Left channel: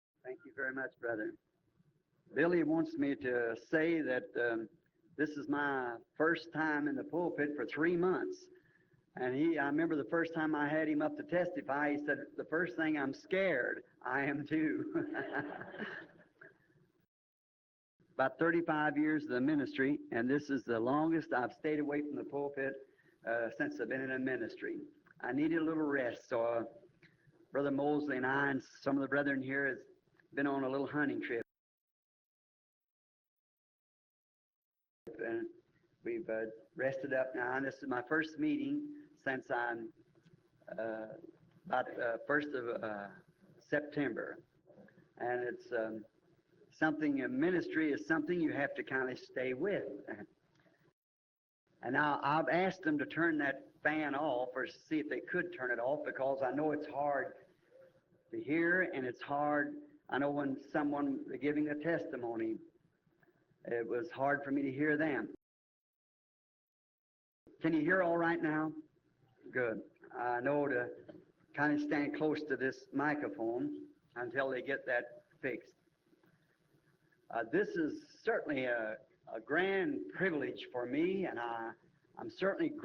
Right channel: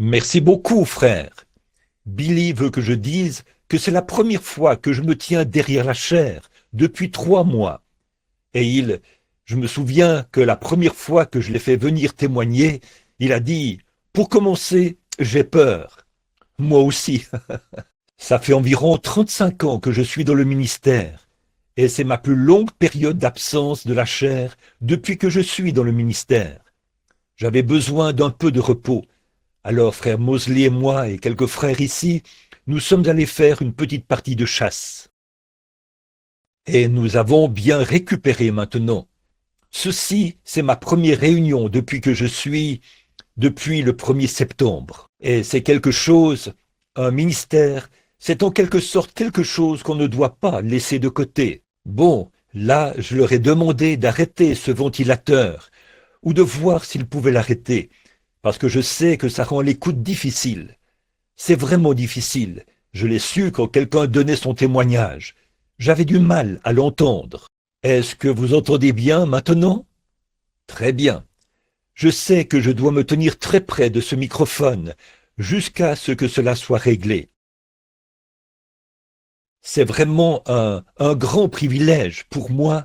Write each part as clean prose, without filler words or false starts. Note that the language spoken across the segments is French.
Merci beaucoup, frère. Billy veut que je dise que c'est la première fois que je me tiens derrière la chaire depuis 3 mois. Et je me souviens que la première fois que je l'ai fait venir témoigner, il a dit, pour commencer, j'ai peur. Moi aussi. Ça fait environ 35 ans que je suis dans le ministère. Et c'est ma plus longue période d'absence de la chair depuis que je suis dans le ministère. J'avais besoin d'un peu de repos. Alors, frère Mosley et moi et quelques frères ici, nous sommes allés faire une petite partie de chasse. Et nous avons bien récupéré maintenant. Ceci, c'est ma première réunion depuis le 1er septembre. Et c'est quelque chose, un ministère, c'est en quelque sorte quelque chose qu'on ne doit pas laisser de côté. Bon, là, je leur ai demandé d'arrêter ce ventilateur ou de voir s'ils pouvaient l'arrêter, parce que je sais que ça rend l'écoute difficile. C'est vraiment difficile. Je l'ai su quand quelqu'un donnait son témoignage. J'avais du mal à l'entendre. Est-ce que vous entendez bien maintenant? Très bien. Je sais que je dois me tenir très près de ce microphone jusqu'à ce que cela soit réglé. C'est vraiment un grand privilège pour moi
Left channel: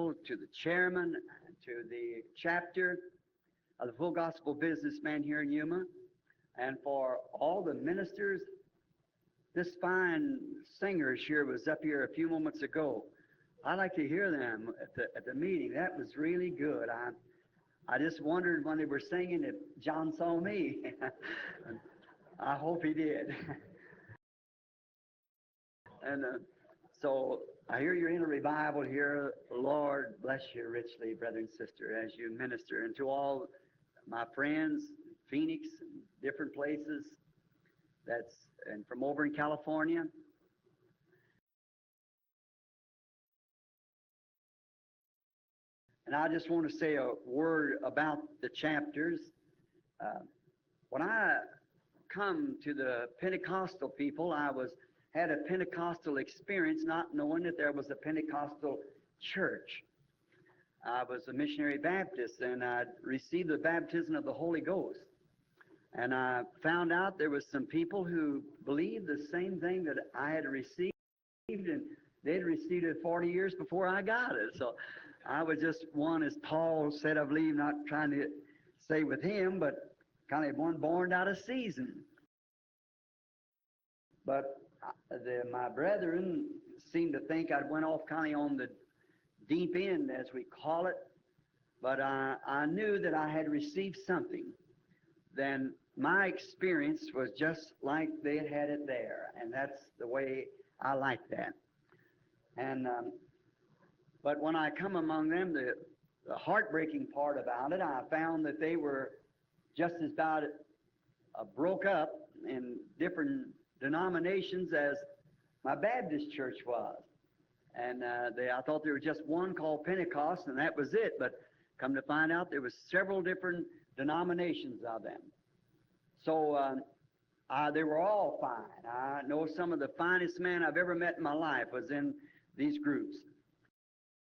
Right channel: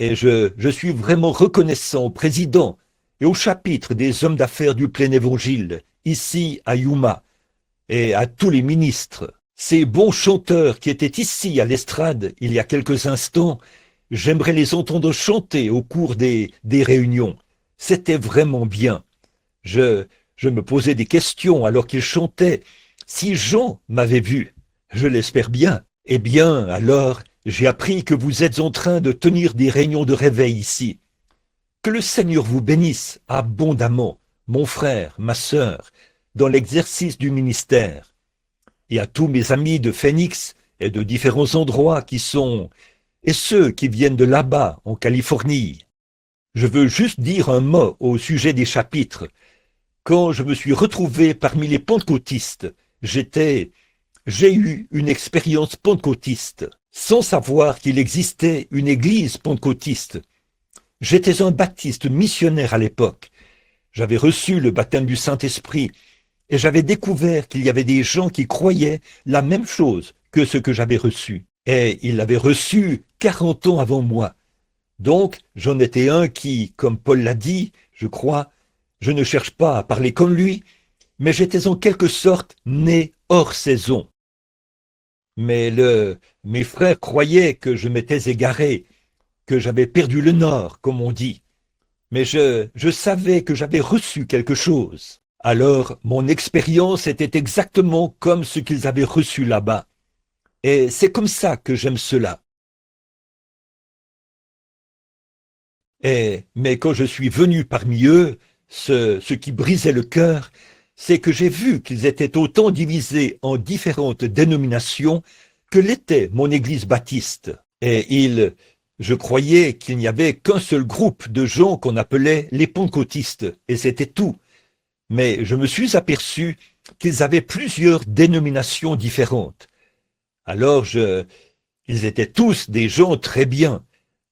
et je suis vraiment reconnaissant au président et au chapitre des hommes d'affaires du plein évangile, ici à Yuma, et à tous les ministres. Ces bons chanteurs qui étaient ici à l'estrade il y a quelques instants, j'aimerais les entendre chanter au cours des réunions. C'était vraiment bien. Je, je me posais des questions alors qu'ils chantaient. Si Jean m'avait vu, je l'espère bien. Eh bien, alors, j'ai appris que vous êtes en train de tenir des réunions de réveil ici. Que le Seigneur vous bénisse abondamment, mon frère, ma sœur, dans l'exercice du ministère. Et à tous mes amis de Phoenix et de différents endroits et ceux qui viennent de là-bas, en Californie. Je veux juste dire un mot au sujet des chapitres. Quand je me suis retrouvé parmi les pentecôtistes, j'ai eu une expérience pentecôtiste, sans savoir qu'il existait une église pentecôtiste. J'étais un baptiste missionnaire à l'époque. J'avais reçu le baptême du Saint-Esprit et j'avais découvert qu'il y avait des gens qui croyaient la même chose que ce que j'avais reçu. Et ils l'avaient reçu 40 ans avant moi. Donc, j'en étais un qui, comme Paul l'a dit, je crois, je ne cherche pas à parler comme lui, mais j'étais en quelque sorte né hors saison. Mais mes frères croyaient que je m'étais égaré, que j'avais perdu le nord, comme on dit. Mais je savais que j'avais reçu quelque chose. Alors, mon expérience était exactement comme ce qu'ils avaient reçu là-bas. Et c'est comme ça que j'aime cela. Mais quand je suis venu parmi eux, ce qui brisait le cœur, c'est que j'ai vu qu'ils étaient autant divisés en différentes dénominations que l'était mon église baptiste. Je croyais qu'il n'y avait qu'un seul groupe de gens qu'on appelait les pentecôtistes, et c'était tout. Mais je me suis aperçu qu'ils avaient plusieurs dénominations différentes. Alors, ils étaient tous des gens très bien.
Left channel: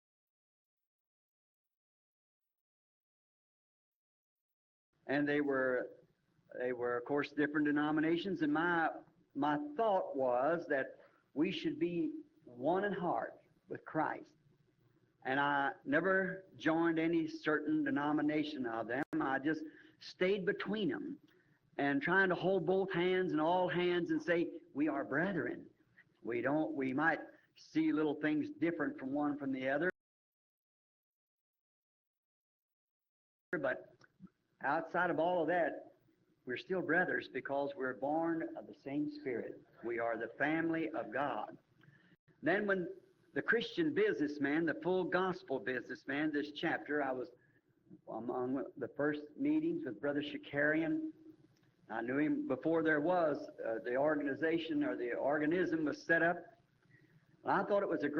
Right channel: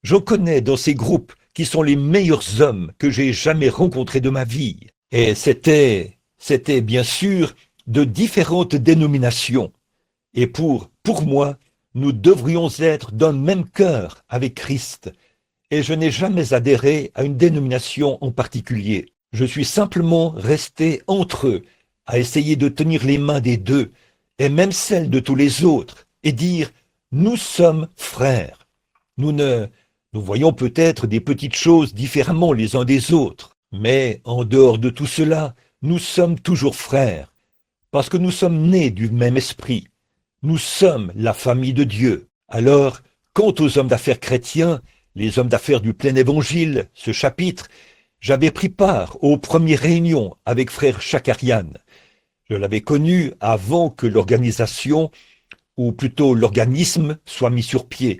J'en connais dans ces groupes qui sont les meilleurs hommes que j'ai jamais rencontrés de ma vie. Et c'était bien sûr de différentes dénominations. Et pour moi, nous devrions être d'un même cœur avec Christ. Et je n'ai jamais adhéré à une dénomination en particulier. Je suis simplement resté entre eux, à essayer de tenir les mains des deux, et même celles de tous les autres, et dire, nous sommes frères. Nous voyons peut-être des petites choses différemment les uns des autres, mais en dehors de tout cela, nous sommes toujours frères, parce que nous sommes nés du même esprit. Nous sommes la famille de Dieu. Alors, quant aux hommes d'affaires chrétiens, les hommes d'affaires du plein évangile, ce chapitre, j'avais pris part aux premières réunions avec frère Chakarian. Je l'avais connu avant que l'organisation, ou plutôt l'organisme, soit mis sur pied.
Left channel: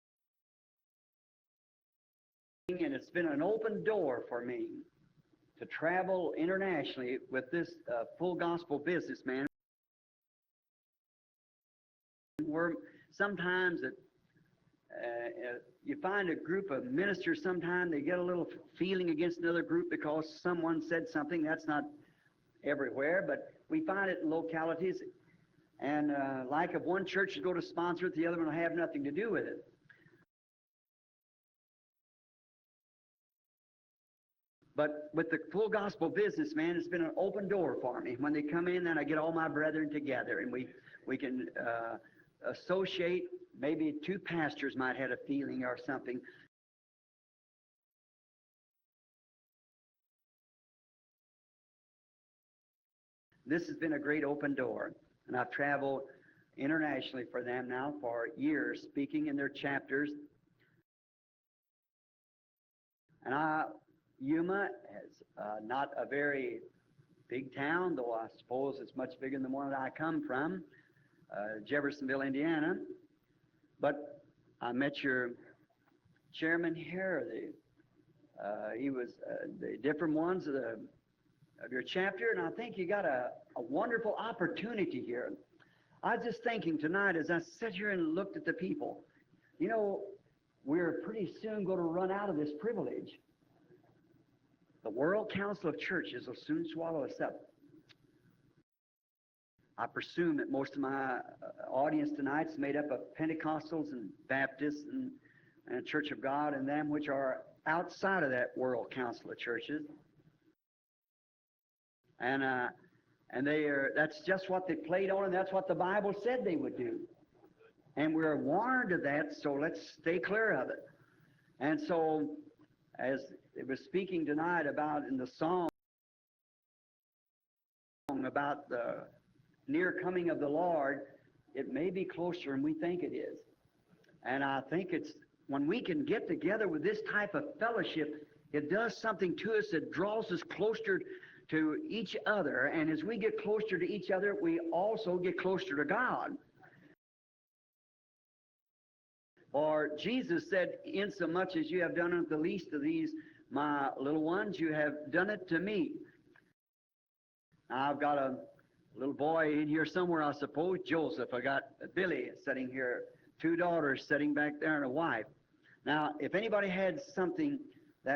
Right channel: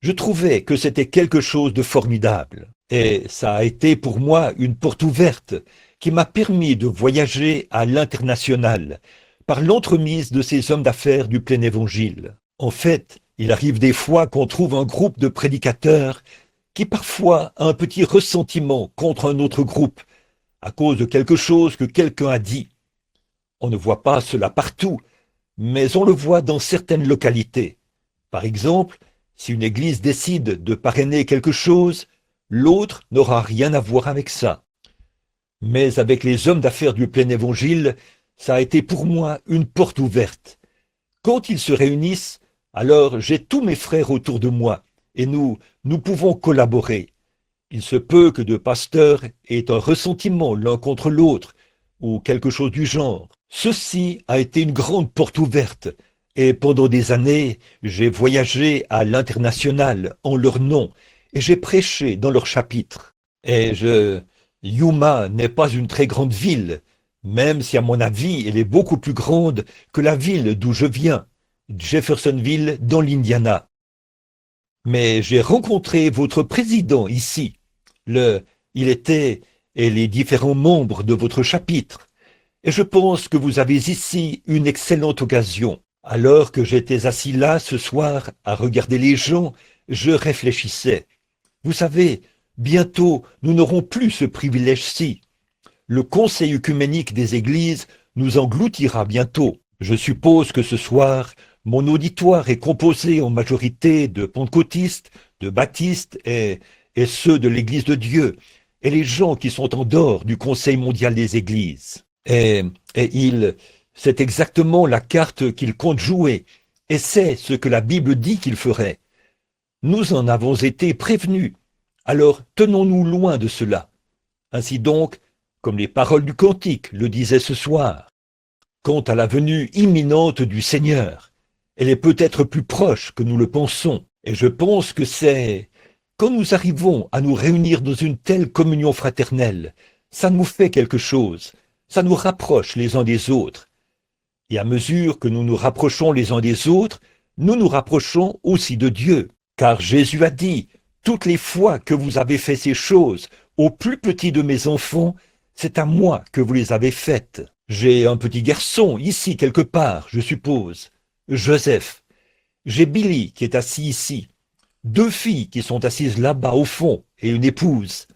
Je trouvais que c'était quelque chose de formidable. Et ça a été pour moi une porte ouverte qui m'a permis de voyager à l'international par l'entremise de ces hommes d'affaires du plein évangile. En fait, il arrive des fois qu'on trouve un groupe de prédicateurs qui parfois a un petit ressentiment contre un autre groupe à cause de quelque chose que quelqu'un a dit. On ne voit pas cela partout, mais on le voit dans certaines localités. Par exemple, si une église décide de parrainer quelque chose, l'autre n'aura rien à voir avec ça. Mais avec les hommes d'affaires du plein évangile, ça a été pour moi une porte ouverte. Quand ils se réunissent, alors j'ai tous mes frères autour de moi et nous pouvons collaborer. Il se peut que deux pasteurs aient un ressentiment l'un contre l'autre ou quelque chose du genre. Ceci a été une grande porte ouverte et pendant des années, j'ai voyagé à l'international en leur nom et j'ai prêché dans leur chapitre. Yuma n'est pas une très grande ville, même si à mon avis, elle est beaucoup plus grande que la ville d'où je viens, Jeffersonville dans l'Indiana. Mais j'ai rencontré votre président ici. Il était et les différents membres de votre chapitre. Et je pense que vous avez ici une excellente occasion. Alors que j'étais assis là ce soir à regarder les gens, je réfléchissais. Vous savez, bientôt nous n'aurons plus ce privilège-ci. Le Conseil œcuménique des Églises nous engloutira bientôt. Je suppose que ce soir, mon auditoire est composé en majorité de pentecôtistes, de baptistes et ceux de l'Église de Dieu, et les gens qui sont en dehors du Conseil mondial des Églises. C'est exactement la carte qu'il compte jouer, et c'est ce que la Bible dit qu'il ferait. Nous en avons été prévenus, alors tenons-nous loin de cela. Ainsi donc, comme les paroles du cantique le disaient ce soir, quant à la venue imminente du Seigneur, elle est peut-être plus proche que nous le pensons. Et je pense que c'est quand nous arrivons à nous réunir dans une telle communion fraternelle, ça nous fait quelque chose, ça nous rapproche les uns des autres. Et à mesure que nous nous rapprochons les uns des autres, nous nous rapprochons aussi de Dieu. Car Jésus a dit, toutes les fois que vous avez fait ces choses au plus petit de mes enfants, c'est à moi que vous les avez faites. J'ai un petit garçon ici quelque part, je suppose, Joseph. J'ai Billy qui est assis ici, deux filles qui sont assises là-bas au fond et une épouse.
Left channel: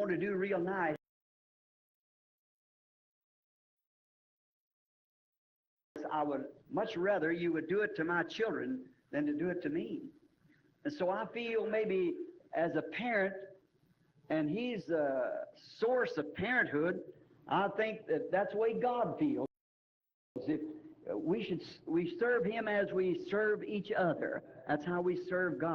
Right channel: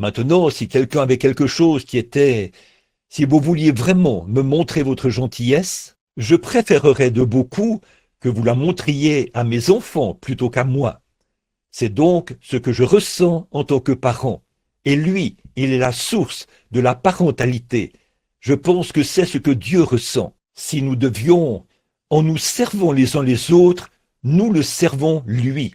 Maintenant, si quelqu'un avait quelque chose qui était... Si vous vouliez vraiment me montrer votre gentillesse, je préférerais de beaucoup que vous la montriez à mes enfants plutôt qu'à moi. C'est donc ce que je ressens en tant que parent. Et lui, il est la source de la parentalité. Je pense que c'est ce que Dieu ressent. Si nous devions, en nous servant les uns les autres, nous le servons lui.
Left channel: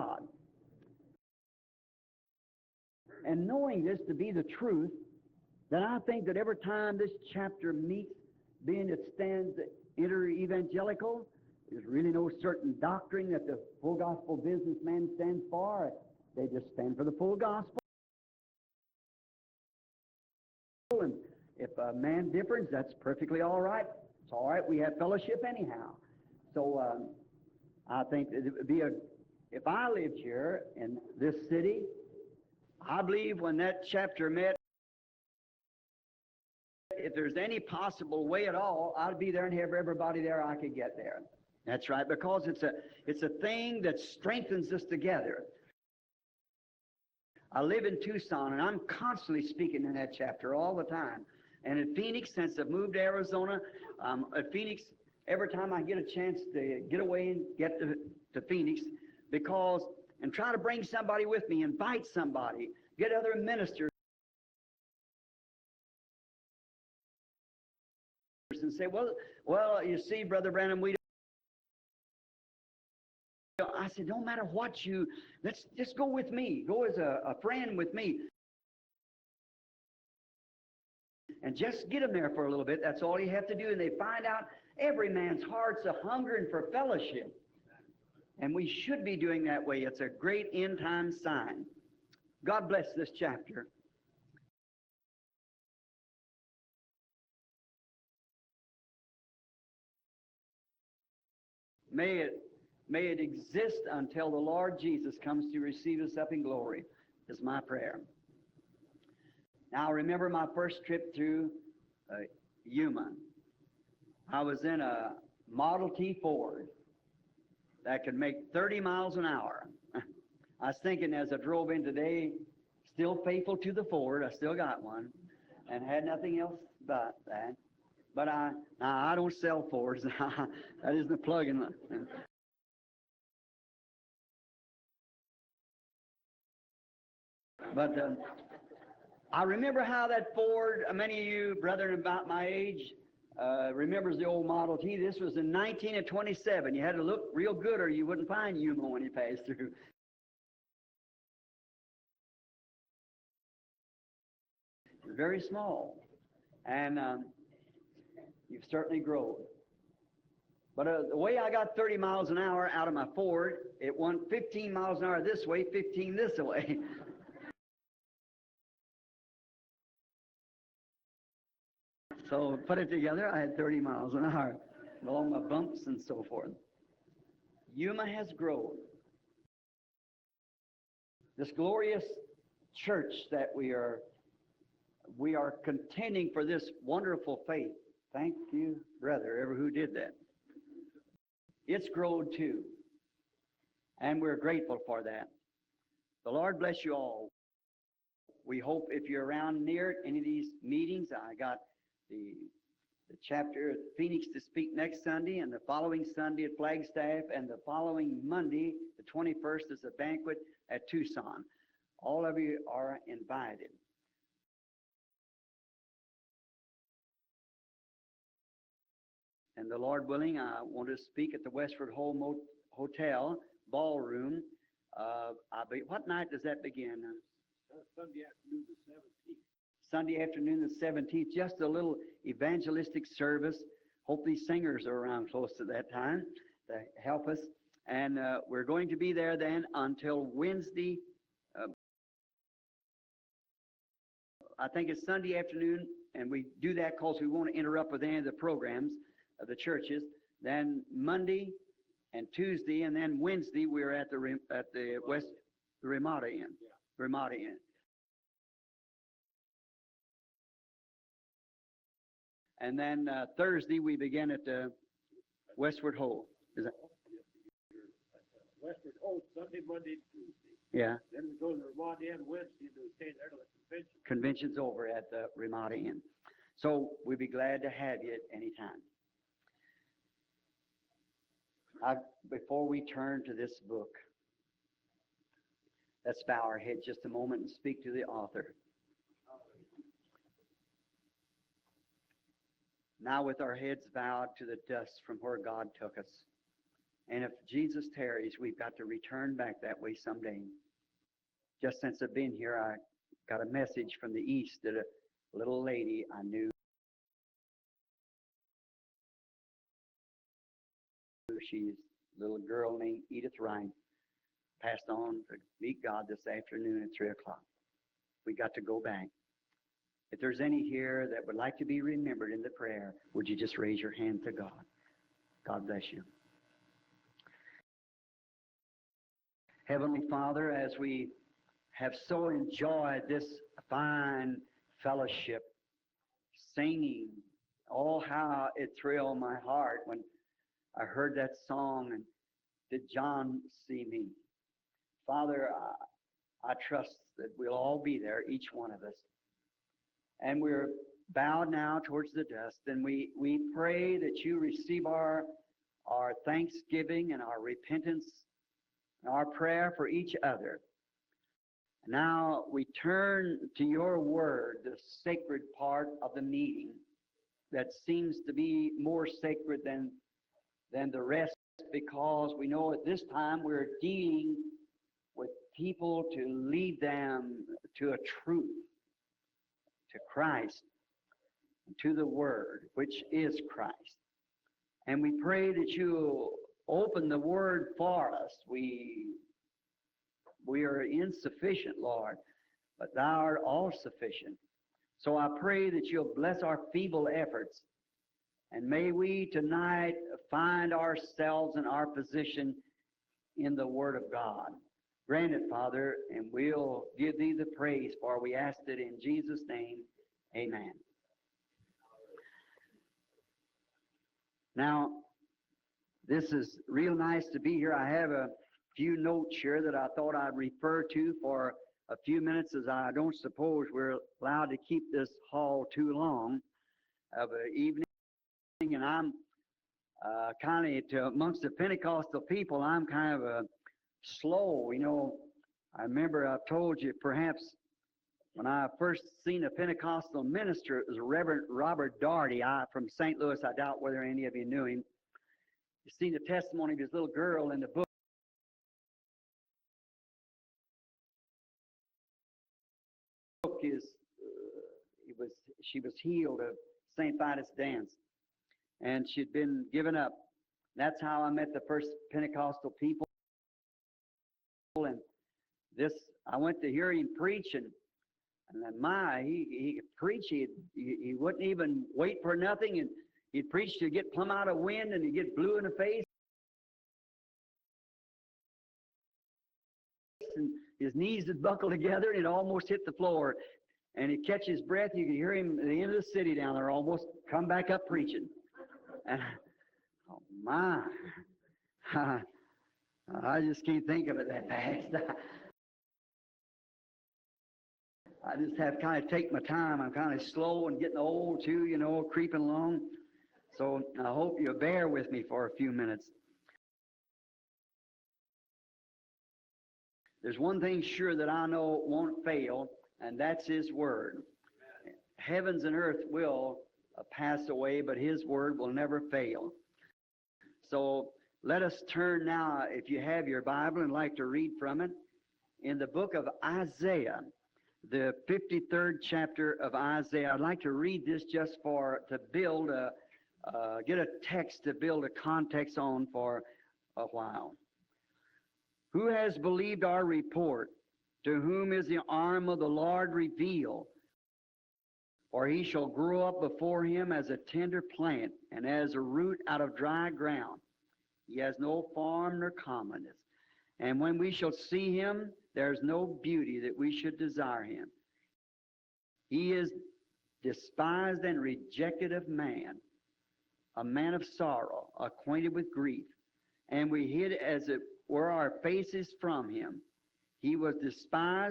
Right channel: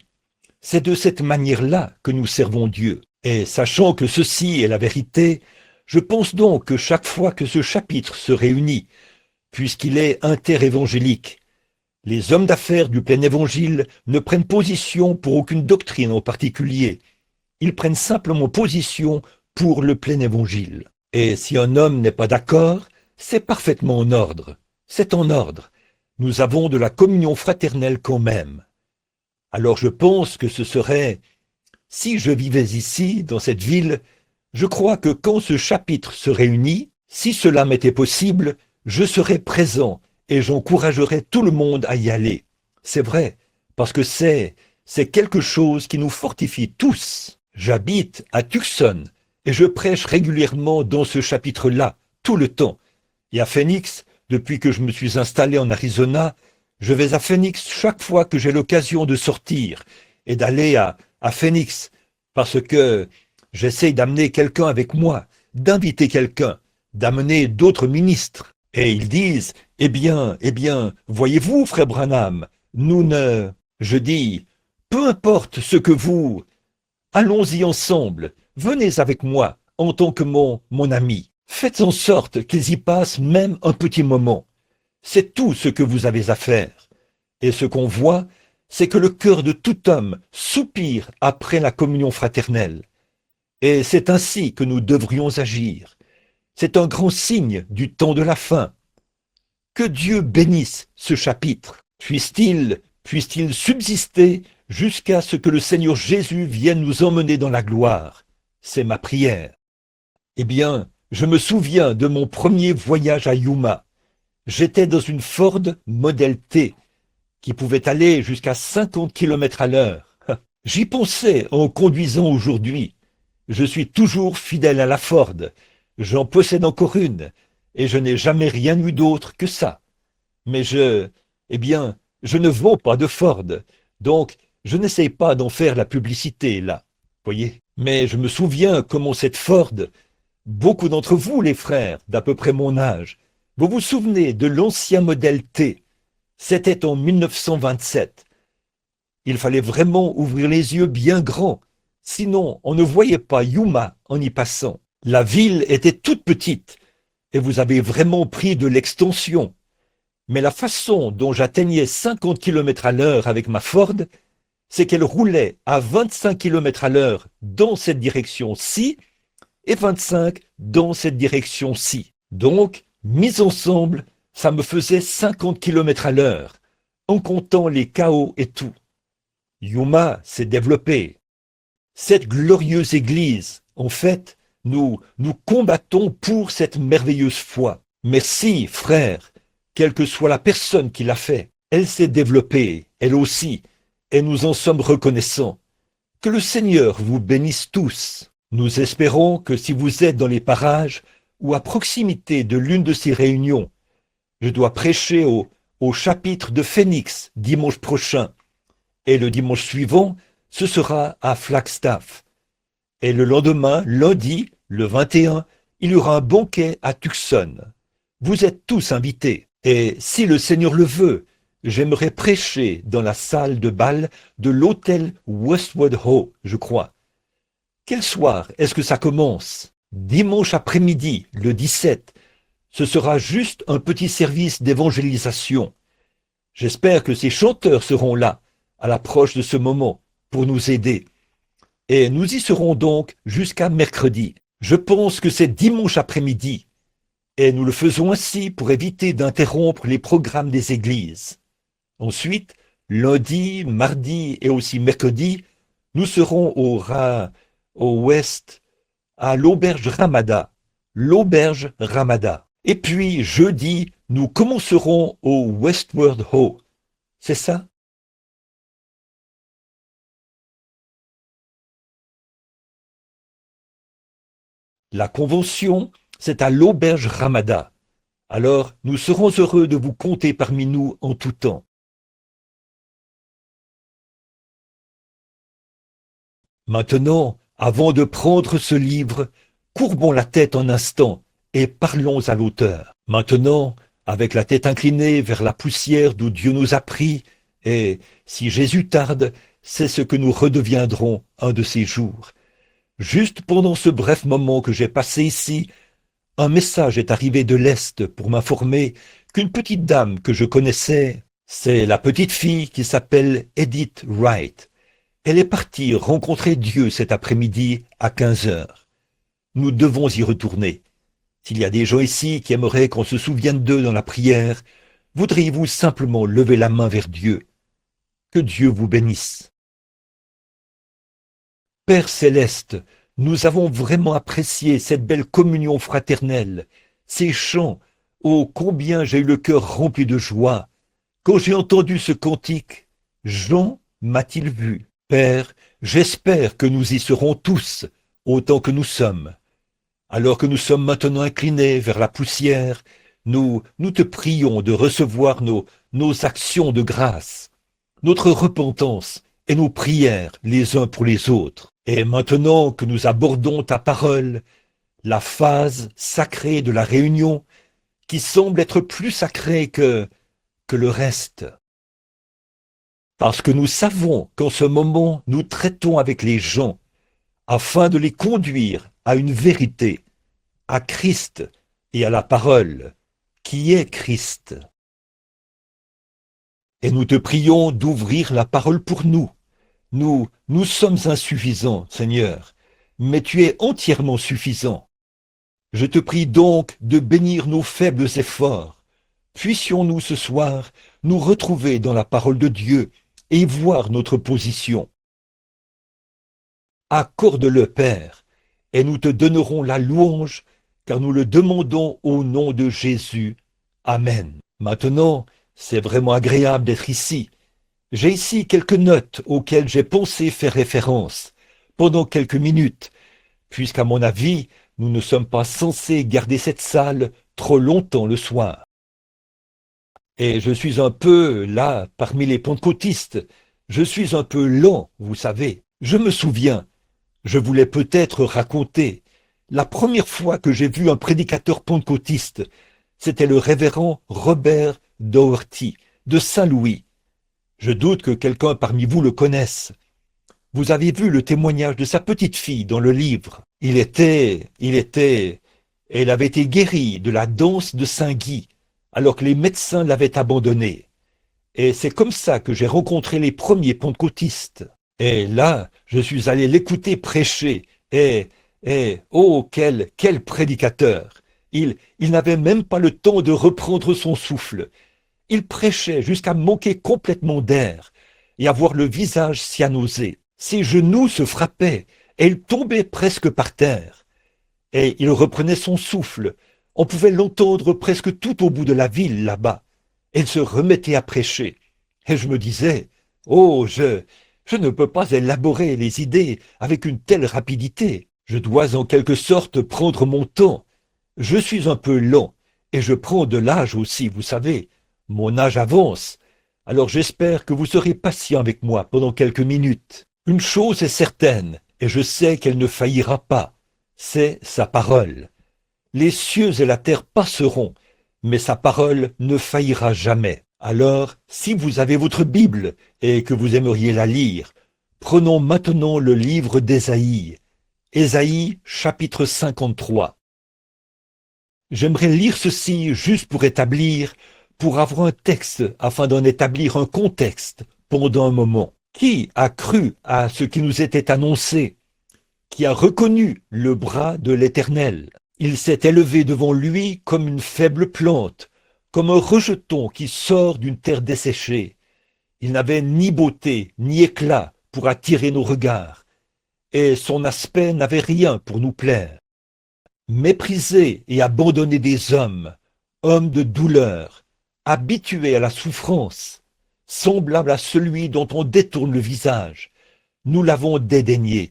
C'est de cette manière-là que nous servons Dieu. Et sachant que ceci est la vérité, je pense donc que chaque fois que ce chapitre se réunit, puisqu'il est interévangélique, les hommes d'affaires du plein évangile ne prennent position pour aucune doctrine en particulier. Ils prennent simplement position pour le plein évangile. Et si un homme n'est pas d'accord, c'est parfaitement en ordre. C'est en ordre. Nous avons de la communion fraternelle quand même. Alors je pense que ce serait, si je vivais ici, dans cette ville, je crois que quand ce chapitre se réunit, si cela m'était possible, je serais présent et j'encouragerais tout le monde à y aller. C'est vrai, parce que c'est quelque chose qui nous fortifie tous. J'habite à Tucson et je prêche régulièrement dans ce chapitre-là, tout le temps. Et à Phoenix, depuis que je me suis installé en Arizona, je vais à Phoenix chaque fois que j'ai l'occasion de sortir et d'aller à Phoenix, parce que j'essaye d'amener quelqu'un avec moi, d'inviter quelqu'un, d'amener d'autres ministres. Et ils disent, eh bien, voyez-vous, frère Branham, nous ne... Je dis, peu importe ce que vous... Allons-y ensemble, venez avec moi en tant que mon ami. Faites en sorte qu'ils y passent même un petit moment. C'est tout ce que vous avez à faire. Et ce qu'on voit, c'est que le cœur de tout homme soupire après la communion fraternelle. Et c'est ainsi que nous devrions agir. C'est un grand signe du temps de la fin. Que Dieu bénisse ce chapitre. Puisse-t-il subsister jusqu'à ce que le Seigneur Jésus vienne nous emmener dans la gloire. C'est ma prière. Eh bien, je me souviens de mon premier voyage à Yuma. J'étais dans une Ford Model T qui pouvait aller jusqu'à 50 km à l'heure. J'y pensais en conduisant aujourd'hui. Je suis toujours fidèle à la Ford. J'en possède encore une. et je n'ai jamais rien eu d'autre que ça. Mais je ne vends pas de Ford, donc je n'essaye pas d'en faire la publicité, là, voyez. Mais je me souviens comment cette Ford, beaucoup d'entre vous, les frères, d'à peu près mon âge, vous vous souvenez de l'ancien modèle T, c'était en 1927. Il fallait vraiment ouvrir les yeux bien grands, sinon on ne voyait pas Yuma en y passant. La ville était toute petite, et vous avez vraiment pris de l'extension. Mais la façon dont j'atteignais 50 km à l'heure avec ma Ford, c'est qu'elle roulait à 25 km à l'heure dans cette direction-ci et 25 dans cette direction-ci. Donc, mis ensemble, ça me faisait 50 km à l'heure, en comptant les chaos et tout. Yuma s'est développé. Cette glorieuse église, en fait, nous combattons pour cette merveilleuse foi. Mais si, frère, quelle que soit la personne qui l'a fait, elle s'est développée, elle aussi, et nous en sommes reconnaissants. Que le Seigneur vous bénisse tous. Nous espérons que si vous êtes dans les parages ou à proximité de l'une de ces réunions, je dois prêcher au chapitre de Phoenix dimanche prochain, et le dimanche suivant, ce sera à Flagstaff. Et le lendemain, lundi, le 21, il y aura un banquet à Tucson. Vous êtes tous invités. Et si le Seigneur le veut, j'aimerais prêcher dans la salle de bal de l'hôtel Westwood Ho, je crois. Quel soir est-ce que ça commence? Dimanche après-midi, le 17. Ce sera juste un petit service d'évangélisation. J'espère que ces chanteurs seront là, à l'approche de ce moment, pour nous aider. Et nous y serons donc jusqu'à mercredi. Je pense que c'est dimanche après-midi. Et nous le faisons ainsi pour éviter d'interrompre les programmes des églises. Ensuite, lundi, mardi et aussi mercredi, nous serons au ouest, à l'auberge Ramada. L'auberge Ramada. Et puis, jeudi, nous commencerons au Westward Ho. C'est ça? La convention, c'est à l'auberge Ramada. Alors, nous serons heureux de vous compter parmi nous en tout temps. Maintenant, avant de prendre ce livre, courbons la tête un instant et parlons à l'auteur. Maintenant, avec la tête inclinée vers la poussière d'où Dieu nous a pris, et si Jésus tarde, c'est ce que nous redeviendrons un de ces jours. Juste pendant ce bref moment que j'ai passé ici, un message est arrivé de l'Est pour m'informer qu'une petite dame que je connaissais, c'est la petite fille qui s'appelle Edith Wright. Elle est partie rencontrer Dieu cet après-midi à 15 heures. Nous devons y retourner. S'il y a des gens ici qui aimeraient qu'on se souvienne d'eux dans la prière, voudriez-vous simplement lever la main vers Dieu? Que Dieu vous bénisse. Père céleste, nous avons vraiment apprécié cette belle communion fraternelle, ces chants. Oh, combien j'ai eu le cœur rempli de joie. Quand j'ai entendu ce cantique, Jean m'a-t-il vu? Père, j'espère que nous y serons tous, autant que nous sommes. Alors que nous sommes maintenant inclinés vers la poussière, nous te prions de recevoir nos actions de grâce, notre repentance et nos prières les uns pour les autres. Et maintenant que nous abordons ta parole, la phase sacrée de la réunion, qui semble être plus sacrée que le reste, parce que nous savons qu'en ce moment, nous traitons avec les gens afin de les conduire à une vérité, à Christ et à la parole, qui est Christ. Et nous te prions d'ouvrir la parole pour nous. Nous sommes insuffisants, Seigneur, mais tu es entièrement suffisant. Je te prie donc de bénir nos faibles efforts. Puissions-nous ce soir nous retrouver dans la parole de Dieu et voir notre position. Accorde-le, Père, et nous te donnerons la louange, car nous le demandons au nom de Jésus. Amen. Maintenant, c'est vraiment agréable d'être ici. J'ai ici quelques notes auxquelles j'ai pensé faire référence pendant quelques minutes, puisqu'à mon avis, nous ne sommes pas censés garder cette salle trop longtemps le soir. Et je suis un peu, là, parmi les pentecôtistes, je suis un peu lent, vous savez. Je me souviens, je voulais peut-être raconter, la première fois que j'ai vu un prédicateur pentecôtiste, c'était le révérend Robert Doherty, de Saint-Louis. Je doute que quelqu'un parmi vous le connaisse. Vous avez vu le témoignage de sa petite fille dans le livre. Elle avait été guérie de la danse de Saint-Guy, alors que les médecins l'avaient abandonnée. Et c'est comme ça que j'ai rencontré les premiers pentecôtistes. Et là, je suis allé l'écouter prêcher. Oh, quel prédicateur! Il n'avait même pas le temps de reprendre son souffle. Il prêchait jusqu'à manquer complètement d'air et avoir le visage cyanosé. Ses genoux se frappaient et il tombait presque par terre. Et il reprenait son souffle. On pouvait l'entendre presque tout au bout de la ville là-bas. Il se remettait à prêcher. Et je me disais, oh, je ne peux pas élaborer les idées avec une telle rapidité. Je dois en quelque sorte prendre mon temps. Je suis un peu lent et je prends de l'âge aussi, vous savez. Mon âge avance. Alors j'espère que vous serez patient avec moi pendant quelques minutes. Une chose est certaine, et je sais qu'elle ne faillira pas, c'est sa parole. Les cieux et la terre passeront, mais sa parole ne faillira jamais. Alors, si vous avez votre Bible et que vous aimeriez la lire, prenons maintenant le livre d'Ésaïe. Ésaïe, chapitre 53. J'aimerais lire ceci juste pour avoir un texte, afin d'en établir un contexte pendant un moment. Qui a cru à ce qui nous était annoncé? Qui a reconnu le bras de l'Éternel? Il s'est élevé devant lui comme une faible plante, comme un rejeton qui sort d'une terre desséchée. Il n'avait ni beauté, ni éclat pour attirer nos regards, et son aspect n'avait rien pour nous plaire. Méprisé et abandonné des hommes, homme de douleur, habitué à la souffrance, semblable à celui dont on détourne le visage. Nous l'avons dédaigné,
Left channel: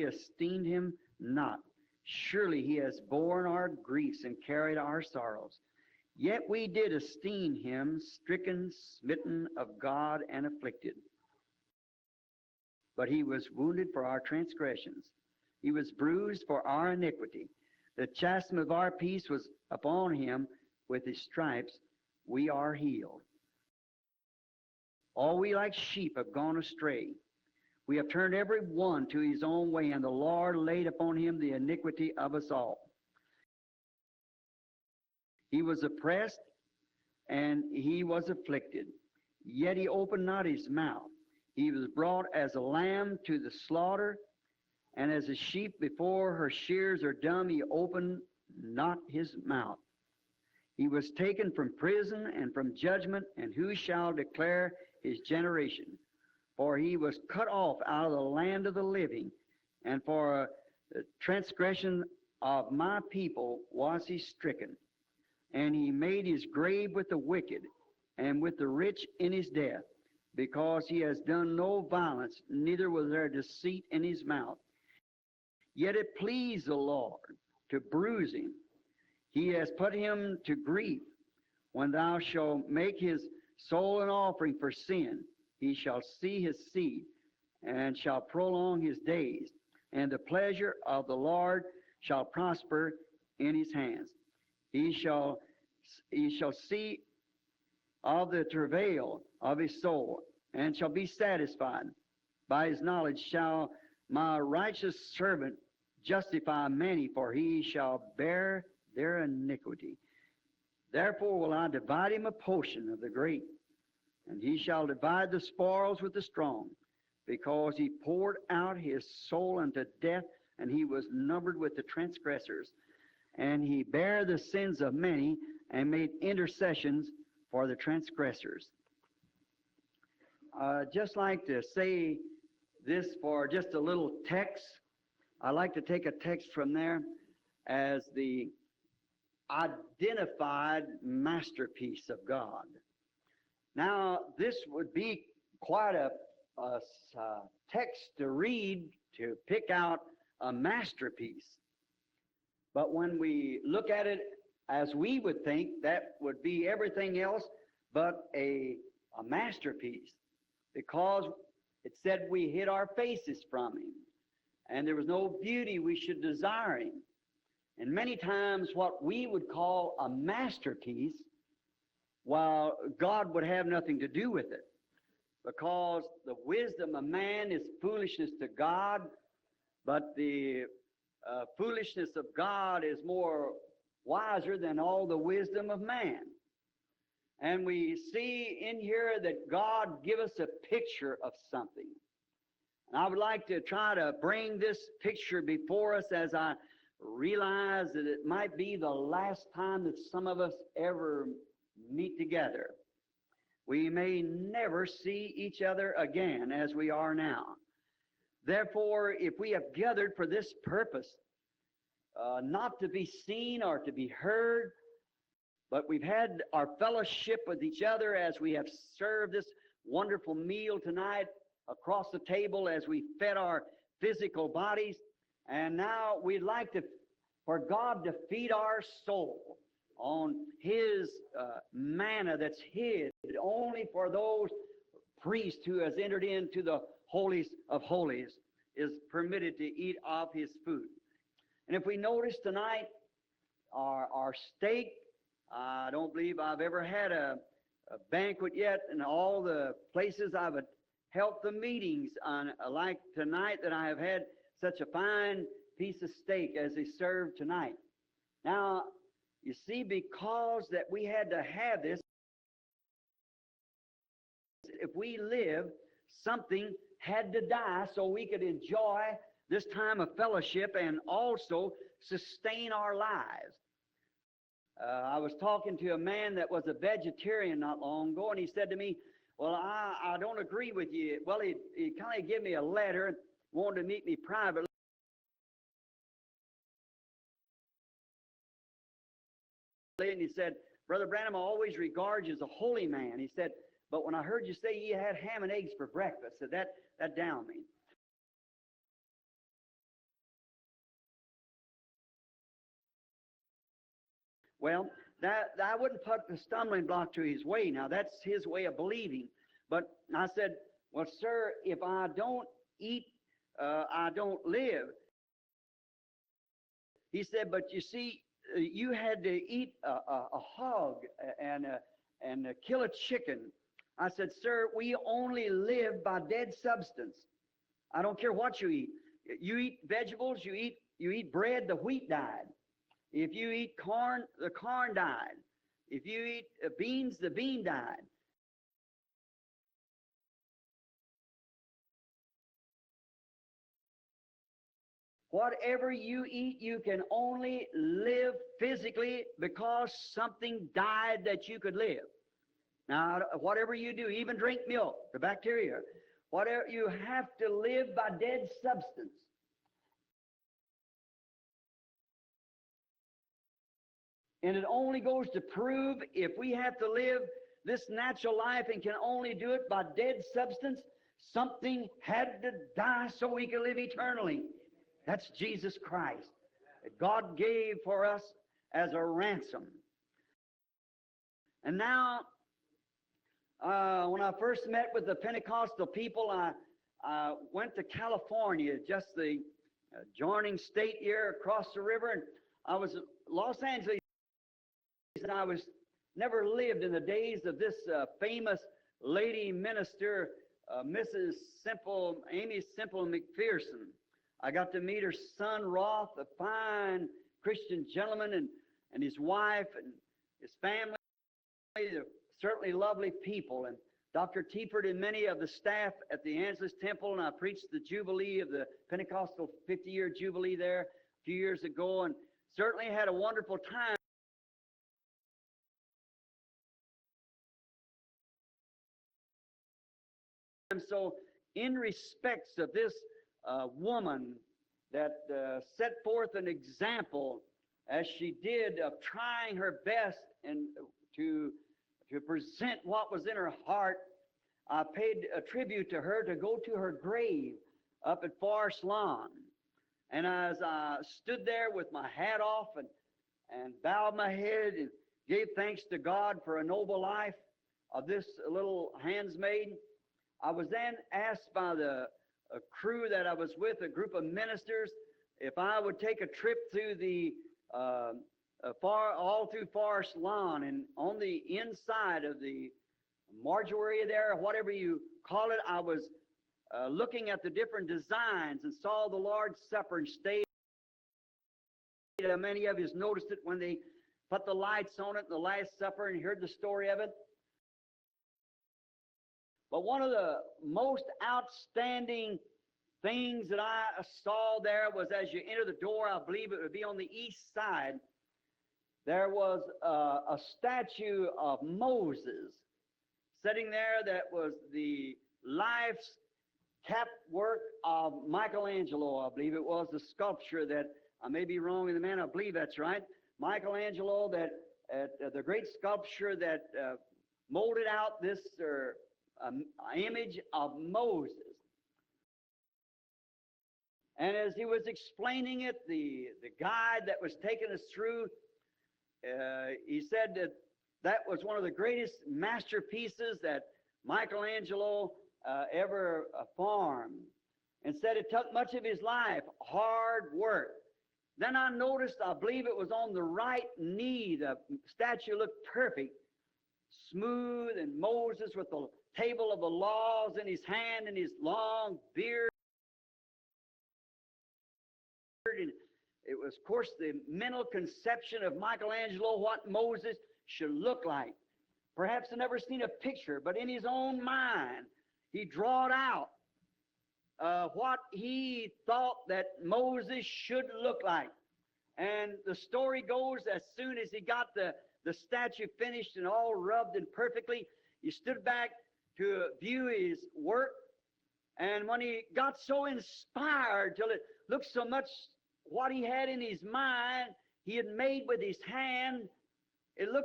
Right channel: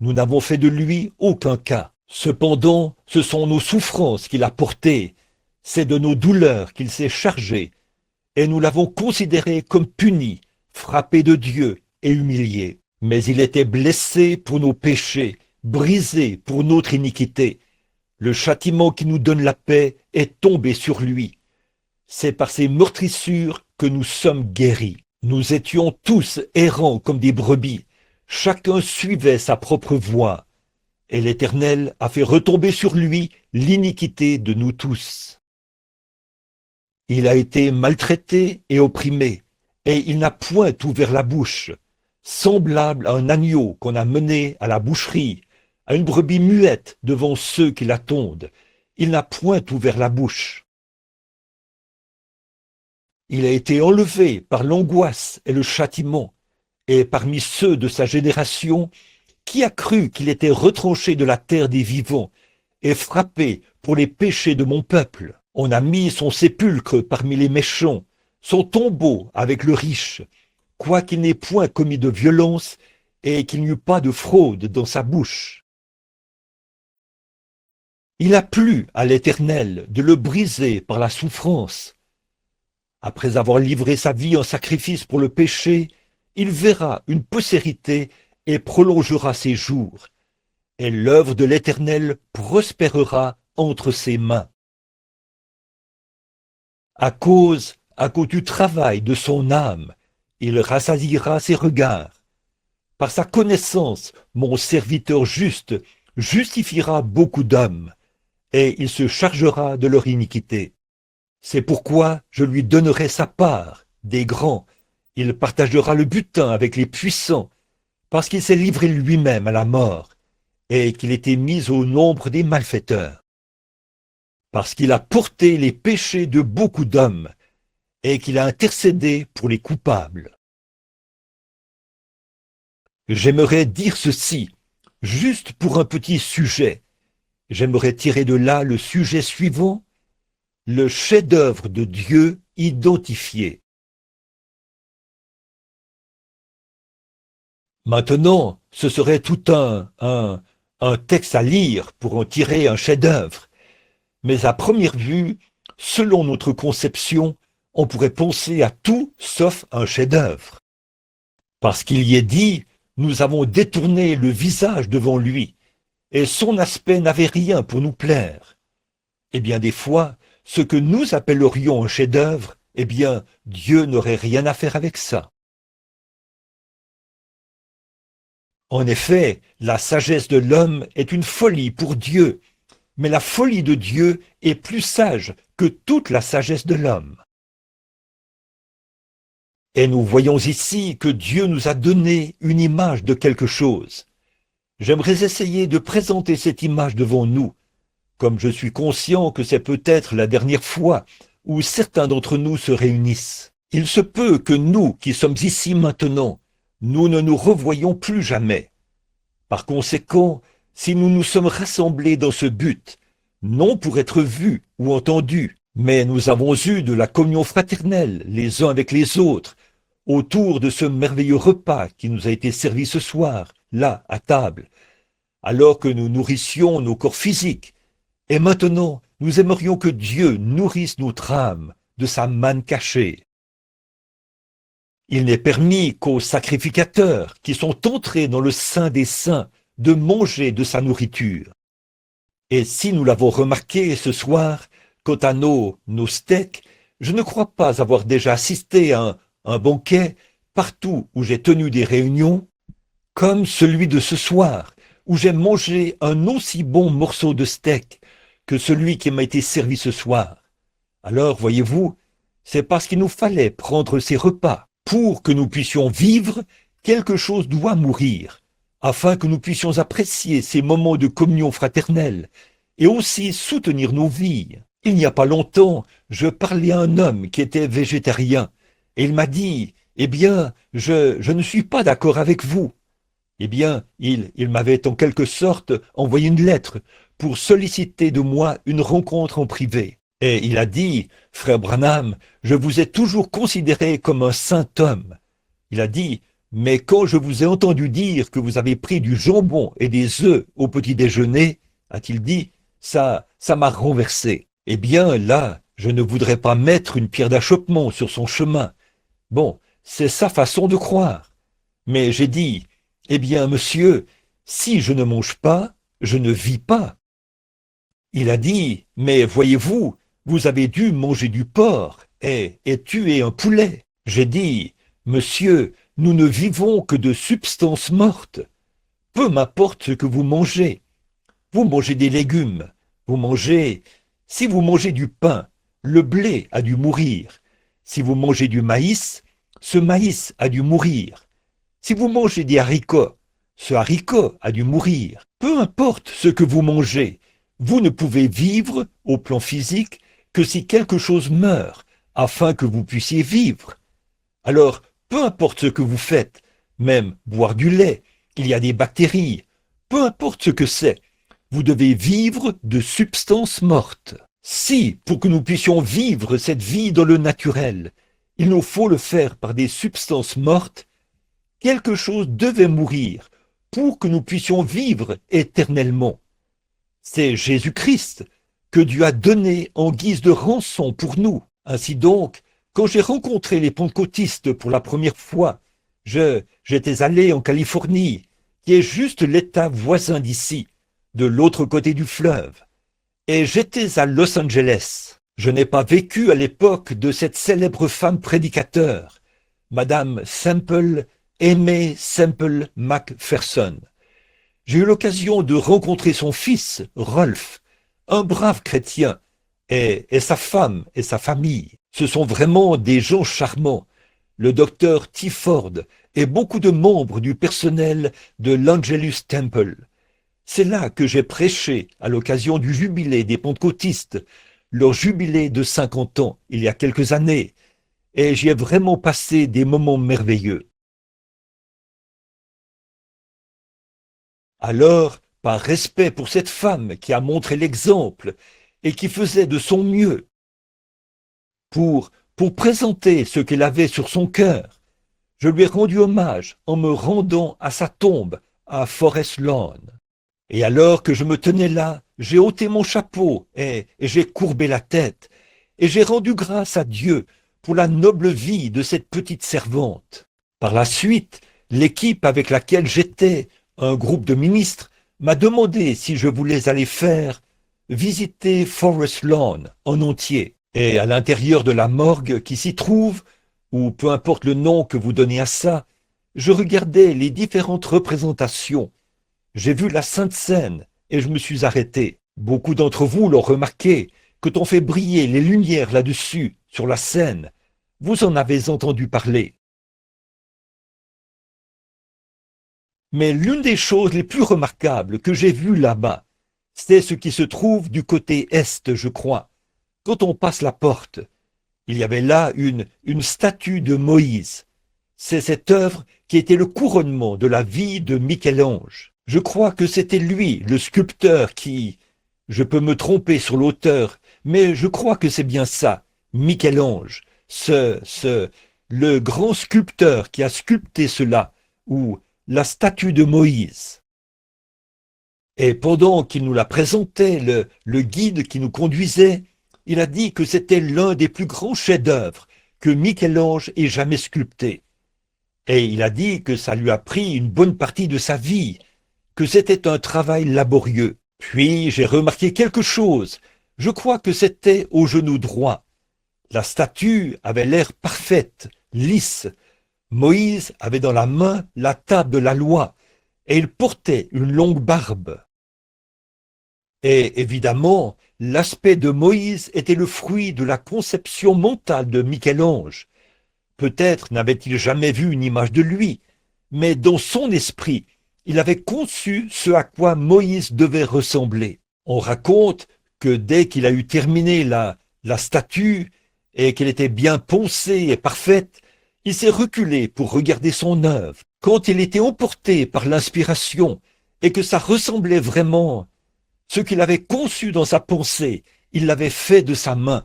nous n'avons fait de lui aucun cas. Cependant, ce sont nos souffrances qu'il a portées, c'est de nos douleurs qu'il s'est chargé, et nous l'avons considéré comme puni, frappé de Dieu et humilié. Mais il était blessé pour nos péchés, brisé pour notre iniquité. Le châtiment qui nous donne la paix est tombé sur lui. C'est par ses meurtrissures que nous sommes guéris. Nous étions tous errants comme des brebis. Chacun suivait sa propre voie. Et l'Éternel a fait retomber sur lui l'iniquité de nous tous. Il a été maltraité et opprimé, et il n'a point ouvert la bouche, semblable à un agneau qu'on a mené à la boucherie, à une brebis muette devant ceux qui l'attendent. Il n'a point ouvert la bouche. Il a été enlevé par l'angoisse et le châtiment, et parmi ceux de sa génération, qui a cru qu'il était retranché de la terre des vivants et frappé pour les péchés de mon peuple? On a mis son sépulcre parmi les méchants, son tombeau avec le riche, quoiqu'il n'ait point commis de violence et qu'il n'y eût pas de fraude dans sa bouche. Il a plu à l'Éternel de le briser par la souffrance. Après avoir livré sa vie en sacrifice pour le péché, il verra une postérité et prolongera ses jours. Et l'œuvre de l'Éternel prospérera entre ses mains. À cause du travail de son âme, il rassasiera ses regards. Par sa connaissance, mon serviteur juste justifiera beaucoup d'hommes, et il se chargera de leur iniquité. C'est pourquoi je lui donnerai sa part des grands. Il partagera le butin avec les puissants, parce qu'il s'est livré lui-même à la mort, et qu'il était mis au nombre des malfaiteurs. Parce qu'il a porté les péchés de beaucoup d'hommes, et qu'il a intercédé pour les coupables. J'aimerais dire ceci, juste pour un petit sujet. J'aimerais tirer de là le sujet suivant, le chef-d'œuvre de Dieu identifié. Maintenant, ce serait tout un texte à lire pour en tirer un chef-d'œuvre. Mais à première vue, selon notre conception, on pourrait penser à tout sauf un chef-d'œuvre. Parce qu'il y est dit, nous avons détourné le visage devant lui, et son aspect n'avait rien pour nous plaire. Eh bien, des fois, ce que nous appellerions un chef-d'œuvre, eh bien, Dieu n'aurait rien à faire avec ça. En effet, la sagesse de l'homme est une folie pour Dieu, mais la folie de Dieu est plus sage que toute la sagesse de l'homme. Et nous voyons ici que Dieu nous a donné une image de quelque chose. J'aimerais essayer de présenter cette image devant nous, comme je suis conscient que c'est peut-être la dernière fois où certains d'entre nous se réunissent. Il se peut que nous, qui sommes ici maintenant, nous ne nous revoyons plus jamais. Par conséquent, si nous nous sommes rassemblés dans ce but, non pour être vus ou entendus, mais nous avons eu de la communion fraternelle les uns avec les autres, autour de ce merveilleux repas qui nous a été servi ce soir, là, à table, alors que nous nourrissions nos corps physiques. Et maintenant, nous aimerions que Dieu nourrisse notre âme de sa manne cachée. Il n'est permis qu'aux sacrificateurs qui sont entrés dans le sein des saints de manger de sa nourriture. Et si nous l'avons remarqué ce soir, quant à nos steaks, je ne crois pas avoir déjà assisté à un banquet partout où j'ai tenu des réunions, comme celui de ce soir, où j'ai mangé un aussi bon morceau de steak que celui qui m'a été servi ce soir. Alors, voyez-vous, c'est parce qu'il nous fallait prendre ces repas. Pour que nous puissions vivre, quelque chose doit mourir, afin que nous puissions apprécier ces moments de communion fraternelle et aussi soutenir nos vies. Il n'y a pas longtemps, je parlais à un homme qui était végétarien et il m'a dit, « Eh bien, je ne suis pas d'accord avec vous. » Eh bien, il m'avait en quelque sorte envoyé une lettre pour solliciter de moi une rencontre en privé. Et il a dit, « Frère Branham, je vous ai toujours considéré comme un saint homme. » Il a dit, « Mais quand je vous ai entendu dire que vous avez pris du jambon et des œufs au petit déjeuner, a-t-il dit, ça m'a renversé. » Eh bien, là, je ne voudrais pas mettre une pierre d'achoppement sur son chemin. Bon, c'est sa façon de croire. Mais j'ai dit, « Eh bien, monsieur, si je ne mange pas, je ne vis pas. » Il a dit, « Mais voyez-vous, vous avez dû manger du porc et tuer un poulet. » J'ai dit, « Monsieur, nous ne vivons que de substances mortes. Peu m'importe ce que vous mangez. Vous mangez des légumes. Si vous mangez du pain, le blé a dû mourir. Si vous mangez du maïs, ce maïs a dû mourir. Si vous mangez des haricots, ce haricot a dû mourir. Peu importe ce que vous mangez, vous ne pouvez vivre au plan physique que si quelque chose meurt, afin que vous puissiez vivre. Alors, peu importe ce que vous faites, même boire du lait, il y a des bactéries, peu importe ce que c'est, vous devez vivre de substances mortes. Si, pour que nous puissions vivre cette vie dans le naturel, il nous faut le faire par des substances mortes, quelque chose devait mourir pour que nous puissions vivre éternellement. C'est Jésus-Christ que Dieu a donné en guise de rançon pour nous. Ainsi donc, quand j'ai rencontré les pentecôtistes pour la première fois, j'étais allé en Californie, qui est juste l'État voisin d'ici, de l'autre côté du fleuve. Et j'étais à Los Angeles. Je n'ai pas vécu à l'époque de cette célèbre femme prédicateur, Madame Aimée Semple McPherson. J'ai eu l'occasion de rencontrer son fils, Rolf, un brave chrétien, et sa femme et sa famille. Ce sont vraiment des gens charmants. Le docteur T. Ford et beaucoup de membres du personnel de l'Angelus Temple. C'est là que j'ai prêché à l'occasion du jubilé des pentecôtistes, leur jubilé de 50 ans, il y a quelques années, et j'y ai vraiment passé des moments merveilleux. Alors, par respect pour cette femme qui a montré l'exemple et qui faisait de son mieux pour présenter ce qu'elle avait sur son cœur, Je lui ai rendu hommage en me rendant à sa tombe à Forest Lawn. Et alors que je me tenais là, j'ai ôté mon chapeau et j'ai courbé la tête. Et j'ai rendu grâce à Dieu pour la noble vie de cette petite servante. Par la suite, l'équipe avec laquelle j'étais, un groupe de ministres, m'a demandé si je voulais aller visiter Forest Lawn en entier. Et à l'intérieur de la morgue qui s'y trouve, ou peu importe le nom que vous donnez à ça, je regardais les différentes représentations. J'ai vu la Sainte Seine et je me suis arrêté. Beaucoup d'entre vous l'ont remarqué, quand on fait briller les lumières là-dessus, sur la scène. Vous en avez entendu parler. Mais l'une des choses les plus remarquables que j'ai vues là-bas, c'est ce qui se trouve du côté est, je crois. Quand on passe la porte, il y avait là une statue de Moïse. C'est cette œuvre qui était le couronnement de la vie de Michel-Ange. Je crois que c'était lui, le sculpteur, je peux me tromper sur l'auteur, mais je crois que c'est bien ça, Michel-Ange, le grand sculpteur qui a sculpté cela, ou la statue de Moïse. Et pendant qu'il nous la présentait, le guide qui nous conduisait, il a dit que c'était l'un des plus grands chefs-d'œuvre que Michel-Ange ait jamais sculpté. Et il a dit que ça lui a pris une bonne partie de sa vie, que c'était un travail laborieux. Puis j'ai remarqué quelque chose. Je crois que c'était au genou droit. La statue avait l'air parfaite, lisse. Moïse avait dans la main la table de la loi et il portait une longue barbe. Et évidemment, l'aspect de Moïse était le fruit de la conception mentale de Michel-Ange. Peut-être n'avait-il jamais vu une image de lui, mais dans son esprit, il avait conçu ce à quoi Moïse devait ressembler. On raconte que dès qu'il a eu terminé la statue et qu'elle était bien poncée et parfaite, il s'est reculé pour regarder son œuvre. Quand il était emporté par l'inspiration et que ça ressemblait vraiment ce qu'il avait conçu dans sa pensée, il l'avait fait de sa main,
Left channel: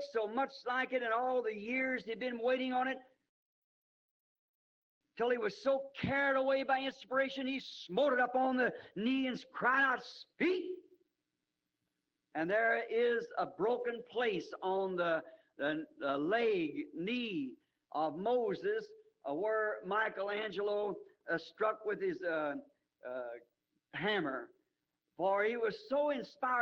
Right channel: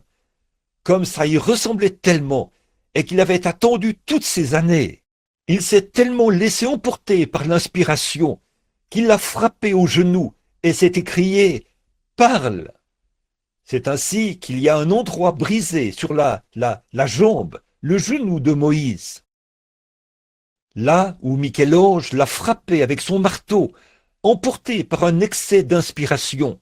comme ça y ressemblait tellement et qu'il avait attendu toutes ces années. Il s'est tellement laissé emporter par l'inspiration qu'il l'a frappé au genou et s'est écrié « Parle !» C'est ainsi qu'il y a un endroit brisé sur la jambe, le genou de Moïse, là où Michel-Ange l'a frappé avec son marteau, emporté par un excès d'inspiration.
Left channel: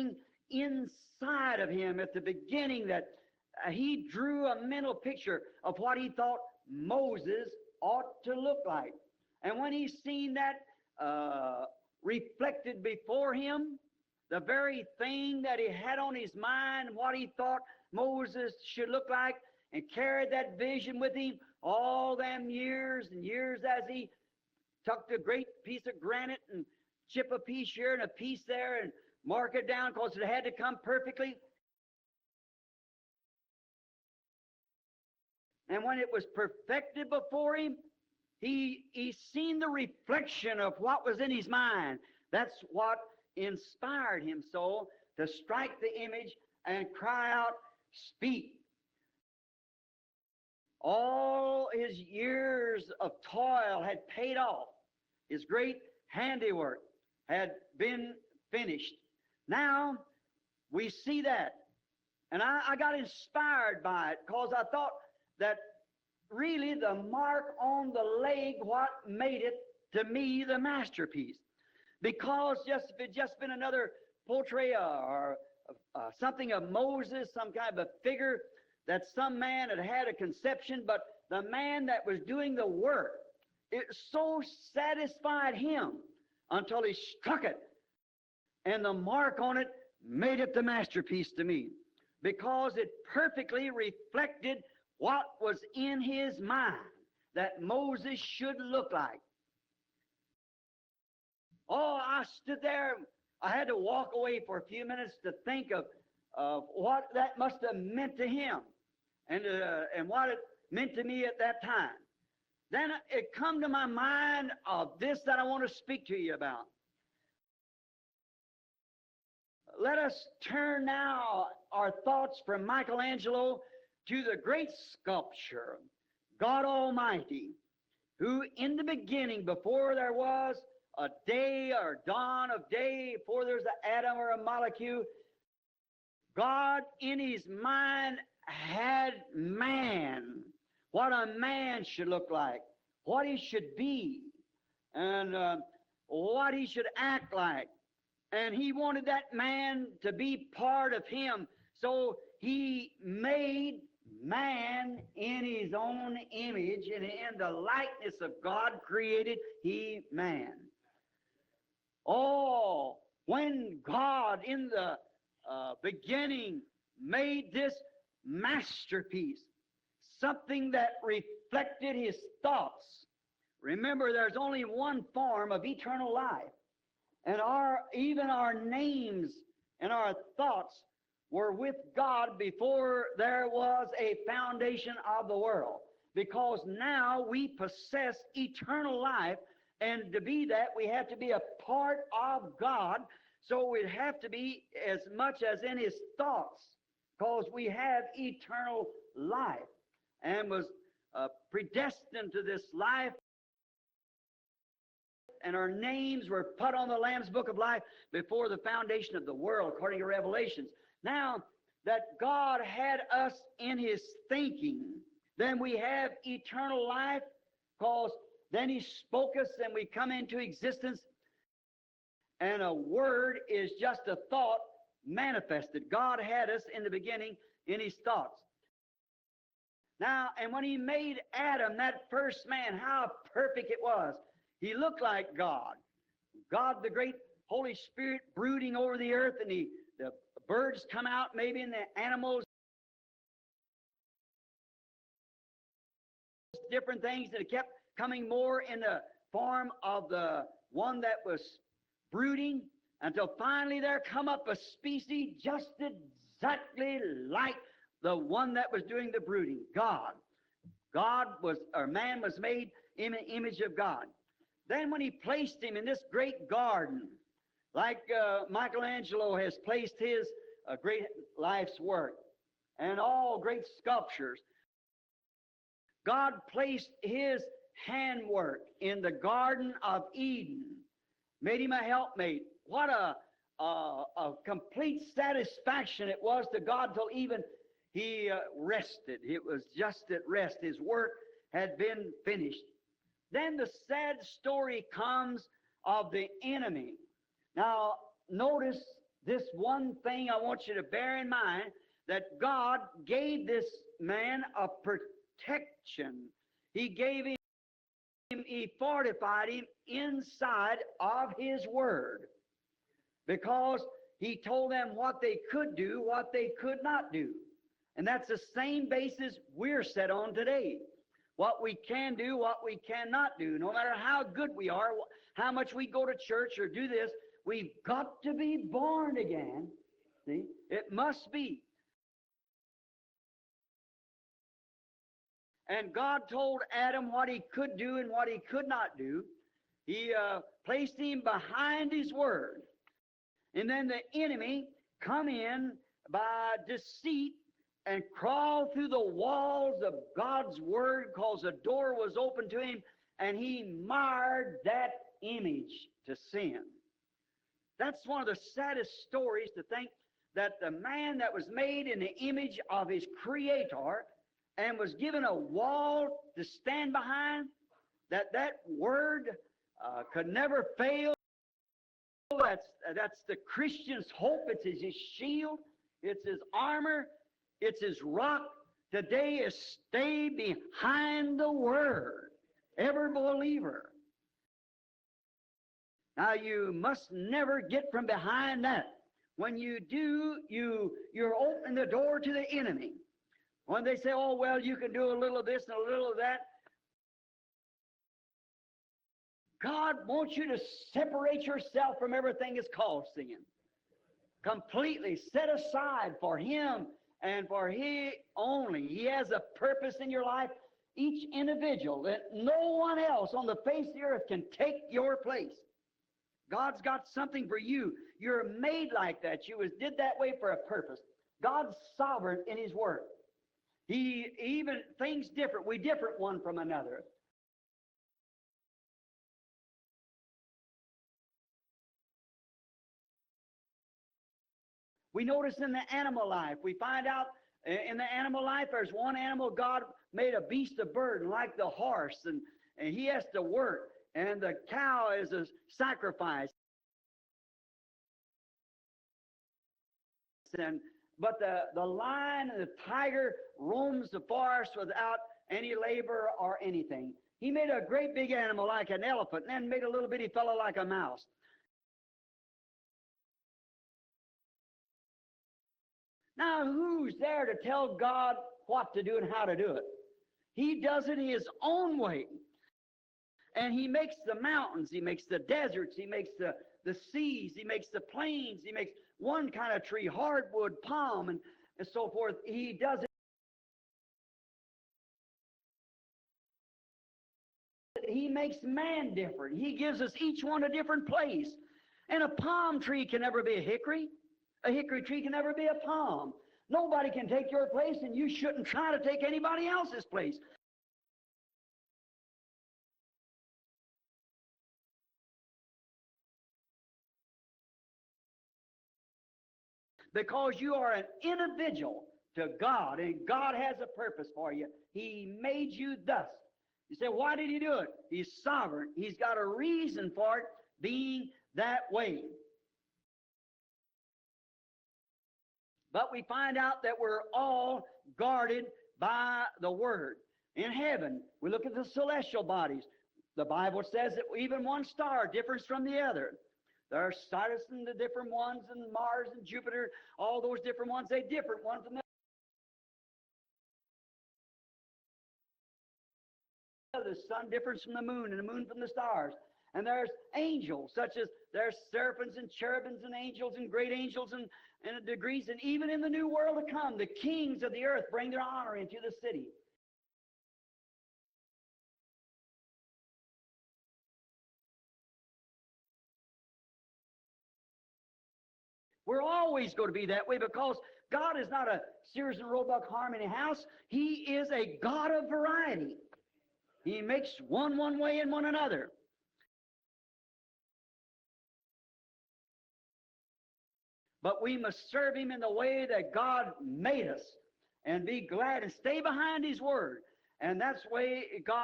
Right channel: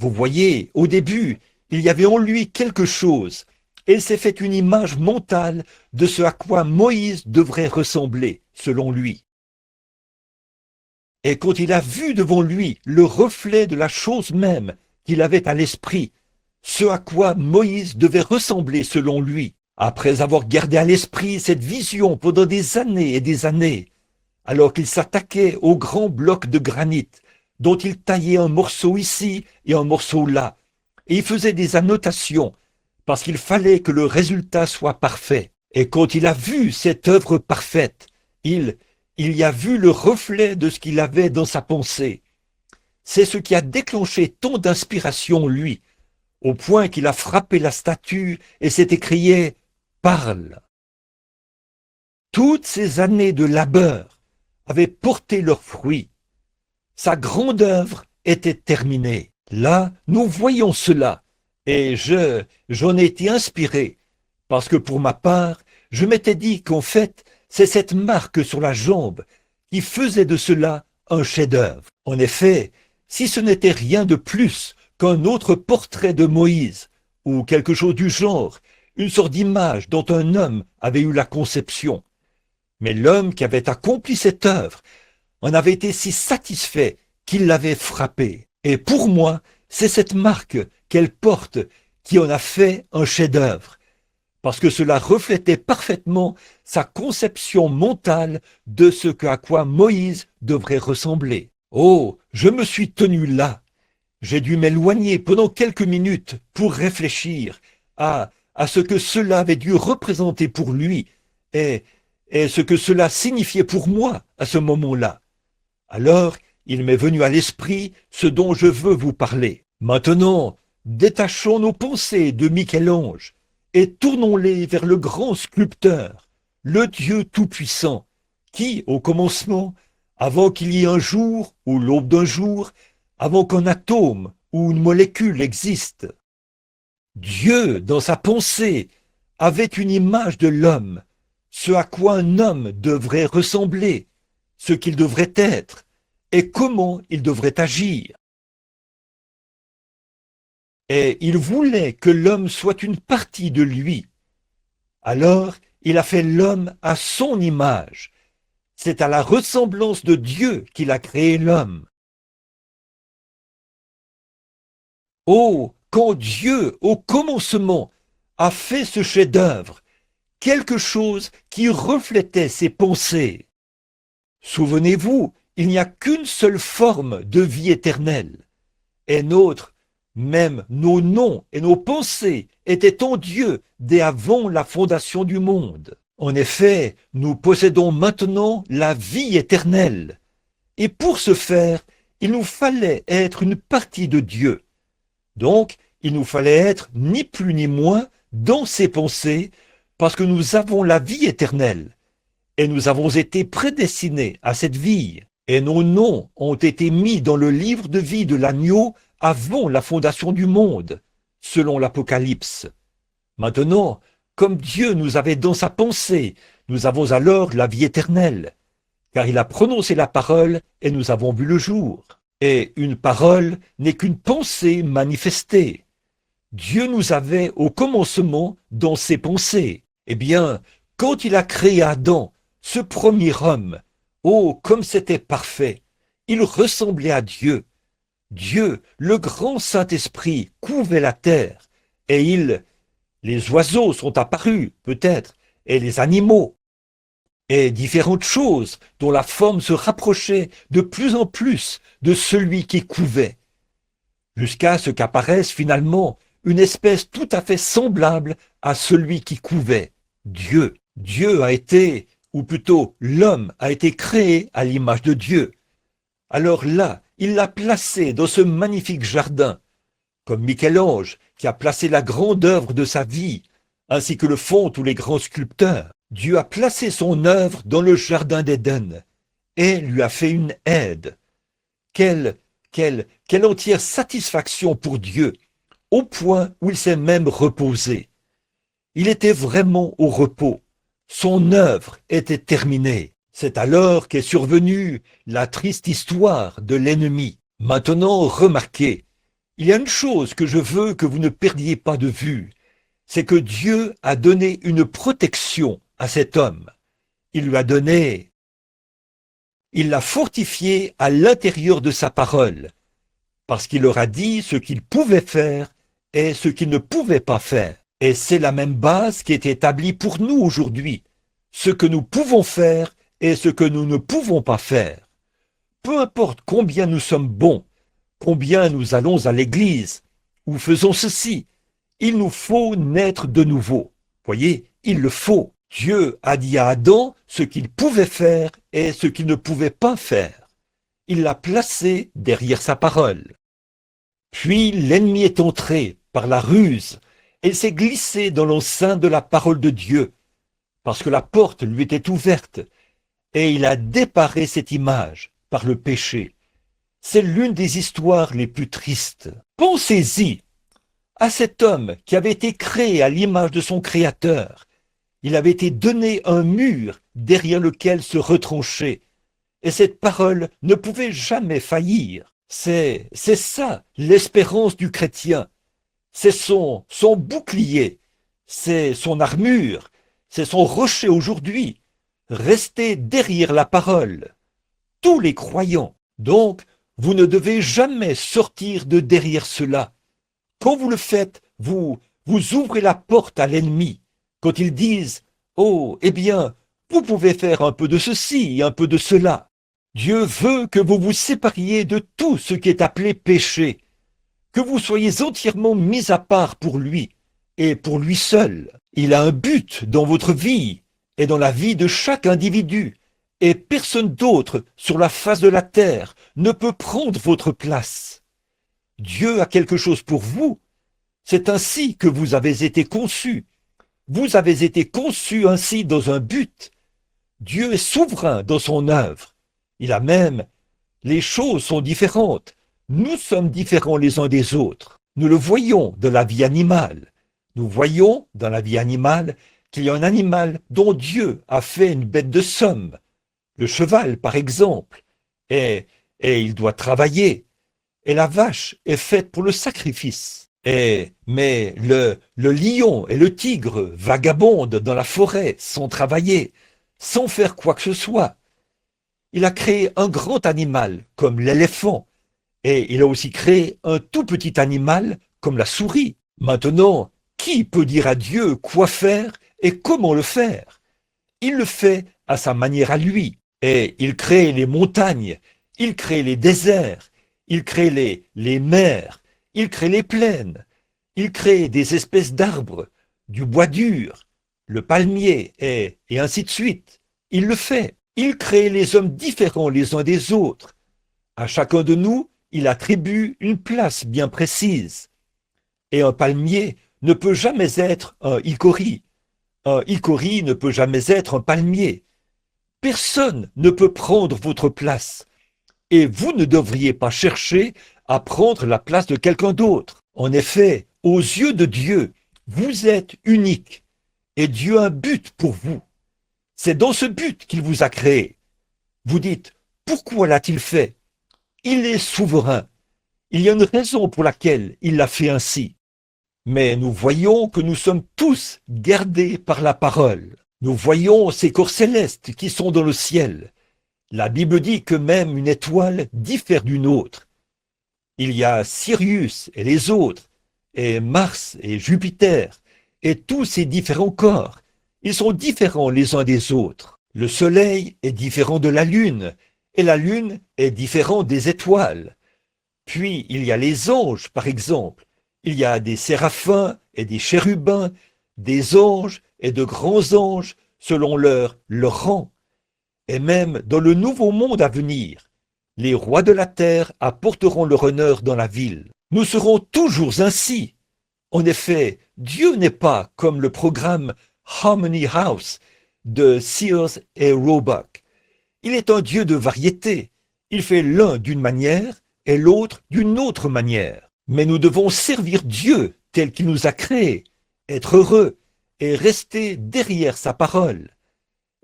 Vous voyez, au début, il y avait en lui quelque chose, et il s'est fait une image mentale de ce à quoi Moïse devrait ressembler, selon lui. Et quand il a vu devant lui le reflet de la chose même qu'il avait à l'esprit, ce à quoi Moïse devait ressembler selon lui, après avoir gardé à l'esprit cette vision pendant des années et des années, alors qu'il s'attaquait aux grands blocs de granit, dont il taillait un morceau ici et un morceau là, et il faisait des annotations, parce qu'il fallait que le résultat soit parfait. Et quand il a vu cette œuvre parfaite, il y a vu le reflet de ce qu'il avait dans sa pensée. C'est ce qui a déclenché tant d'inspiration en lui, au point qu'il a frappé la statue et s'est écrié « Parle ». Toutes ces années de labeur avaient porté leurs fruits. Sa grande œuvre était terminée. Là, nous voyons cela, et j'en ai été inspiré, parce que pour ma part, je m'étais dit qu'en fait, c'est cette marque sur la jambe qui faisait de cela un chef-d'œuvre. En effet, si ce n'était rien de plus qu'un autre portrait de Moïse, ou quelque chose du genre, une sorte d'image dont un homme avait eu la conception. Mais l'homme qui avait accompli cette œuvre en avait été si satisfait qu'il l'avait frappée. Et pour moi, c'est cette marque qu'elle porte qui en a fait un chef-d'œuvre, parce que cela reflétait parfaitement sa conception mentale de ce à quoi Moïse devrait ressembler. Oh, je me suis tenu là. J'ai dû m'éloigner pendant quelques minutes pour réfléchir à ce que cela avait dû représenter pour lui et ce que cela signifiait pour moi à ce moment-là. Alors, il m'est venu à l'esprit ce dont je veux vous parler. Maintenant, détachons nos pensées de Michel-Ange et tournons-les vers le grand sculpteur. le Dieu Tout-Puissant, qui, au commencement, avant qu'il y ait un jour ou l'aube d'un jour, avant qu'un atome ou une molécule existe, Dieu, dans sa pensée, avait une image de l'homme, ce à quoi un homme devrait ressembler, ce qu'il devrait être et comment il devrait agir. Et il voulait que l'homme soit une partie de lui. Alors, il a fait l'homme à son image. C'est à la ressemblance de Dieu qu'il a créé l'homme. Oh, quand Dieu, au commencement, a fait ce chef-d'œuvre, quelque chose qui reflétait ses pensées. Souvenez-vous, il n'y a qu'une seule forme de vie éternelle. Et même nos noms et nos pensées étaient en Dieu dès avant la fondation du monde. En effet, nous possédons maintenant la vie éternelle. Et pour ce faire, il nous fallait être une partie de Dieu. Donc, il nous fallait être ni plus ni moins dans ses pensées, parce que nous avons la vie éternelle. Et nous avons été prédestinés à cette vie. Et nos noms ont été mis dans le livre de vie de l'agneau avant la fondation du monde, selon l'Apocalypse. Maintenant, comme Dieu nous avait dans sa pensée, nous avons alors la vie éternelle, car il a prononcé la parole et nous avons vu le jour. Et une parole n'est qu'une pensée manifestée. Dieu nous avait au commencement dans ses pensées. Eh bien, quand il a créé Adam, ce premier homme, oh, comme c'était parfait! Il ressemblait à Dieu. Dieu, le grand Saint-Esprit, couvait la terre. Et les oiseaux sont apparus, peut-être, et les animaux, et différentes choses dont la forme se rapprochait de plus en plus de celui qui couvait, jusqu'à ce qu'apparaisse finalement une espèce tout à fait semblable à celui qui couvait, Dieu. Dieu a été, ou plutôt l'homme a été créé à l'image de Dieu. Alors là, il l'a placé dans ce magnifique jardin, comme Michel-Ange, qui a placé la grande œuvre de sa vie, ainsi que le font tous les grands sculpteurs. Dieu a placé son œuvre dans le jardin d'Éden et lui a fait une aide. Quelle entière satisfaction pour Dieu, au point où il s'est même reposé. Il était vraiment au repos. Son œuvre était terminée. C'est alors qu'est survenue la triste histoire de l'ennemi. Maintenant, remarquez, il y a une chose que je veux que vous ne perdiez pas de vue. C'est que Dieu a donné une protection à cet homme. Il lui a donné, il l'a fortifié à l'intérieur de sa parole, parce qu'il leur a dit ce qu'il pouvait faire et ce qu'il ne pouvait pas faire. Et c'est la même base qui est établie pour nous aujourd'hui, ce que nous pouvons faire et ce que nous ne pouvons pas faire. Peu importe combien nous sommes bons, combien nous allons à l'église, ou faisons ceci, il nous faut naître de nouveau. Voyez, il le faut. Dieu a dit à Adam ce qu'il pouvait faire et ce qu'il ne pouvait pas faire. Il l'a placé derrière sa parole. Puis l'ennemi est entré par la ruse et s'est glissé dans l'enceinte de la parole de Dieu, parce que la porte lui était ouverte, et il a déparé cette image par le péché. C'est l'une des histoires les plus tristes. Pensez-y à cet homme qui avait été créé à l'image de son Créateur. Il avait été donné un mur derrière lequel se retrancher. Et cette parole ne pouvait jamais faillir. C'est ça l'espérance du chrétien. C'est son bouclier, c'est son armure, c'est son rocher aujourd'hui. Restez derrière la parole, tous les croyants. Donc, vous ne devez jamais sortir de derrière cela. Quand vous le faites, vous ouvrez la porte à l'ennemi. Quand ils disent « Oh, eh bien, vous pouvez faire un peu de ceci, un peu de cela », Dieu veut que vous vous sépariez de tout ce qui est appelé péché, que vous soyez entièrement mis à part pour lui et pour lui seul. Il a un but dans votre vie et dans la vie de chaque individu, et personne d'autre sur la face de la terre ne peut prendre votre place. Dieu a quelque chose pour vous. C'est ainsi que vous avez été conçus. Vous avez été conçus ainsi dans un but. Dieu est souverain dans son œuvre. Il a même, les choses sont différentes. Nous sommes différents les uns des autres. Nous le voyons dans la vie animale. Nous voyons dans la vie animale qu'il y a un animal dont Dieu a fait une bête de somme. Le cheval, par exemple, et il doit travailler. Et la vache est faite pour le sacrifice. Mais le lion et le tigre vagabondent dans la forêt sans travailler, sans faire quoi que ce soit. Il a créé un grand animal comme l'éléphant. Et il a aussi créé un tout petit animal comme la souris. Maintenant, qui peut dire à Dieu quoi faire et comment le faire? Il le fait à sa manière à lui. Et il crée les montagnes, il crée les déserts, il crée les mers, il crée les plaines, il crée des espèces d'arbres, du bois dur, le palmier, et ainsi de suite. Il le fait. Il crée les hommes différents les uns des autres. À chacun de nous, il attribue une place bien précise. Et un palmier ne peut jamais être un hickory. Un hickory ne peut jamais être un palmier. Personne ne peut prendre votre place. Et vous ne devriez pas chercher à prendre la place de quelqu'un d'autre. En effet, aux yeux de Dieu, vous êtes unique. Et Dieu a un but pour vous. C'est dans ce but qu'il vous a créé. Vous dites, pourquoi l'a-t-il fait? Il est souverain. Il y a une raison pour laquelle il l'a fait ainsi. Mais nous voyons que nous sommes tous gardés par la parole. Nous voyons ces corps célestes qui sont dans le ciel. La Bible dit que même une étoile diffère d'une autre. Il y a Sirius et les autres, et Mars et Jupiter, et tous ces différents corps. Ils sont différents les uns des autres. Le Soleil est différent de la Lune, et la Lune est différente des étoiles. Puis, il y a les anges, par exemple. Il y a des séraphins et des chérubins, des anges et de grands anges, selon leur rang. Et même dans le nouveau monde à venir, les rois de la terre apporteront leur honneur dans la ville. Nous serons toujours ainsi. En effet, Dieu n'est pas comme le programme Harmony House de Sears et Roebuck. Il est un Dieu de variété. Il fait l'un d'une manière et l'autre d'une autre manière. Mais nous devons servir Dieu tel qu'il nous a créés, être heureux et rester derrière sa parole.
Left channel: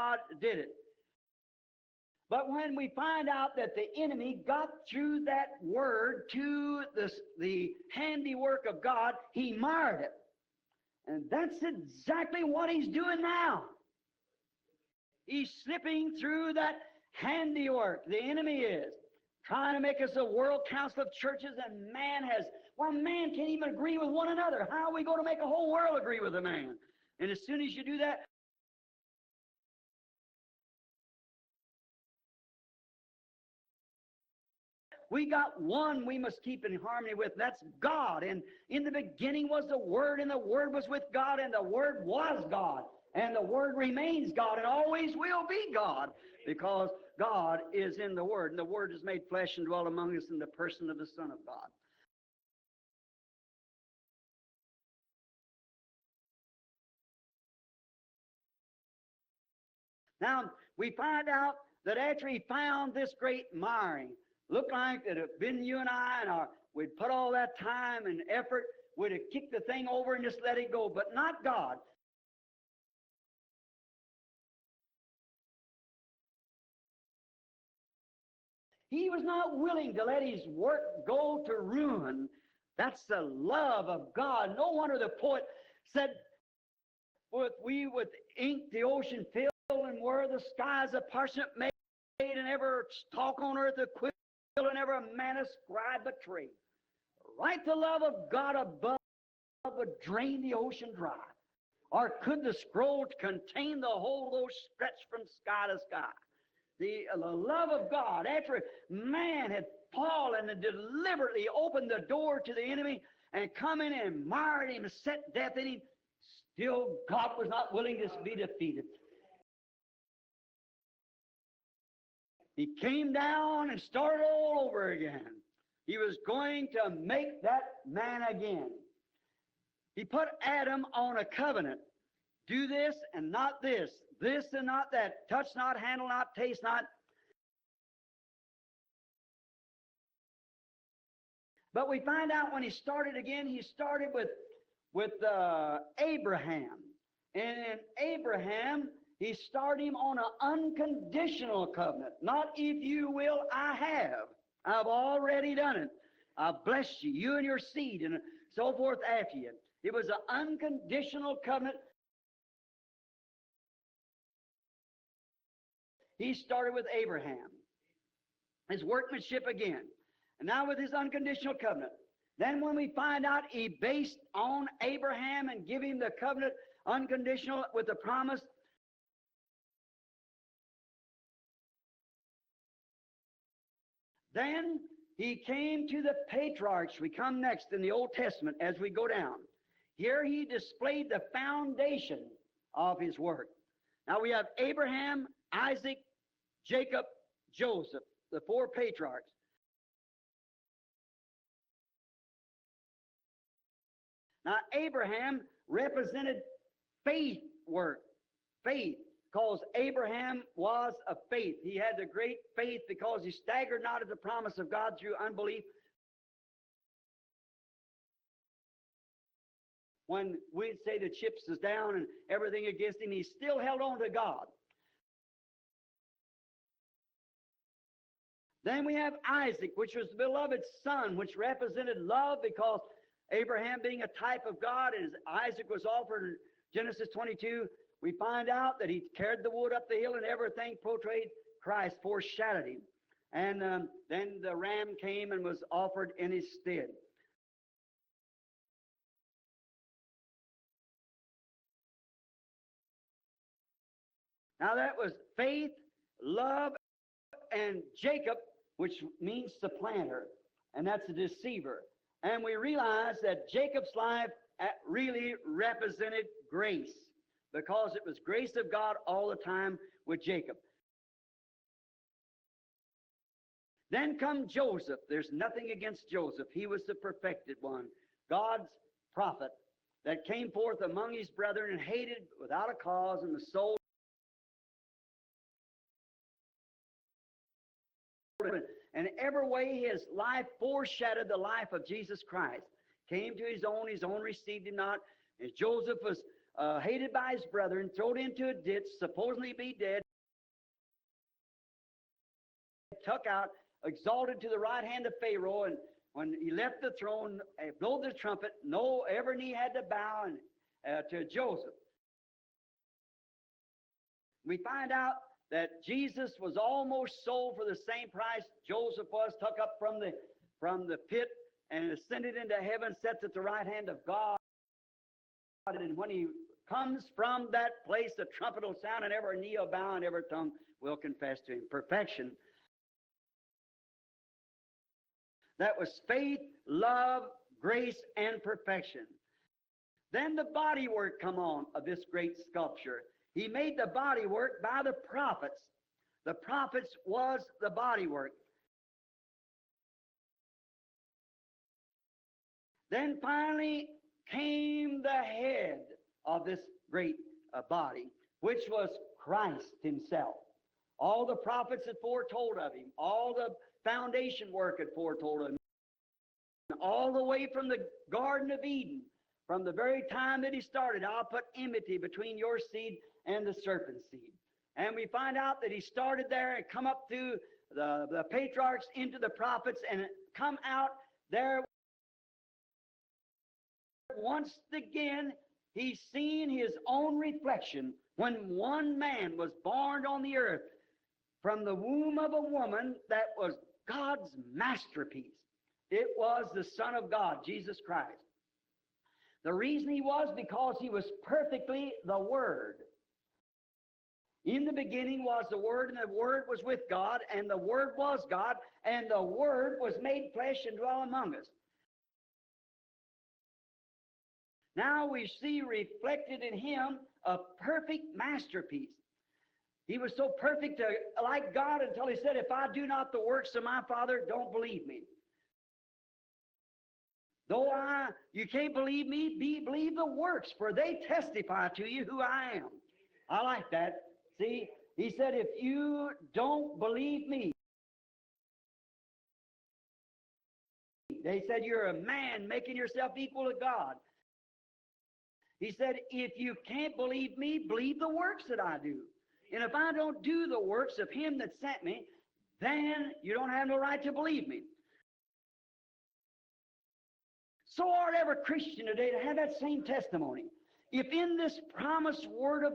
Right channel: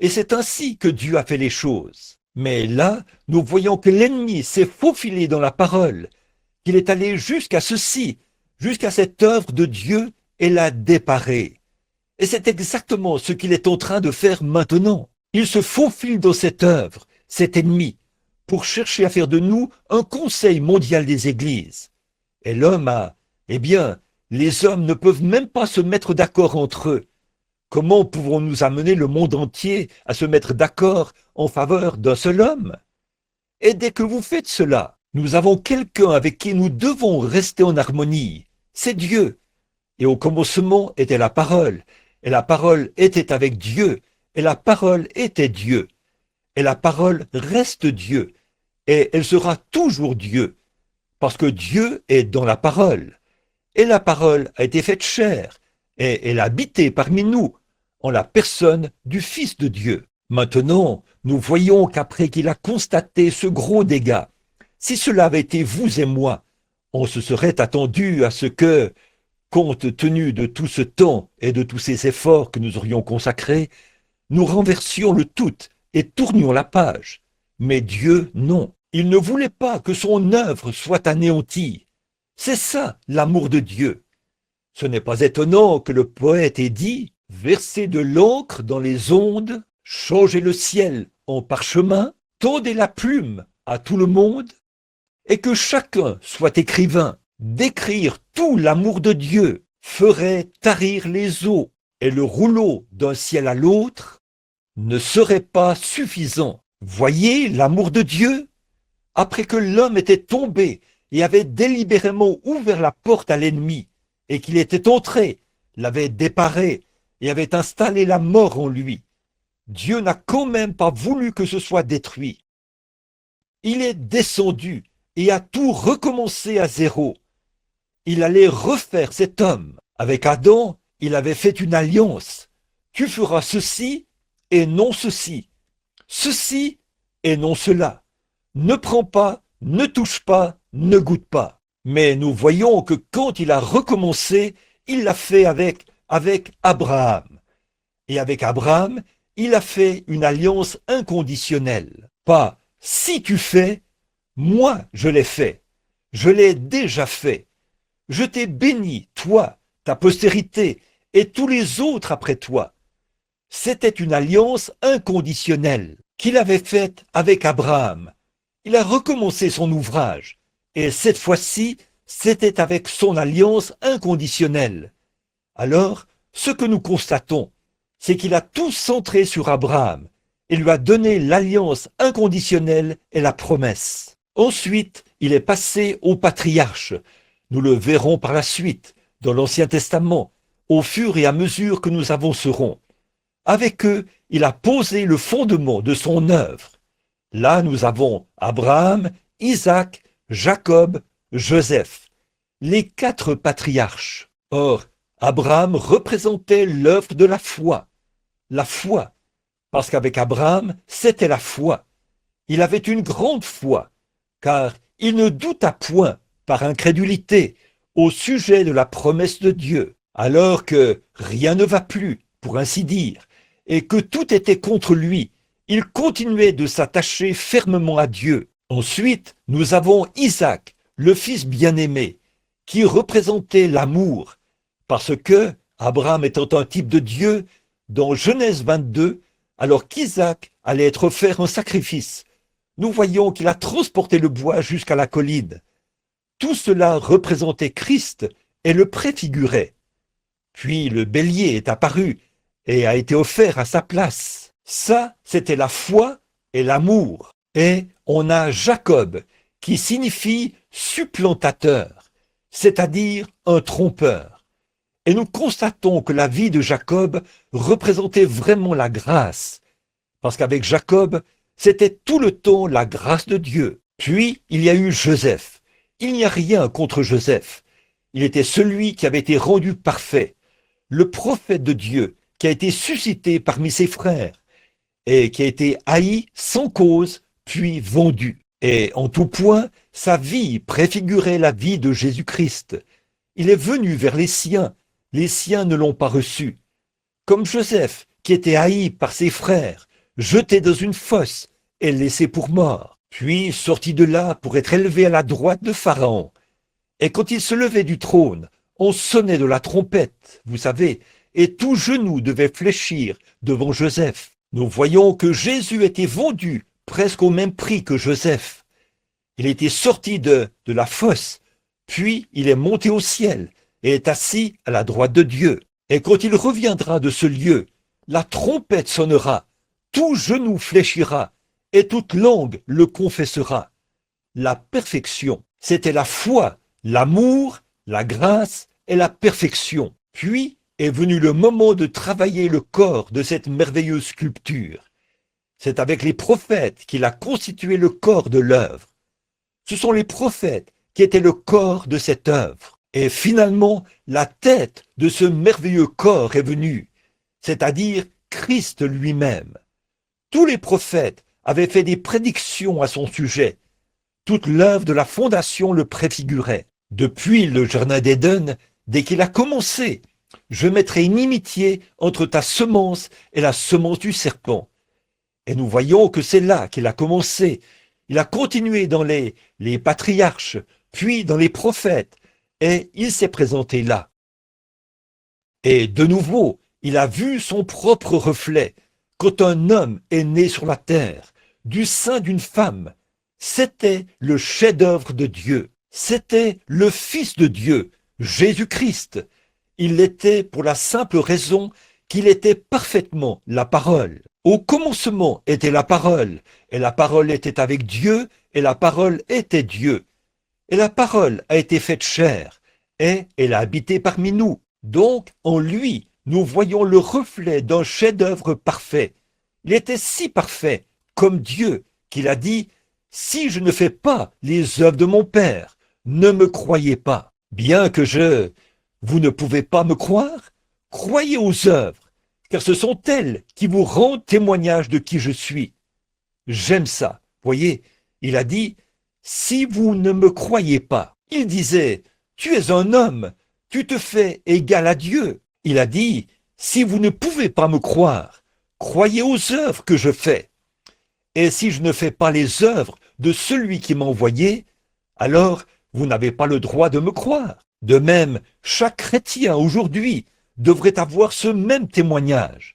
Et c'est ainsi que Dieu a fait les choses. Mais là, nous voyons que l'ennemi s'est faufilé dans la parole, qu'il est allé jusqu'à ceci, jusqu'à cette œuvre de Dieu et l'a déparée. Et c'est exactement ce qu'il est en train de faire maintenant. Il se faufile dans cette œuvre, cet ennemi, pour chercher à faire de nous un conseil mondial des églises. Et l'homme a, eh bien, les hommes ne peuvent même pas se mettre d'accord entre eux. Comment pouvons-nous amener le monde entier à se mettre d'accord en faveur d'un seul homme? Et dès que vous faites cela, nous avons quelqu'un avec qui nous devons rester en harmonie. C'est Dieu. Et au commencement était la parole. Et la parole était avec Dieu. Et la parole était Dieu. Et la parole reste Dieu. Et elle sera toujours Dieu. Parce que Dieu est dans la parole. Et la parole a été faite chair. Et elle a habité parmi nous, en la personne du Fils de Dieu. Maintenant, nous voyons qu'après qu'il a constaté ce gros dégât, si cela avait été vous et moi, on se serait attendu à ce que, compte tenu de tout ce temps et de tous ces efforts que nous aurions consacrés, nous renversions le tout et tournions la page. Mais Dieu, non. Il ne voulait pas que son œuvre soit anéantie. C'est ça, l'amour de Dieu. Ce n'est pas étonnant que le poète ait dit « Versez de l'encre dans les ondes, changez le ciel en parchemin, tendez la plume à tout le monde, et que chacun soit écrivain. D'écrire tout l'amour de Dieu ferait tarir les eaux, et le rouleau d'un ciel à l'autre ne serait pas suffisant. Voyez l'amour de Dieu? Après que l'homme était tombé et avait délibérément ouvert la porte à l'ennemi, et qu'il était entré, l'avait déparé et avait installé la mort en lui, Dieu n'a quand même pas voulu que ce soit détruit. Il est descendu et a tout recommencé à zéro. Il allait refaire cet homme. Avec Adam, il avait fait une alliance. Tu feras ceci et non ceci, ceci et non cela. Ne prends pas, ne touche pas, ne goûte pas. Mais nous voyons que quand il a recommencé, il l'a fait avec Abraham. Et avec Abraham, il a fait une alliance inconditionnelle. Pas si tu fais, moi je l'ai fait. Je l'ai déjà fait. Je t'ai béni, toi, ta postérité, et tous les autres après toi. C'était une alliance inconditionnelle qu'il avait faite avec Abraham. Il a recommencé son ouvrage, et cette fois-ci, c'était avec son alliance inconditionnelle. Alors, ce que nous constatons, c'est qu'il a tout centré sur Abraham et lui a donné l'alliance inconditionnelle et la promesse. Ensuite, il est passé aux patriarches. Nous le verrons par la suite, dans l'Ancien Testament, au fur et à mesure que nous avancerons. Avec eux, il a posé le fondement de son œuvre. Là, nous avons Abraham, Isaac, Jacob, Joseph, les 4 patriarches. Or, Abraham représentait l'œuvre de la foi. La foi, parce qu'avec Abraham, c'était la foi. Il avait une grande foi, car il ne douta point, par incrédulité, au sujet de la promesse de Dieu, alors que rien ne va plus, pour ainsi dire, et que tout était contre lui. Il continuait de s'attacher fermement à Dieu. Ensuite, nous avons Isaac, le fils bien-aimé, qui représentait l'amour, parce que Abraham étant un type de Dieu, dans Genèse 22, alors qu'Isaac allait être offert en sacrifice, nous voyons qu'il a transporté le bois jusqu'à la colline. Tout cela représentait Christ et le préfigurait. Puis le bélier est apparu et a été offert à sa place. Ça, c'était la foi et l'amour. Et on a Jacob, qui signifie supplantateur, c'est-à-dire un trompeur. Et nous constatons que la vie de Jacob représentait vraiment la grâce, parce qu'avec Jacob, c'était tout le temps la grâce de Dieu. Puis, il y a eu Joseph. Il n'y a rien contre Joseph. Il était celui qui avait été rendu parfait, le prophète de Dieu, qui a été suscité parmi ses frères et qui a été haï sans cause, puis vendu. Et en tout point, sa vie préfigurait la vie de Jésus-Christ. Il est venu vers les siens ne l'ont pas reçu. Comme Joseph, qui était haï par ses frères, jeté dans une fosse et laissé pour mort, puis sorti de là pour être élevé à la droite de Pharaon. Et quand il se levait du trône, on sonnait de la trompette, vous savez, et tout genou devait fléchir devant Joseph. Nous voyons que Jésus était vendu presque au même prix que Joseph. Il était sorti de la fosse, puis il est monté au ciel et est assis à la droite de Dieu. Et quand il reviendra de ce lieu, la trompette sonnera, tout genou fléchira et toute langue le confessera. La perfection, c'était la foi, l'amour, la grâce et la perfection. Puis est venu le moment de travailler le corps de cette merveilleuse sculpture. C'est avec les prophètes qu'il a constitué le corps de l'œuvre. Ce sont les prophètes qui étaient le corps de cette œuvre. Et finalement, la tête de ce merveilleux corps est venue, c'est-à-dire Christ lui-même. Tous les prophètes avaient fait des prédictions à son sujet. Toute l'œuvre de la fondation le préfigurait. Depuis le Jardin d'Éden, dès qu'il a commencé, je mettrai une inimitié entre ta semence et la semence du serpent. Et nous voyons que c'est là qu'il a commencé. Il a continué dans les patriarches, puis dans les prophètes, et il s'est présenté là. Et de nouveau, il a vu son propre reflet. Quand un homme est né sur la terre, du sein d'une femme, c'était le chef-d'œuvre de Dieu. C'était le Fils de Dieu, Jésus-Christ. Il l'était pour la simple raison qu'il était parfaitement la parole. Au commencement était la parole, et la parole était avec Dieu, et la parole était Dieu. Et la parole a été faite chair, et elle a habité parmi nous. Donc, en lui, nous voyons le reflet d'un chef-d'œuvre parfait. Il était si parfait, comme Dieu, qu'il a dit, « Si je ne fais pas les œuvres de mon Père, ne me croyez pas. » Bien que vous ne pouvez pas me croire, Croyez aux œuvres, car ce sont elles qui vous rendent témoignage de qui je suis. J'aime ça. Voyez, il a dit, si vous ne me croyez pas, il disait, tu es un homme, tu te fais égal à Dieu. Il a dit, si vous ne pouvez pas me croire, croyez aux œuvres que je fais. Et si je ne fais pas les œuvres de celui qui m'a envoyé, alors vous n'avez pas le droit de me croire. De même, chaque chrétien aujourd'hui devrait avoir ce même témoignage.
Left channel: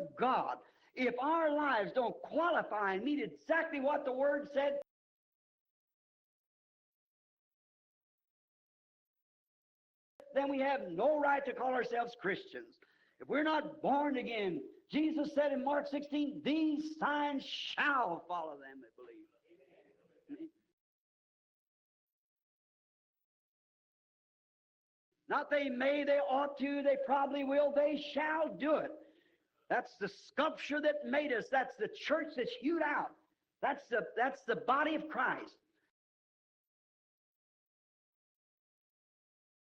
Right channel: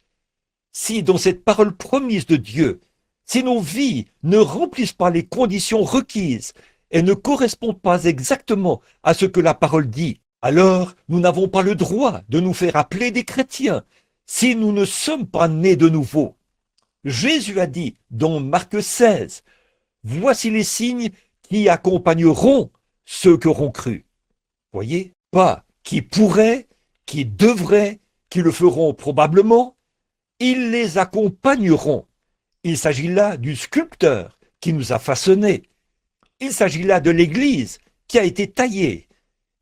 Si dans cette parole promise de Dieu, si nos vies ne remplissent pas les conditions requises et ne correspondent pas exactement à ce que la parole dit, alors nous n'avons pas le droit de nous faire appeler des chrétiens si nous ne sommes pas nés de nouveau. Jésus a dit dans Marc 16, « Voici les signes qui accompagneront ceux qui auront cru. » Voyez, pas qui pourraient, qui devraient, qui le feront probablement, ils les accompagneront. Il s'agit là du sculpteur qui nous a façonnés. Il s'agit là de l'Église qui a été taillée.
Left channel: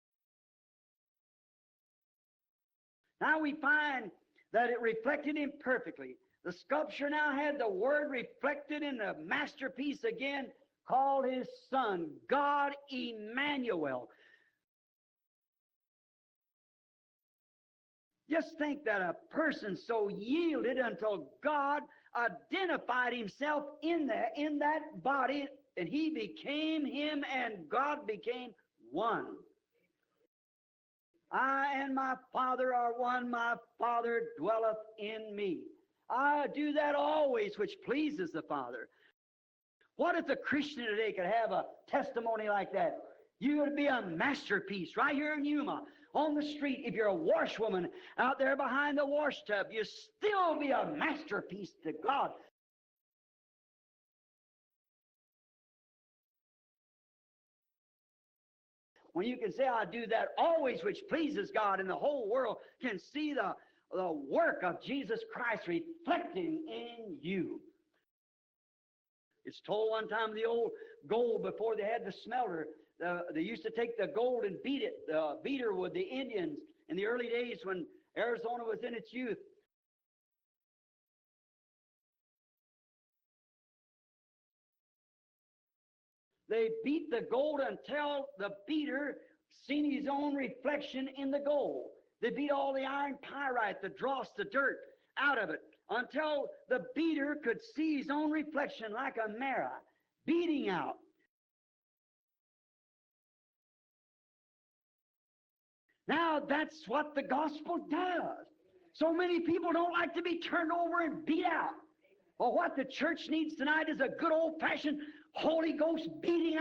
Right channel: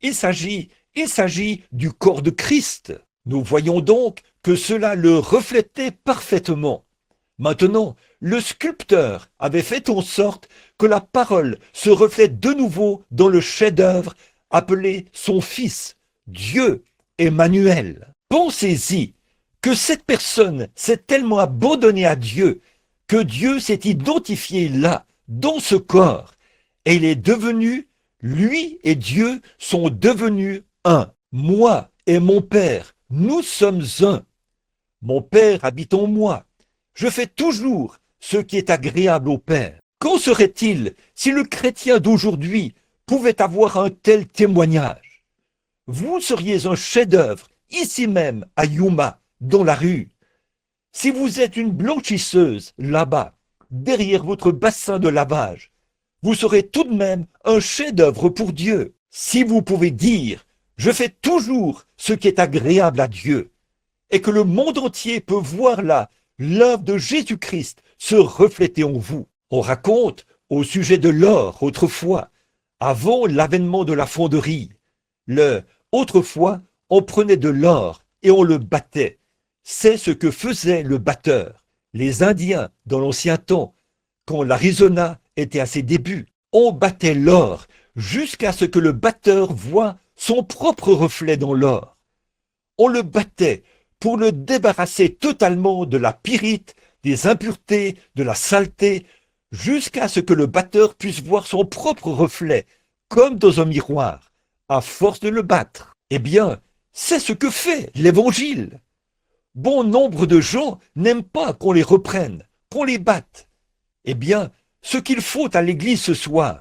Il s'agit du corps de Christ. Nous voyons donc que cela le reflétait parfaitement. Maintenant, le sculpteur avait fait en sorte que la parole se reflète de nouveau dans le chef-d'œuvre appelé son Fils, Dieu Emmanuel. Pensez-y que cette personne s'est tellement abandonnée à Dieu que Dieu s'est identifié là, dans ce corps, et il est devenu, lui et Dieu sont devenus un. Moi et mon Père, nous sommes un. Mon Père habite en moi. Je fais toujours ce qui est agréable au Père. Qu'en serait-il si le chrétien d'aujourd'hui pouvait avoir un tel témoignage? Vous seriez un chef-d'œuvre, ici même, à Yuma, dans la rue. Si vous êtes une blanchisseuse, là-bas, derrière votre bassin de lavage, vous serez tout de même un chef-d'œuvre pour Dieu. Si vous pouvez dire, je fais toujours ce qui est agréable à Dieu, et que le monde entier peut voir là l'œuvre de Jésus-Christ se refléter en vous. On raconte au sujet de l'or autrefois, avant l'avènement de la fonderie. Autrefois, on prenait de l'or et on le battait. C'est ce que faisait le batteur. Les Indiens, dans l'ancien temps, quand l'Arizona était à ses débuts, on battait l'or jusqu'à ce que le batteur voie son propre reflet dans l'or. On le battait pour le débarrasser totalement de la pyrite, des impuretés, de la saleté, jusqu'à ce que le batteur puisse voir son propre reflet, comme dans un miroir, à force de le battre. Eh bien, c'est ce que fait l'Évangile. Bon nombre de gens n'aiment pas qu'on les reprenne, qu'on les batte. Eh bien, ce qu'il faut à l'Église ce soir,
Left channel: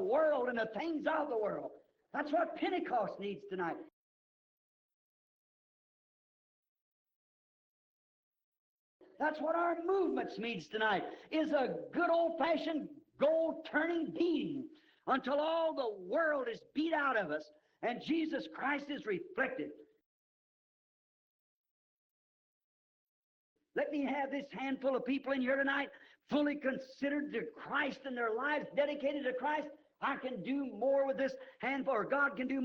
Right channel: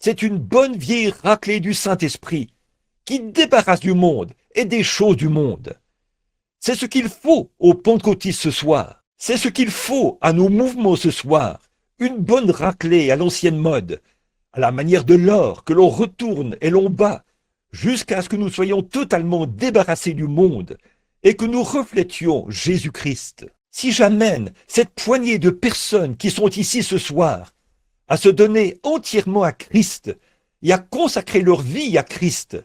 c'est une bonne vieille raclée du Saint-Esprit qui débarrasse du monde et des choses du monde. C'est ce qu'il faut aux pentecôtistes ce soir. C'est ce qu'il faut à nos mouvements ce soir. Une bonne raclée à l'ancienne mode, à la manière de l'or que l'on retourne et l'on bat, jusqu'à ce que nous soyons totalement débarrassés du monde et que nous reflétions Jésus-Christ. Si j'amène cette poignée de personnes qui sont ici ce soir à se donner entièrement à Christ et à consacrer leur vie à Christ,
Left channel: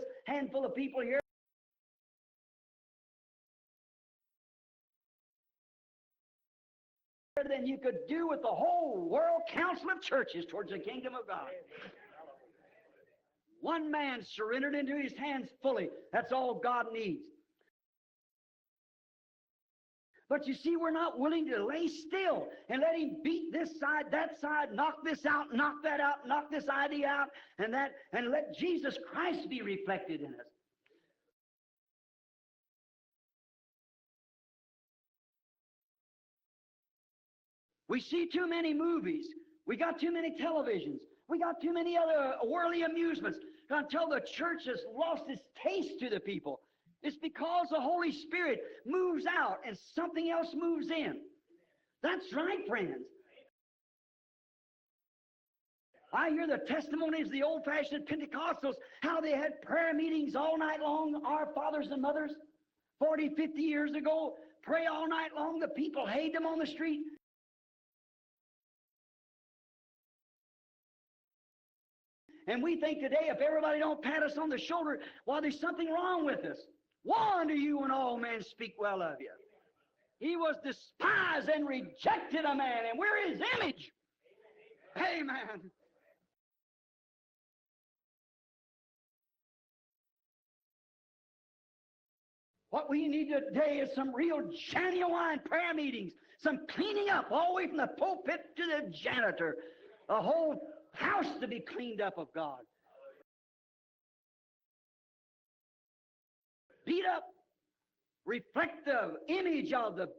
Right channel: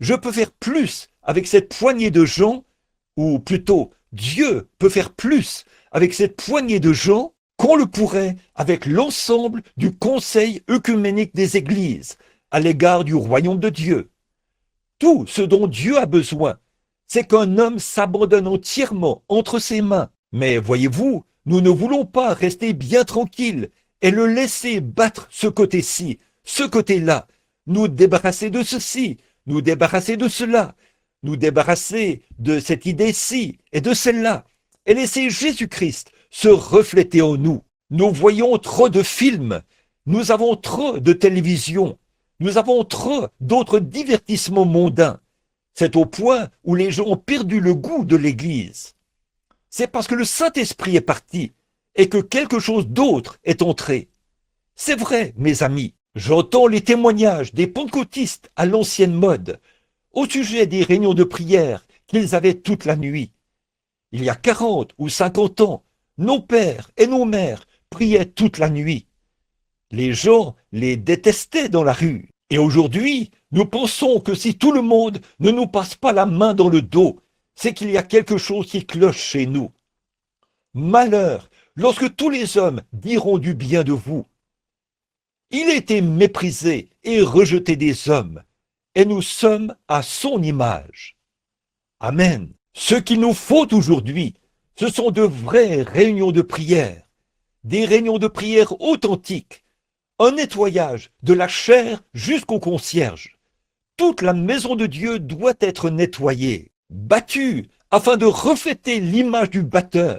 je peux faire plus avec cette poignée de gens, ou plutôt Dieu peut faire plus avec cette poignée de gens qu'on le pourrait avec l'ensemble du conseil œcuménique des églises à l'égard du royaume de Dieu. Tout ce dont Dieu a besoin, c'est qu'un homme s'abandonne entièrement entre ses mains. Mais voyez-vous, nous ne voulons pas rester bien tranquilles et le laisser battre ce côté-ci, ce côté-là, nous débarrasser de ceci, nous débarrasser de cela, nous débarrasser de cette idée-ci et de celle-là, et laisser Jésus-Christ se refléter en nous. Nous voyons trop de films, nous avons trop de télévision, nous avons trop d'autres divertissements mondains. C'est au point où les gens ont perdu le goût de l'Église. C'est parce que le Saint-Esprit est parti et que quelque chose d'autre est entré. C'est vrai, mes amis, j'entends les témoignages des pentecôtistes à l'ancienne mode au sujet des réunions de prière qu'ils avaient toute la nuit. Il y a 40 ou 50 ans, nos pères et nos mères priaient toute la nuit. Les gens les détestaient dans la rue. Et aujourd'hui, nous pensons que si tout le monde ne nous passe pas la main dans le dos, c'est qu'il y a quelque chose qui cloche chez nous. Malheur, lorsque tous les hommes diront du bien de vous. Il a été méprisé et rejeté des hommes, et nous sommes à son image. Amen. Ce qu'il nous faut aujourd'hui, ce sont de vraies réunions de prière, des réunions de prière authentiques, un nettoyage de la chair jusqu'au concierge. Toute la maison de Dieu doit être nettoyée, battue, afin de refléter l'image du batteur,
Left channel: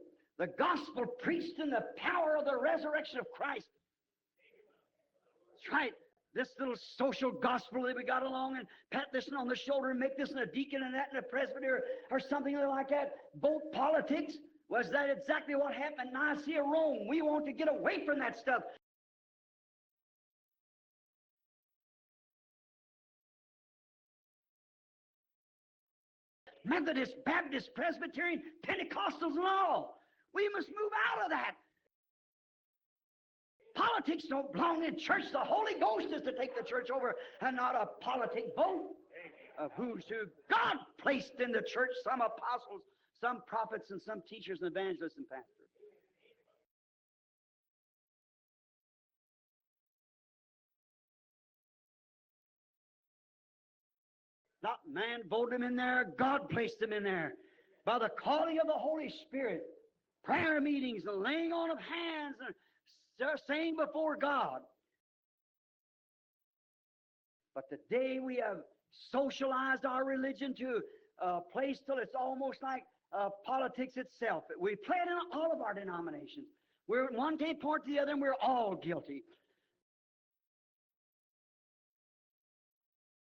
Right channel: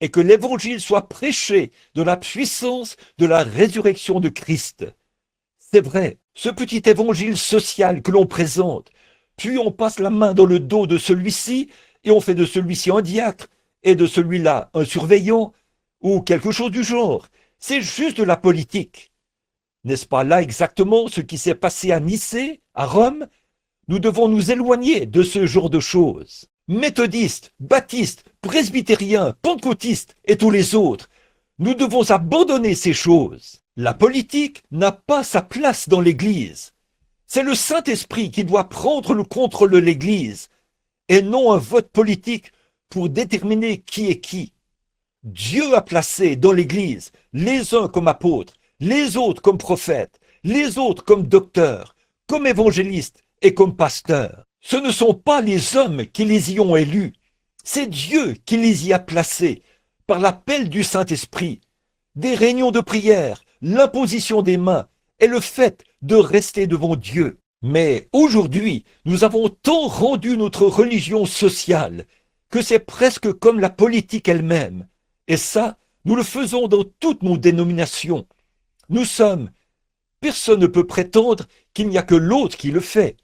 et que l'évangile soit prêché de la puissance de la résurrection de Christ. C'est vrai, ce petit évangile social que l'on présente, puis on passe la main dans le dos de celui-ci et on fait de celui-ci un diacre et de celui-là un surveillant ou quelque chose du genre. C'est juste de la politique. N'est-ce pas là exactement ce qui s'est passé à Nicée, à Rome? Nous devons nous éloigner de ce genre de choses. Méthodistes, baptistes, presbytériens, pentecôtistes et tous les autres. Nous devons abandonner ces choses. La politique n'a pas sa place dans l'Église. C'est le Saint-Esprit qui doit prendre le contrôle de l'Église et non un vote politique pour déterminer qui est qui. Dieu a placé dans l'Église les uns comme apôtres, les autres comme prophètes, les autres comme docteurs, comme évangélistes et comme pasteurs. Ce ne sont pas les hommes qui les y ont élus, c'est Dieu qui les y a placés par l'appel du Saint-Esprit. Des réunions de prière, l'imposition des mains et le fait de rester devant Dieu. Mais aujourd'hui, nous avons tant rendu notre religion sociale que c'est presque comme la politique elle-même. Et ça, nous le faisons dans toutes nos dénominations. Personne ne peut prétendre qu'il n'y a que l'autre qui le fait.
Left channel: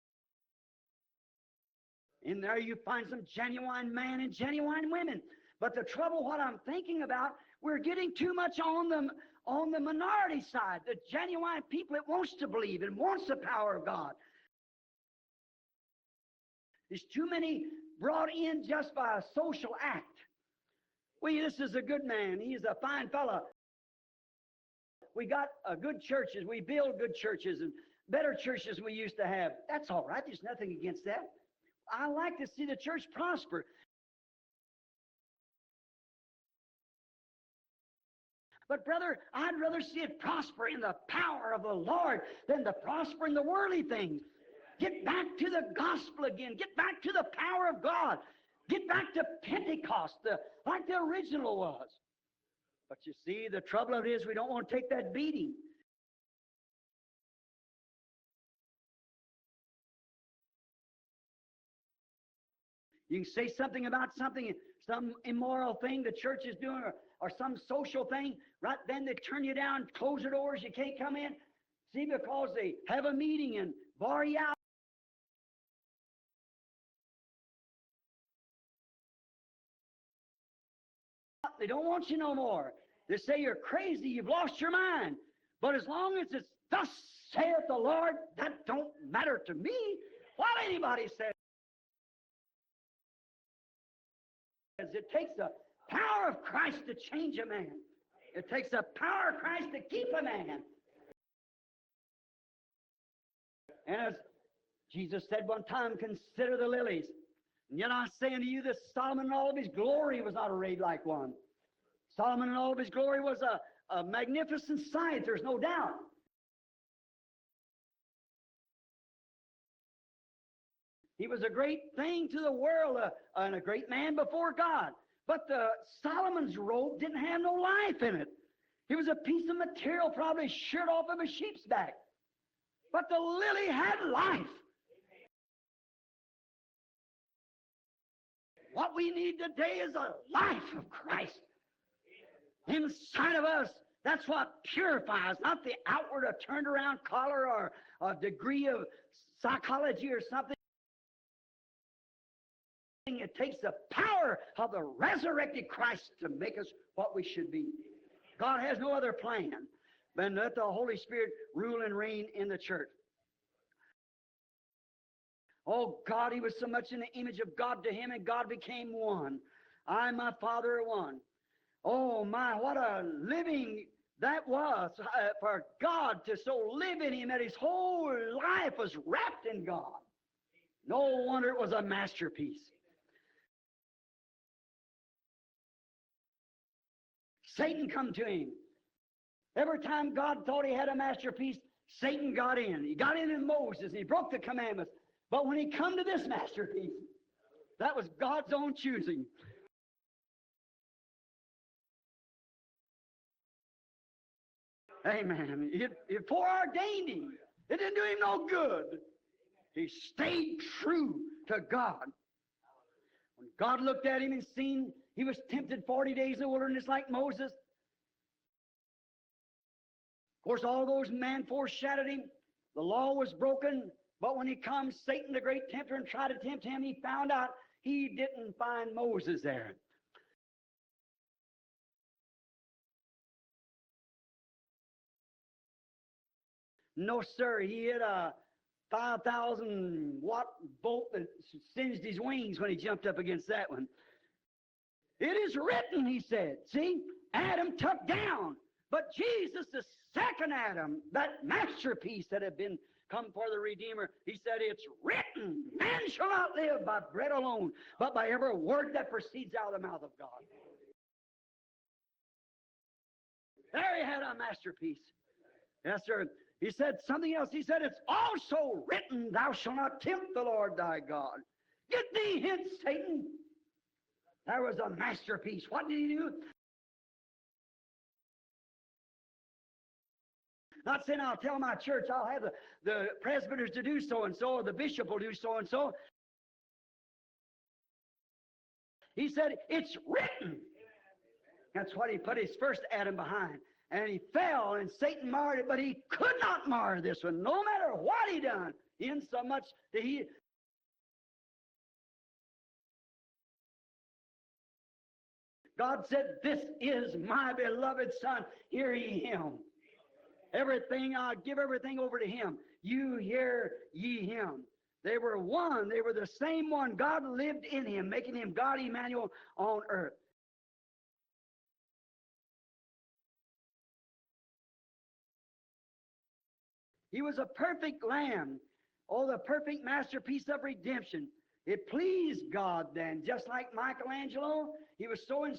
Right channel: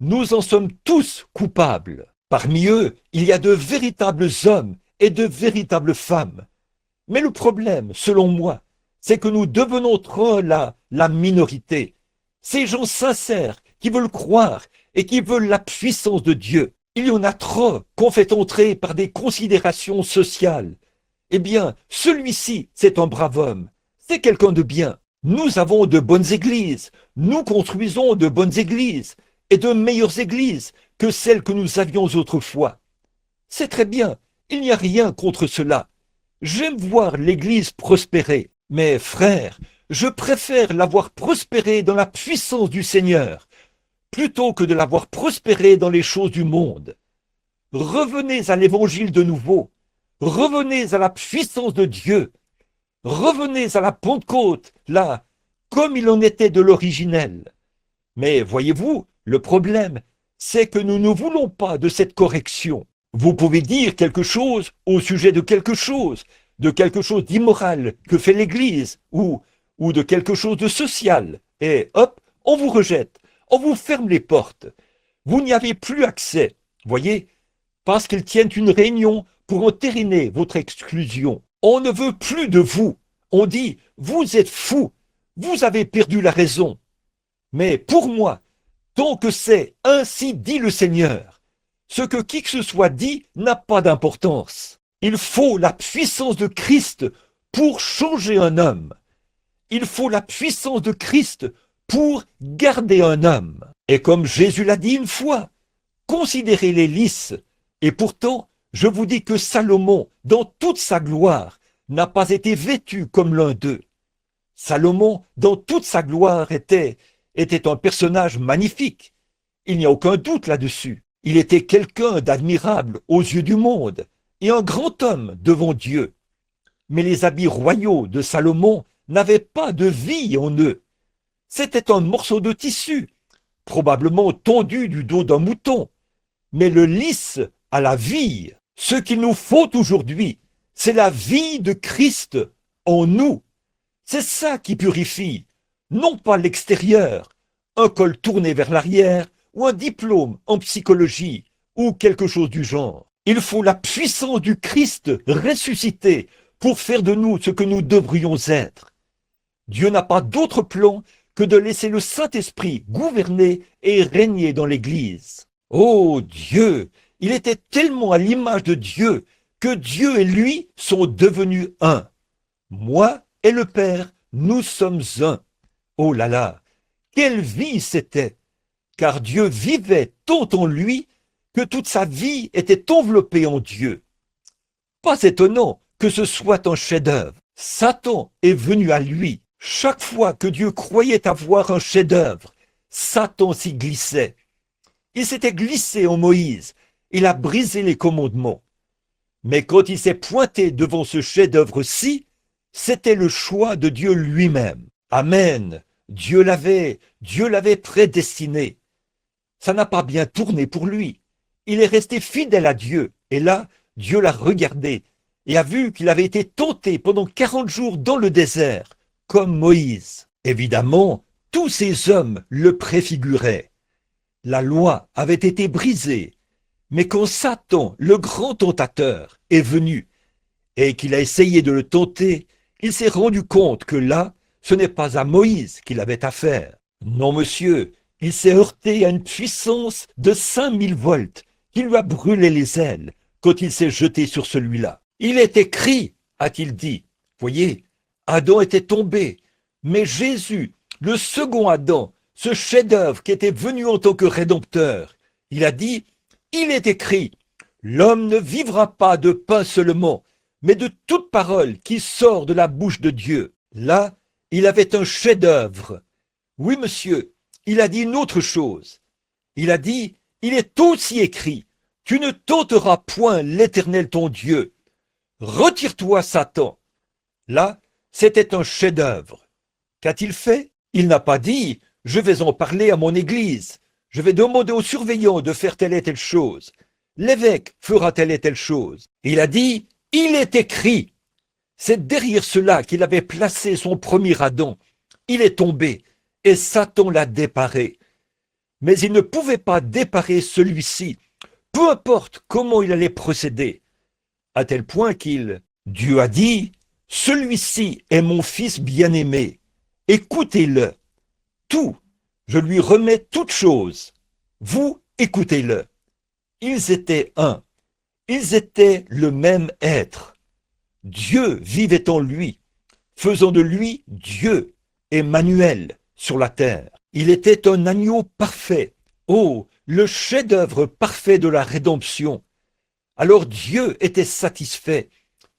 Nous en sommes tous coupables. Parmi eux, il y a de véritables hommes et de véritables femmes. Mais le problème, selon moi, c'est que nous devenons trop la minorité. Ces gens sincères qui veulent croire et qui veulent la puissance de Dieu. Il y en a trop qu'on fait entrer par des considérations sociales. Eh bien, celui-ci, c'est un brave homme. C'est quelqu'un de bien. Nous avons de bonnes églises. Nous construisons de bonnes églises et de meilleures églises que celles que nous avions autrefois. C'est très bien. Il n'y a rien contre cela. J'aime voir l'Église prospérer, mais frère, je préfère la voir prospérer dans la puissance du Seigneur, plutôt que de la voir prospérer dans les choses du monde. Revenez à l'Évangile de nouveau, revenez à la puissance de Dieu, revenez à la Pentecôte, là, comme il en était de l'originel. Mais voyez-vous, le problème, c'est que nous ne voulons pas de cette correction. Vous pouvez dire quelque chose au sujet de quelque chose d'immoral que fait l'Église ou de quelque chose de social. Et hop, on vous rejette, on vous ferme les portes. Vous n'y avez plus accès, voyez, parce qu'ils tiennent une réunion pour entériner votre exclusion. On ne veut plus de vous. On dit, vous êtes fous, vous avez perdu la raison. Mais pour moi, tant que c'est « ainsi dit le Seigneur », ce que qui que ce soit dit n'a pas d'importance. Il faut la puissance de Christ pour changer un homme. Il faut la puissance de Christ pour garder un homme. Et comme Jésus l'a dit une fois, considérez les lys. Et pourtant, je vous dis que Salomon, dans toute sa gloire, n'a pas été vêtu comme l'un d'eux. Salomon, dans toute sa gloire, était un personnage magnifique. Il n'y a aucun doute là-dessus. Il était quelqu'un d'admirable aux yeux du monde et un grand homme devant Dieu. Mais les habits royaux de Salomon n'avaient pas de vie en eux. C'était un morceau de tissu, probablement tondu du dos d'un mouton. Mais le lys a la vie. Ce qu'il nous faut aujourd'hui, c'est la vie de Christ en nous. C'est ça qui purifie, non pas l'extérieur, un col tourné vers l'arrière ou un diplôme en psychologie ou quelque chose du genre. Il faut la puissance du Christ ressuscité pour faire de nous ce que nous devrions être. Dieu n'a pas d'autre plan que de laisser le Saint-Esprit gouverner et régner dans l'Église. Oh Dieu, il était tellement à l'image de Dieu que Dieu et lui sont devenus un. Moi et le Père, nous sommes un. Oh là là, quelle vie c'était! Car Dieu vivait tant en lui que toute sa vie était enveloppée en Dieu. Pas étonnant que ce soit un chef-d'œuvre. Satan est venu à lui. Chaque fois que Dieu croyait avoir un chef-d'œuvre, Satan s'y glissait. Il s'était glissé en Moïse. Il a brisé les commandements. Mais quand il s'est pointé devant ce chef-d'œuvre-ci, c'était le choix de Dieu lui-même. Amen. Dieu l'avait prédestiné. Ça n'a pas bien tourné pour lui. Il est resté fidèle à Dieu. Et là, Dieu l'a regardé et a vu qu'il avait été tenté pendant 40 jours dans le désert, comme Moïse. Évidemment, tous ces hommes le préfiguraient. La loi avait été brisée. Mais quand Satan, le grand tentateur, est venu et qu'il a essayé de le tenter, il s'est rendu compte que là, ce n'est pas à Moïse qu'il avait affaire. Non, monsieur, il s'est heurté à une puissance de 5000 volts qui lui a brûlé les ailes quand il s'est jeté sur celui-là. Il est écrit, a-t-il dit. Voyez, Adam était tombé, mais Jésus, le second Adam, ce chef-d'œuvre qui était venu en tant que rédempteur, il a dit, il est écrit, l'homme ne vivra pas de pain seulement, mais de toute parole qui sort de la bouche de Dieu. Là, il avait un chef-d'œuvre. Oui, monsieur, il a dit une autre chose. Il a dit, il est aussi écrit, tu ne tenteras point l'Éternel ton Dieu. Retire-toi, Satan. Là, c'était un chef-d'œuvre. Qu'a-t-il fait? Il n'a pas dit, je vais en parler à mon église. Je vais demander aux surveillants de faire telle et telle chose. L'évêque fera telle et telle chose. Il a dit, il est écrit. C'est derrière cela qu'il avait placé son premier Adam. Il est tombé et Satan l'a déparé. Mais il ne pouvait pas déparer celui-ci, peu importe comment il allait procéder. À tel point Dieu a dit, celui-ci est mon fils bien-aimé. Écoutez-le. Tout, je lui remets toutes choses. Vous, écoutez-le. Ils étaient un. Ils étaient le même être. Dieu vivait en lui, faisant de lui Dieu, Emmanuel, sur la terre. Il était un agneau parfait. Oh, le chef-d'œuvre parfait de la rédemption. Alors Dieu était satisfait,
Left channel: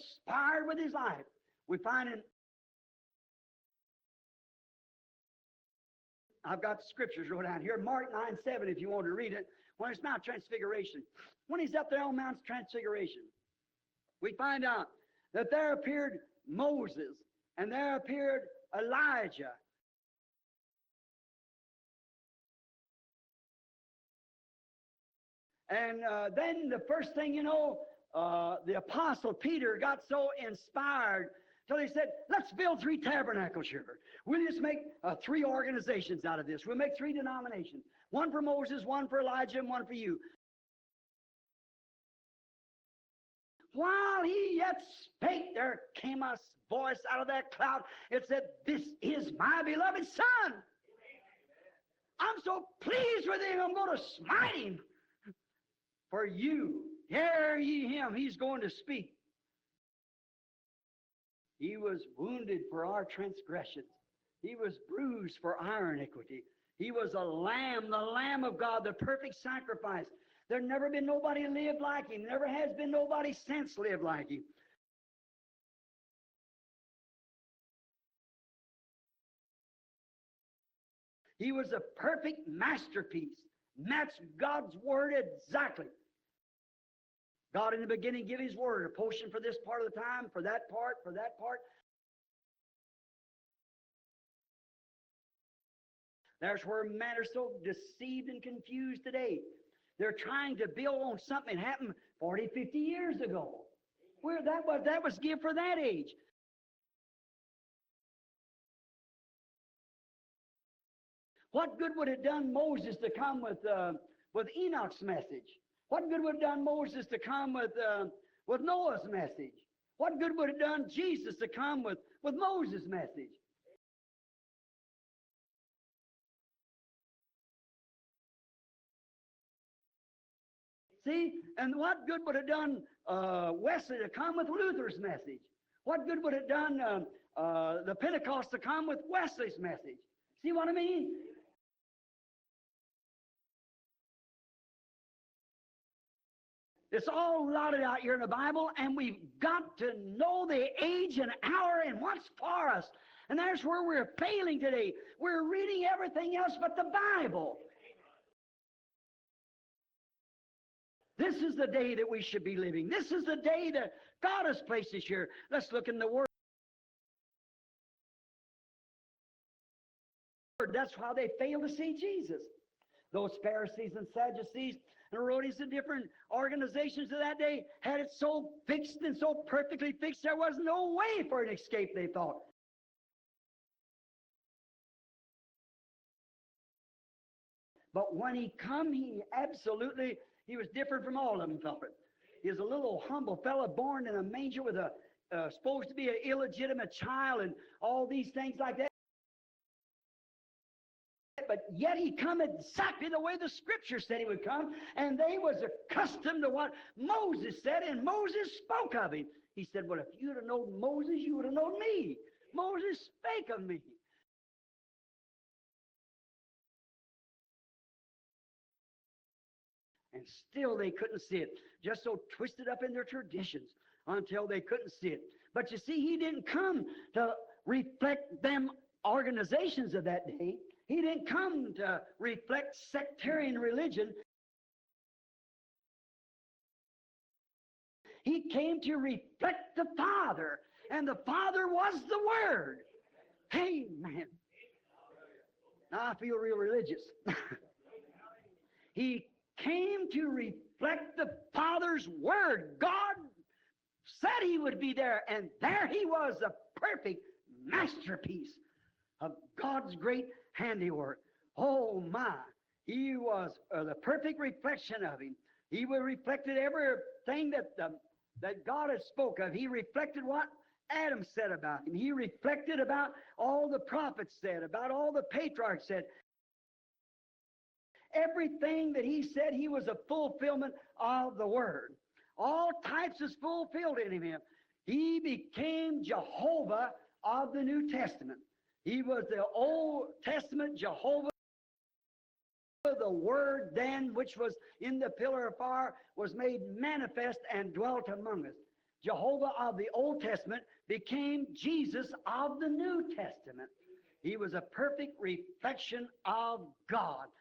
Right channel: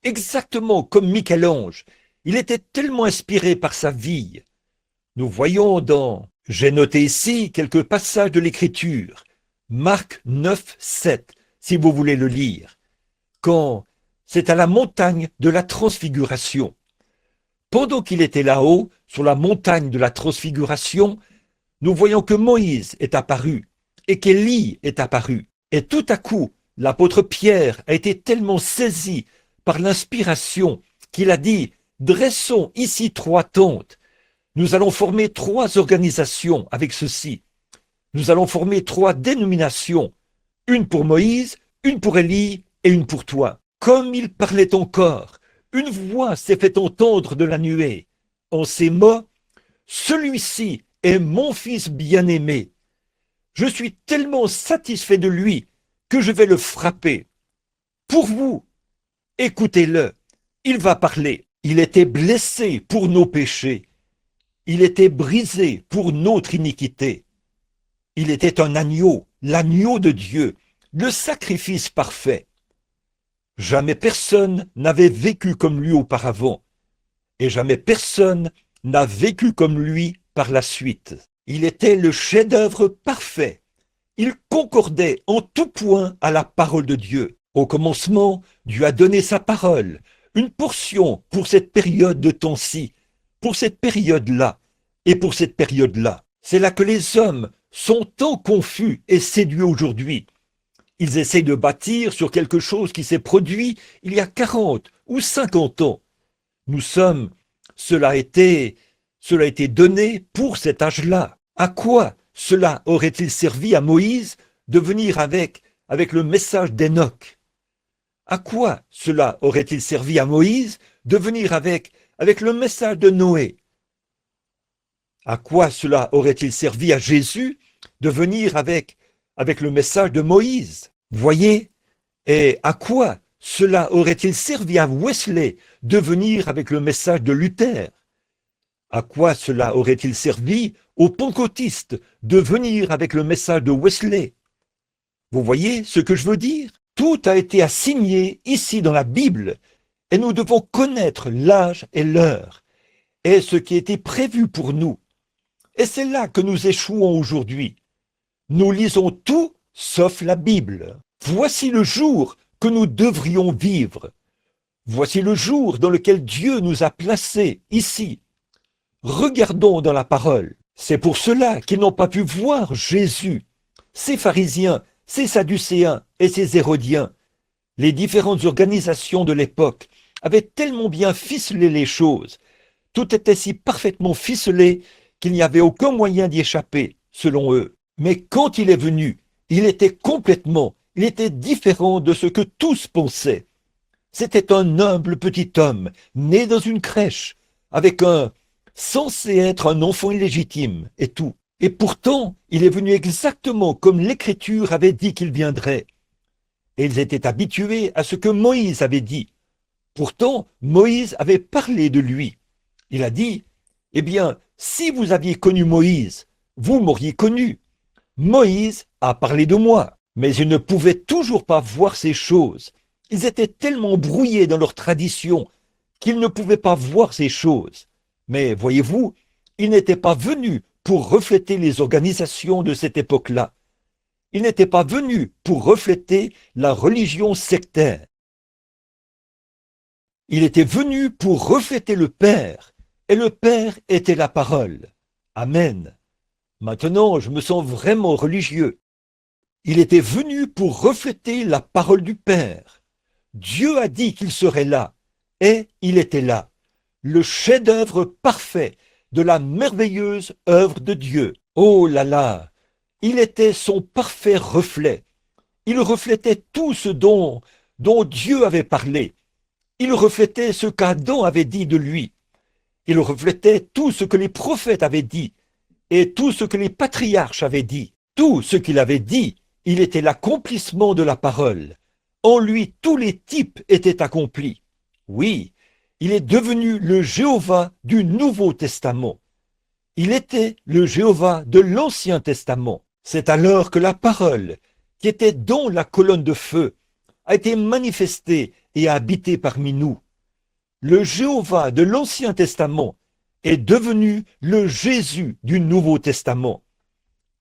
exactement comme Michel-Ange. Il était tellement inspiré par sa vie. Nous voyons j'ai noté ici quelques passages de l'Écriture. Marc 9, 7, si vous voulez le lire. Quand c'est à la montagne de la transfiguration. Pendant qu'il était là-haut, sur la montagne de la transfiguration, nous voyons que Moïse est apparu et qu'Élie est apparu. Et tout à coup, l'apôtre Pierre a été tellement saisi par l'inspiration qu'il a dit, dressons ici 3 tentes. Nous allons former 3 organisations avec ceci. Nous allons former 3 dénominations. Une pour Moïse, une pour Élie et une pour toi. Comme il parlait encore, une voix s'est fait entendre de la nuée. En ces mots, celui-ci est mon fils bien-aimé. Je suis tellement satisfait de lui que je vais le frapper. Pour vous, écoutez-le. Il va parler. Il était blessé pour nos péchés. Il était brisé pour notre iniquité. Il était un agneau, l'agneau de Dieu, le sacrifice parfait. Jamais personne n'avait vécu comme lui auparavant, et jamais personne n'a vécu comme lui par la suite. Il était le chef-d'œuvre parfait. Il concordait en tout point à la parole de Dieu. Au commencement, Dieu a donné sa parole, une portion pour cette période de temps-ci, pour cette période-là et pour cette période-là. C'est là que les hommes sont tant confus et séduits aujourd'hui. Ils essayent de bâtir sur quelque chose qui s'est produit il y a 40 ou 50 ans. Cela a été donné pour cet âge-là. À quoi cela aurait-il servi à Moïse de venir avec le message d'Enoch? À quoi cela aurait-il servi à Moïse de venir avec le message de Noé? À quoi cela aurait-il servi à Jésus de venir avec le message de Moïse? Voyez? Et à quoi cela aurait-il servi à Wesley de venir avec le message de Luther? À quoi cela aurait-il servi aux pentecôtistes de venir avec le message de Wesley? Vous voyez ce que je veux dire? Tout a été assigné ici dans la Bible et nous devons connaître l'âge et l'heure et ce qui était prévu pour nous. Et c'est là que nous échouons aujourd'hui. Nous lisons tout sauf la Bible. Voici le jour que nous devrions vivre. Voici le jour dans lequel Dieu nous a placés ici. Regardons dans la parole. C'est pour cela qu'ils n'ont pas pu voir Jésus. Ces pharisiens, ces sadducéens et ces hérodiens, les différentes organisations de l'époque avaient tellement bien ficelé les choses. Tout était si parfaitement ficelé qu'il n'y avait aucun moyen d'y échapper, selon eux. Mais quand il est venu, il était différent de ce que tous pensaient. C'était un humble petit homme, né dans une crèche, censé être un enfant illégitime et tout. Et pourtant, il est venu exactement comme l'Écriture avait dit qu'il viendrait. Et ils étaient habitués à ce que Moïse avait dit. Pourtant, Moïse avait parlé de lui. Il a dit, « Eh bien, si vous aviez connu Moïse, vous m'auriez connu. Moïse a parlé de moi. » Mais ils ne pouvaient toujours pas voir ces choses. Ils étaient tellement brouillés dans leur tradition qu'ils ne pouvaient pas voir ces choses. Mais voyez-vous, il n'était pas venu pour refléter les organisations de cette époque-là. Il n'était pas venu pour refléter la religion sectaire. Il était venu pour refléter le Père, et le Père était la parole. Amen. Maintenant, je me sens vraiment religieux. Il était venu pour refléter la parole du Père. Dieu a dit qu'il serait là, et il était là. Le chef-d'œuvre parfait de la merveilleuse œuvre de Dieu. Oh là là! Il était son parfait reflet. Il reflétait tout ce dont Dieu avait parlé. Il reflétait ce qu'Adam avait dit de lui. Il reflétait tout ce que les prophètes avaient dit et tout ce que les patriarches avaient dit. Tout ce qu'il avait dit, il était l'accomplissement de la parole. En lui, tous les types étaient accomplis. Oui, il est devenu le Jéhovah du Nouveau Testament. Il était le Jéhovah de l'Ancien Testament. C'est alors que la parole, qui était dans la colonne de feu, a été manifestée et a habité parmi nous. Le Jéhovah de l'Ancien Testament est devenu le Jésus du Nouveau Testament.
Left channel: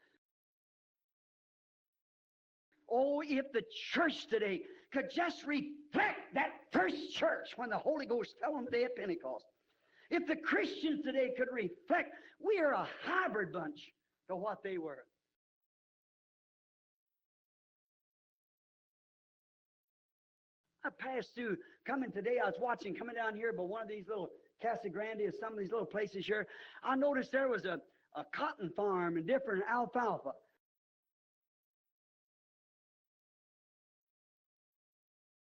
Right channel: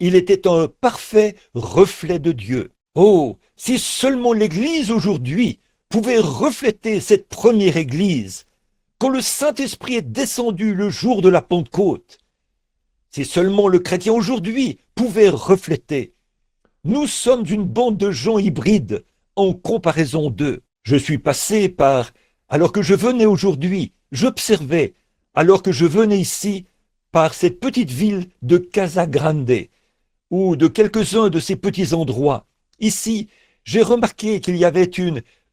Il était un parfait reflet de Dieu. Oh, si seulement l'Église aujourd'hui pouvait refléter cette première Église, quand le Saint-Esprit est descendu le jour de la Pentecôte, si seulement le chrétien aujourd'hui pouvait refléter. Nous sommes une bande de gens hybrides en comparaison d'eux. Je suis passé par, alors que je venais aujourd'hui, j'observais, alors que je venais ici, par cette petite ville de Casa Grande, ou de quelques-uns de ces petits endroits. Ici, j'ai remarqué qu'il y avait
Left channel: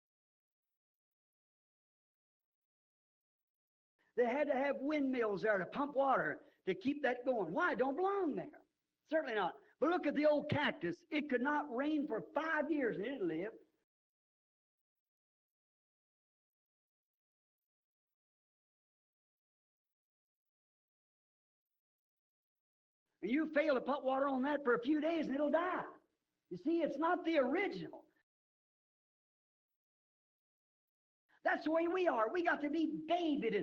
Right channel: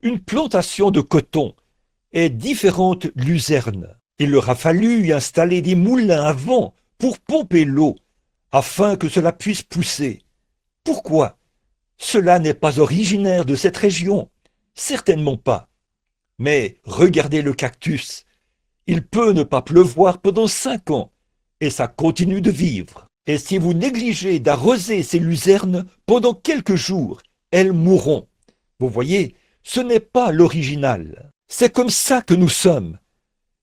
une plantation de coton et différentes luzernes. Il leur a fallu y installer des moulins à vent pour pomper l'eau, afin que cela puisse pousser. Pourquoi? Cela n'est pas originaire de cette région, certainement pas. Mais regardez le cactus. Il peut ne pas pleuvoir pendant 5 ans, et ça continue de vivre. Et si vous négligez d'arroser ces luzernes pendant quelques jours, elles mourront. Vous voyez, ce n'est pas l'original. C'est comme ça que nous sommes.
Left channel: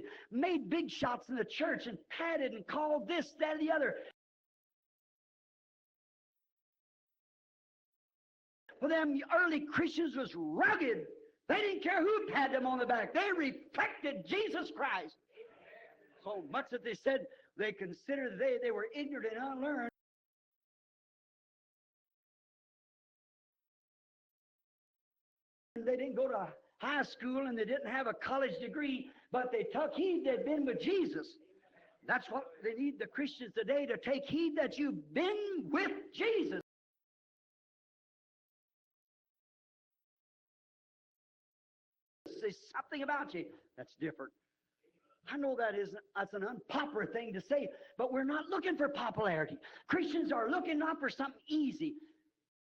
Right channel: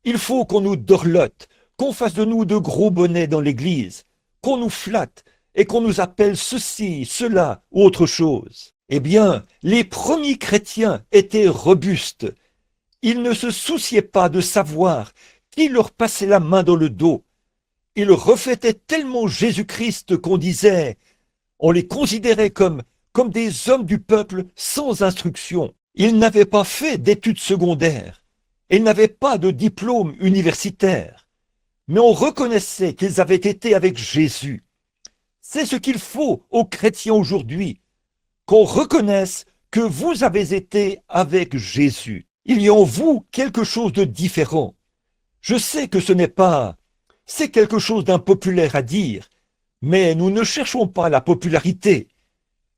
Il faut qu'on nous dorlote, qu'on fasse de nous de gros bonnets dans l'église, qu'on nous flatte et qu'on nous appelle ceci, cela ou autre chose. Eh bien, les premiers chrétiens étaient robustes. Ils ne se souciaient pas de savoir qui leur passait la main dans le dos. Ils reflétaient tellement Jésus-Christ qu'on disait, on les considérait comme des hommes du peuple sans instruction. Ils n'avaient pas fait d'études secondaires. Ils n'avaient pas de diplôme universitaire. Mais on reconnaissait qu'ils avaient été avec Jésus. C'est ce qu'il faut aux chrétiens aujourd'hui, qu'on reconnaisse que vous avez été avec Jésus. Il y a en vous quelque chose de différent. Je sais que ce n'est pas... C'est quelque chose d'impopulaire à dire, mais nous ne cherchons pas la popularité.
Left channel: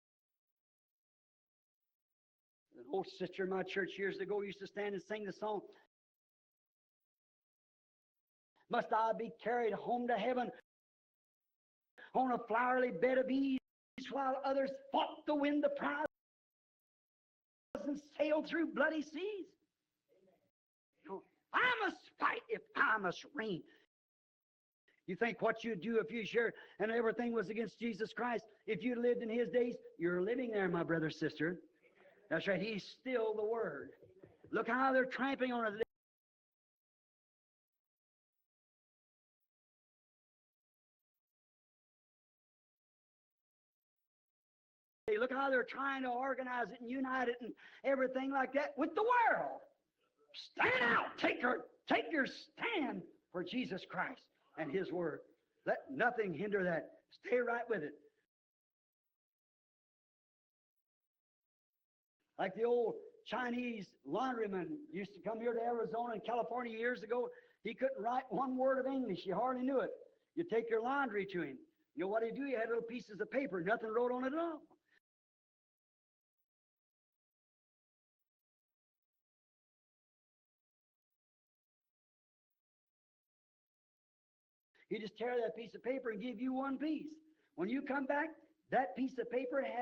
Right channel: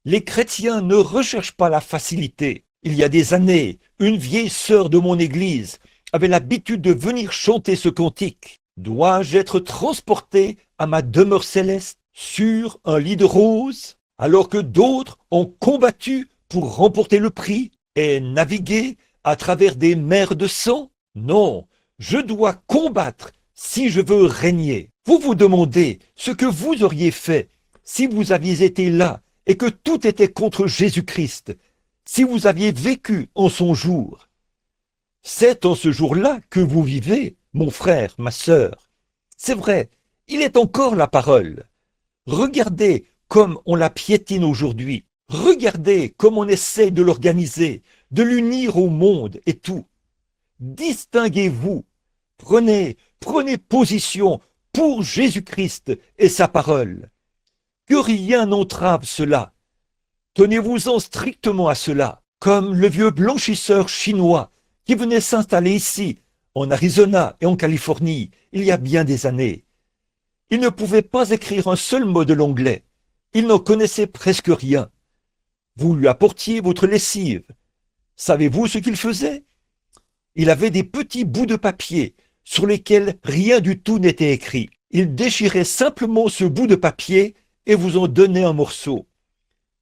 Les chrétiens ne recherchent pas la facilité. Il y a des années, une vieille sœur de mon église avait l'habitude de venir chanter ce cantique. Dois-je être transporté à ma demeure céleste sur un lit de roses, alors que d'autres ont combattu pour remporter le prix et naviguer à travers des mers de sang? Non, je dois combattre si je veux régner. Vous vous demandez ce que vous auriez fait si vous aviez été là et que tout était contre Jésus-Christ, si vous aviez vécu en son jour. C'est en ce jour-là que vous vivez, mon frère, ma sœur. C'est vrai, il est encore la parole. Regardez comme on la piétine aujourd'hui. Regardez comme on essaie de l'organiser, de l'unir au monde et tout. Distinguez-vous. Prenez position pour Jésus-Christ et sa parole. Que rien n'entrave cela. Tenez-vous-en strictement à cela, comme le vieux blanchisseur chinois qui venait s'installer ici, en Arizona et en Californie, il y a bien des années. Il ne pouvait pas écrire un seul mot de l'anglais. Il n'en connaissait presque rien. Vous lui apportiez votre lessive. Savez-vous ce qu'il faisait? Il avait des petits bouts de papier sur lesquels rien du tout n'était écrit. Il déchirait simplement ce bout de papier et vous en donnait un morceau.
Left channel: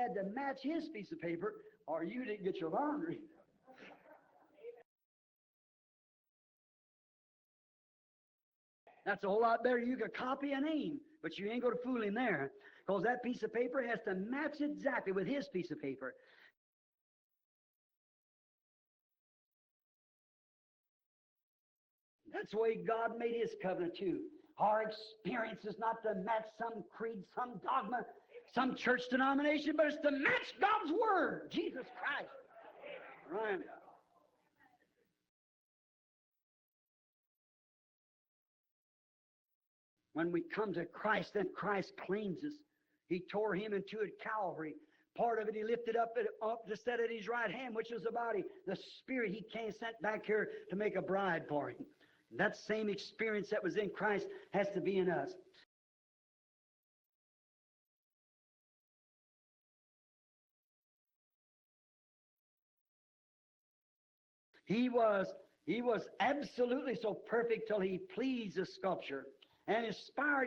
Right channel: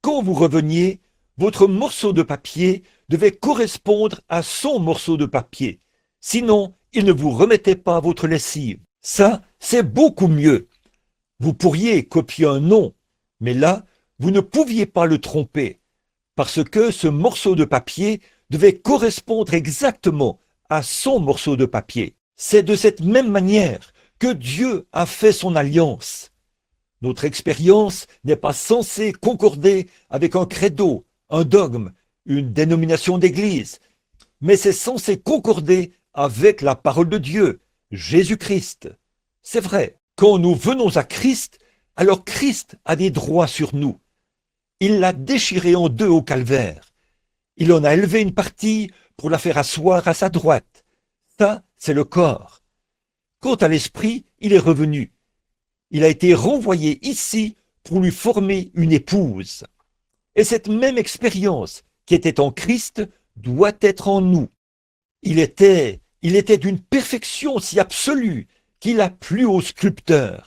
Quand vous reveniez, votre morceau de papier devait correspondre à son morceau de papier. Sinon, il ne vous remettait pas votre lessive. Ça, c'est beaucoup mieux. Vous pourriez copier un nom, mais là, vous ne pouviez pas le tromper, parce que ce morceau de papier devait correspondre exactement à son morceau de papier. C'est de cette même manière que Dieu a fait son alliance. Notre expérience n'est pas censée concorder avec un credo, un dogme, une dénomination d'église, mais c'est censé concorder avec la parole de Dieu, Jésus-Christ. C'est vrai, quand nous venons à Christ, alors Christ a des droits sur nous. Il l'a déchiré en deux au calvaire. Il en a élevé une partie pour la faire asseoir à sa droite. Ça, c'est le corps. Quant à l'esprit, il est revenu. Il a été renvoyé ici pour lui former une épouse. Et cette même expérience qui était en Christ doit être en nous. Il était d'une perfection si absolue qu'il a plu au sculpteur.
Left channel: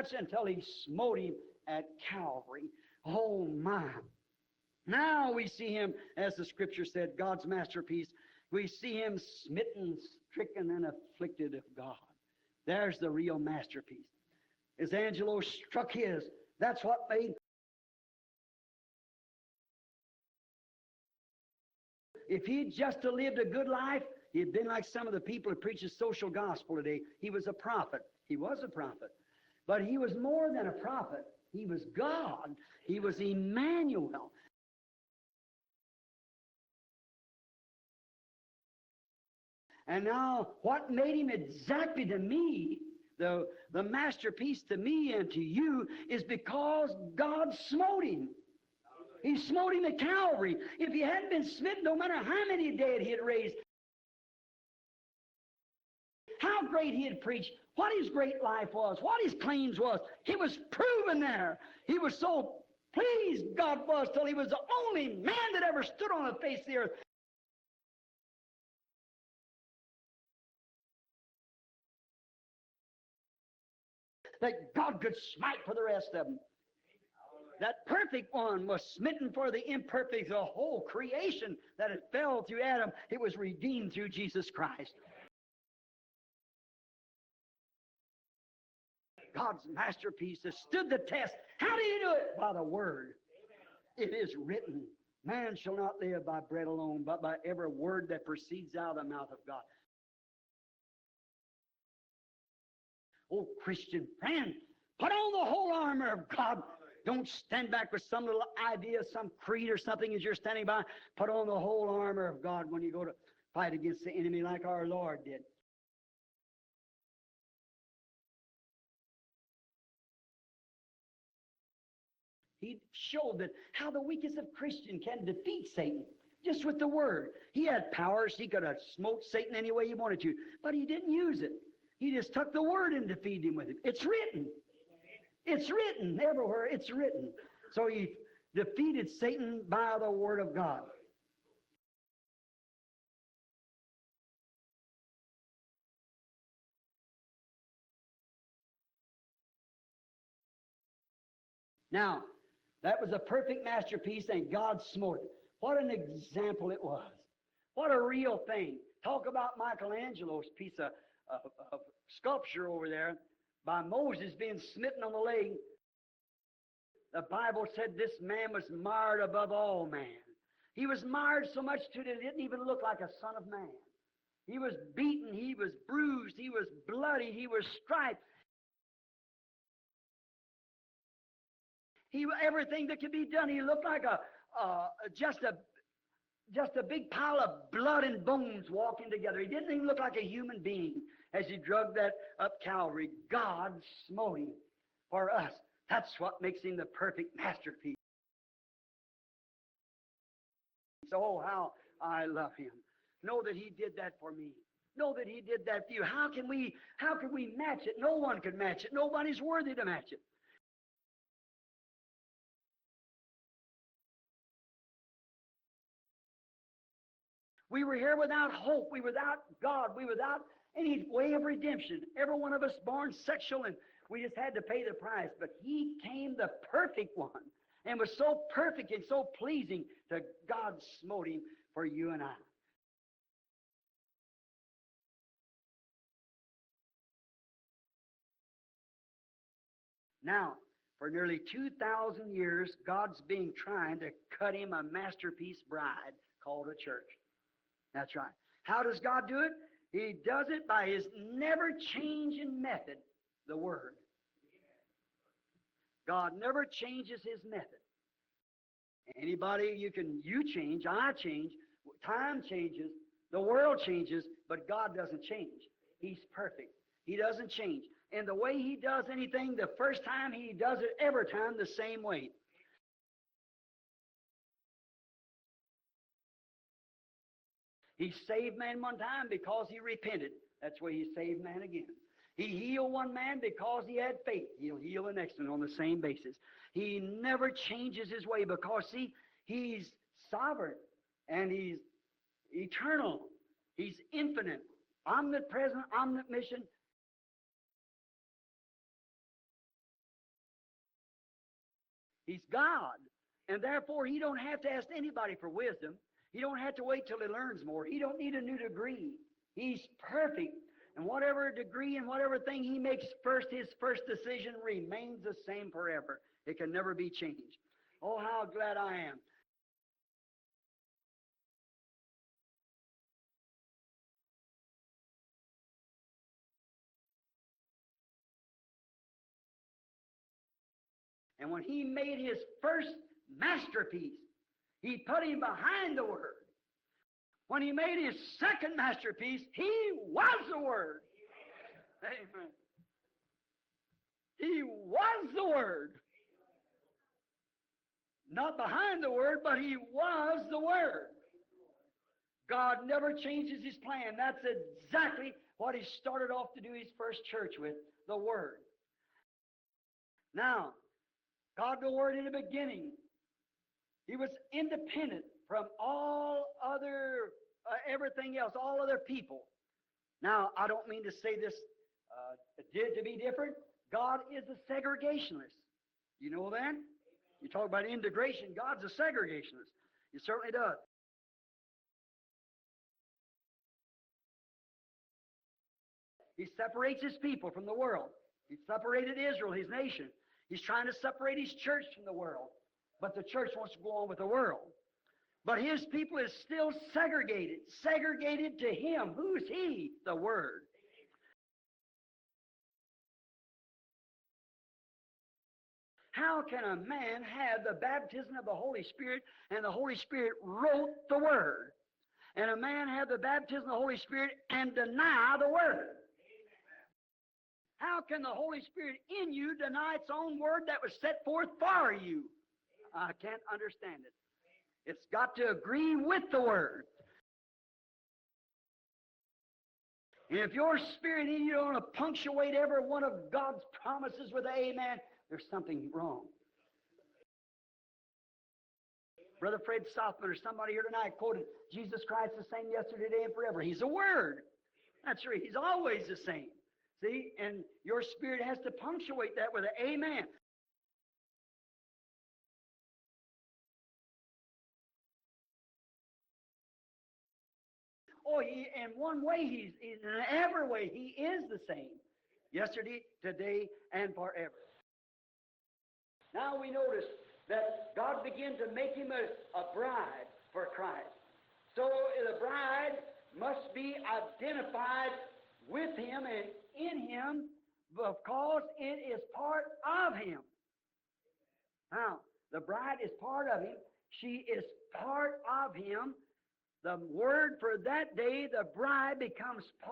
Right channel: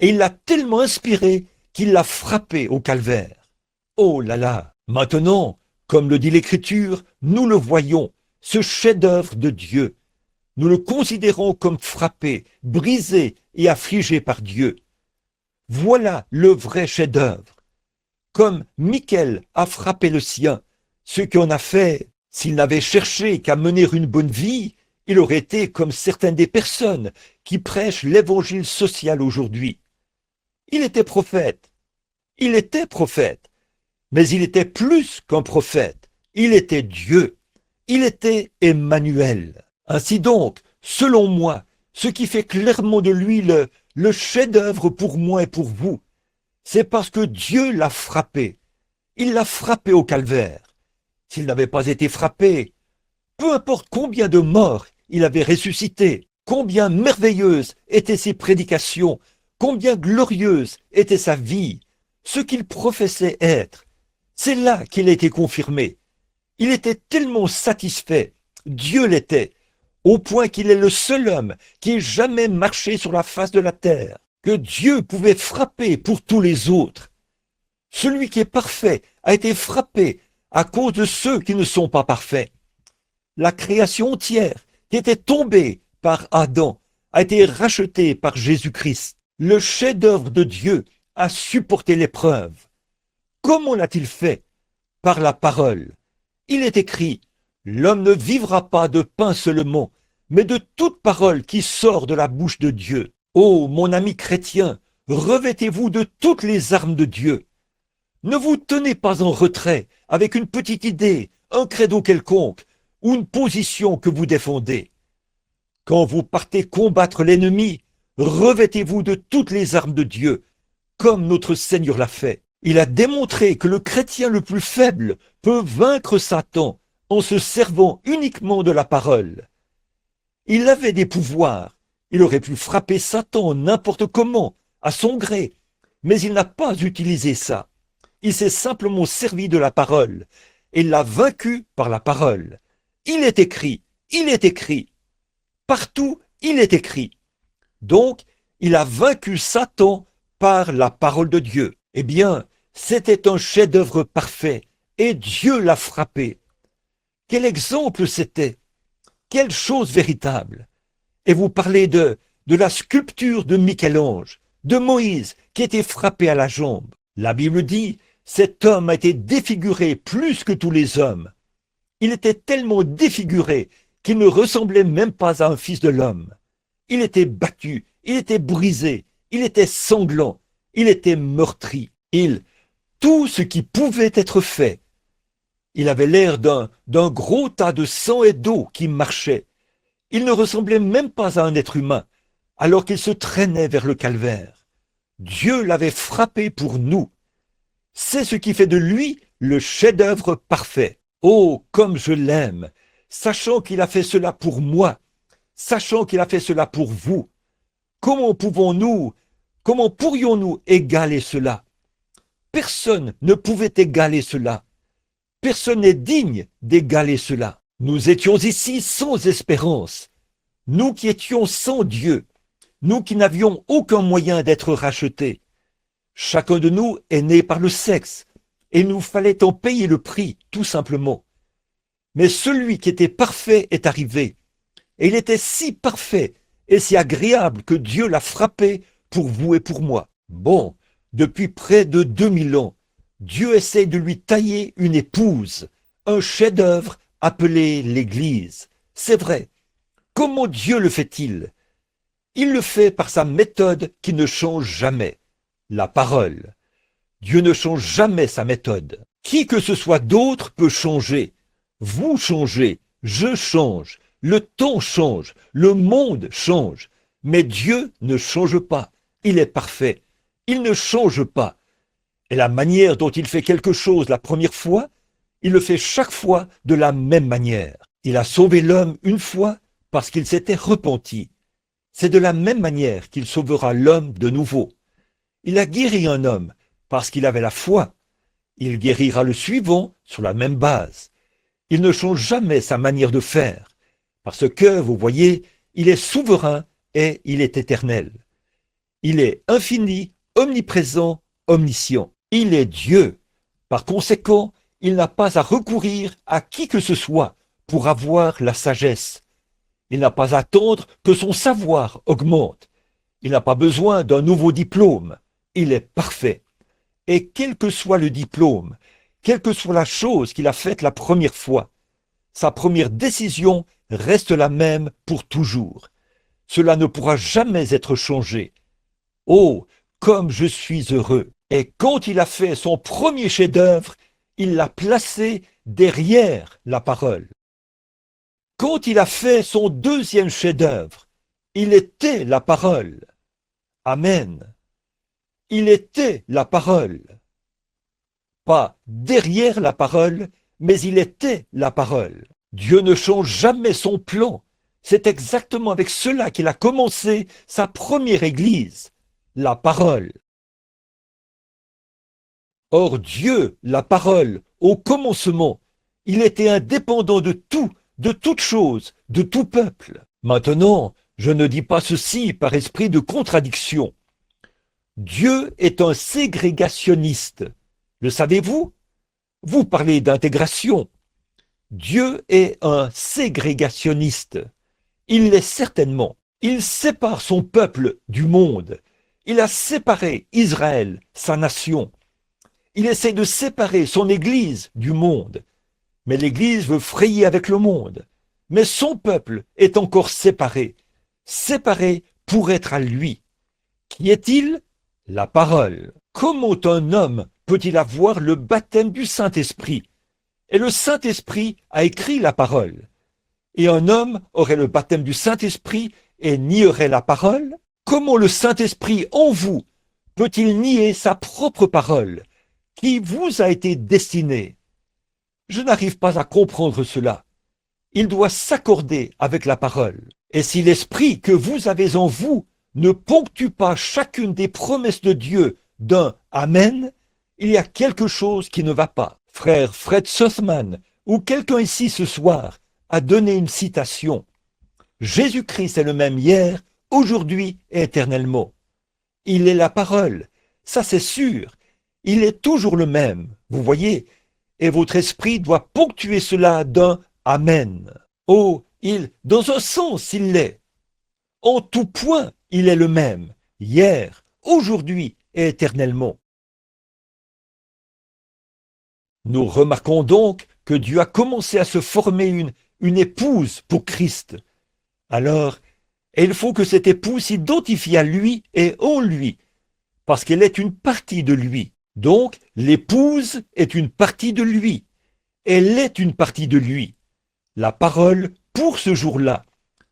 Et il l'a tellement inspiré qu'il l'a frappé au calvaire. Oh là là! Maintenant, comme le dit l'Écriture, nous le voyons, ce chef-d'œuvre de Dieu. Nous le considérons comme frappé, brisé et affligé par Dieu. Voilà le vrai chef-d'œuvre. Comme Michel a frappé le sien, ce qu'on a fait, s'il n'avait cherché qu'à mener une bonne vie, il aurait été comme certaines des personnes qui prêchent l'évangile social aujourd'hui. Il était prophète, mais il était plus qu'un prophète. Il était Dieu, il était Emmanuel. Ainsi donc, selon moi, ce qui fait clairement de lui le chef-d'œuvre pour moi et pour vous, c'est parce que Dieu l'a frappé. Il l'a frappé au calvaire. S'il n'avait pas été frappé, peu importe combien de morts il avait ressuscité, combien merveilleuses étaient ses prédications, combien glorieuse était sa vie, ce qu'il professait être, c'est là qu'il a été confirmé. Il était tellement satisfait, Dieu l'était, au point qu'il est le seul homme qui ait jamais marché sur la face de la terre, que Dieu pouvait frapper pour tous les autres. Celui qui est parfait a été frappé à cause de ceux qui ne sont pas parfaits. La création entière qui était tombée par Adam a été rachetée par Jésus-Christ. Le chef-d'œuvre de Dieu a supporté l'épreuve. Comment l'a-t-il fait? Par la parole. Il est écrit, l'homme ne vivra pas de pain seulement, mais de toute parole qui sort de la bouche de Dieu. Oh, mon ami chrétien, revêtez-vous de toutes les armes de Dieu. Ne vous tenez pas en retrait avec une petite idée, un credo quelconque, ou une position que vous défendez. Quand vous partez combattre l'ennemi, revêtez-vous de toutes les armes de Dieu, comme notre Seigneur l'a fait. Il a démontré que le chrétien le plus faible peut vaincre Satan en se servant uniquement de la parole. Il avait des pouvoirs. Il aurait pu frapper Satan n'importe comment, à son gré, mais il n'a pas utilisé ça. Il s'est simplement servi de la parole et l'a vaincu par la parole. Il est écrit. Partout, il est écrit. Donc, Il a vaincu Satan par la parole de Dieu. Eh bien, c'était un chef-d'œuvre parfait et Dieu l'a frappé. Quel exemple c'était! Quelle chose véritable! Et vous parlez de la sculpture de Michel-Ange, de Moïse qui était frappé à la jambe. La Bible dit, cet homme a été défiguré plus que tous les hommes. Il était tellement défiguré qu'il ne ressemblait même pas à un fils de l'homme. Il était battu, il était brisé, il était sanglant, il était meurtri. Tout ce qui pouvait être fait. Il avait l'air d'un gros tas de sang et d'eau qui marchait. Il ne ressemblait même pas à un être humain, alors qu'il se traînait vers le calvaire. Dieu l'avait frappé pour nous. C'est ce qui fait de lui le chef-d'œuvre parfait. Oh, comme je l'aime, sachant qu'il a fait cela pour moi, sachant qu'il a fait cela pour vous. Comment pourrions-nous égaler cela? Personne ne pouvait égaler cela. Personne n'est digne d'égaler cela. Nous étions ici sans espérance. Nous qui étions sans Dieu. Nous qui n'avions aucun moyen d'être rachetés. Chacun de nous est né par le sexe. Et il nous fallait en payer le prix, tout simplement. Mais celui qui était parfait est arrivé. Et il était si parfait et si agréable que Dieu l'a frappé pour vous et pour moi. Bon, depuis près de 2000 ans, Dieu essaie de lui tailler une épouse, un chef-d'œuvre appelé l'Église. C'est vrai. Comment Dieu le fait-il? Il le fait par sa méthode qui ne change jamais, la parole. Dieu ne change jamais sa méthode. Qui que ce soit d'autre peut changer. Vous changez, je change, le temps change, le monde change. Mais Dieu ne change pas. Il est parfait. Il ne change pas. Et la manière dont il fait quelque chose la première fois, il le fait chaque fois de la même manière. Il a sauvé l'homme une fois parce qu'il s'était repenti. C'est de la même manière qu'il sauvera l'homme de nouveau. Il a guéri un homme parce qu'il avait la foi. Il guérira le suivant sur la même base. Il ne change jamais sa manière de faire parce que, vous voyez, il est souverain et il est éternel. Il est infini, omniprésent, omniscient. Il est Dieu. Par conséquent, il n'a pas à recourir à qui que ce soit pour avoir la sagesse. Il n'a pas à attendre que son savoir augmente. Il n'a pas besoin d'un nouveau diplôme. Il est parfait. Et quel que soit le diplôme, quelle que soit la chose qu'il a faite la première fois, sa première décision reste la même pour toujours. Cela ne pourra jamais être changé. Oh, comme je suis heureux! Et quand il a fait son premier chef-d'œuvre, il l'a placé derrière la parole. Quand il a fait son deuxième chef-d'œuvre, il était la parole. Amen. Il était la parole. Pas derrière la parole, mais il était la parole. Dieu ne change jamais son plan. C'est exactement avec cela qu'il a commencé sa première église, la parole. Or Dieu, la parole, au commencement, il était indépendant de tout, de toute chose, de tout peuple. Maintenant, je ne dis pas ceci par esprit de contradiction. Dieu est un ségrégationniste. Le savez-vous? Vous parlez d'intégration. Dieu est un ségrégationniste. Il l'est certainement. Il sépare son peuple du monde. Il a séparé Israël, sa nation. Il essaie de séparer son Église du monde. Mais l'Église veut frayer avec le monde. Mais son peuple est encore séparé. Séparé pour être à lui. Qui est-il? La parole. Comment un homme peut-il avoir le baptême du Saint-Esprit? Et le Saint-Esprit a écrit la parole. Et un homme aurait le baptême du Saint-Esprit et nierait la parole? Comment le Saint-Esprit en vous peut-il nier sa propre parole qui vous a été destinée? Je n'arrive pas à comprendre cela. Il doit s'accorder avec la parole. Et si l'Esprit que vous avez en vous ne ponctue pas chacune des promesses de Dieu d'un Amen, il y a quelque chose qui ne va pas. Frère Fred Sussman, ou quelqu'un ici ce soir, a donné une citation. Jésus-Christ est le même hier, aujourd'hui et éternellement. Il est la parole, ça c'est sûr. Il est toujours le même, vous voyez, et votre esprit doit ponctuer cela d'un Amen. Oh, dans un sens, il l'est. En tout point, il est le même, hier, aujourd'hui et éternellement. Nous remarquons donc que Dieu a commencé à se former une épouse pour Christ. Alors, il faut que cette épouse s'identifie à lui et en lui, parce qu'elle est une partie de lui. Donc, l'épouse est une partie de lui. Elle est une partie de lui. La parole, pour ce jour-là,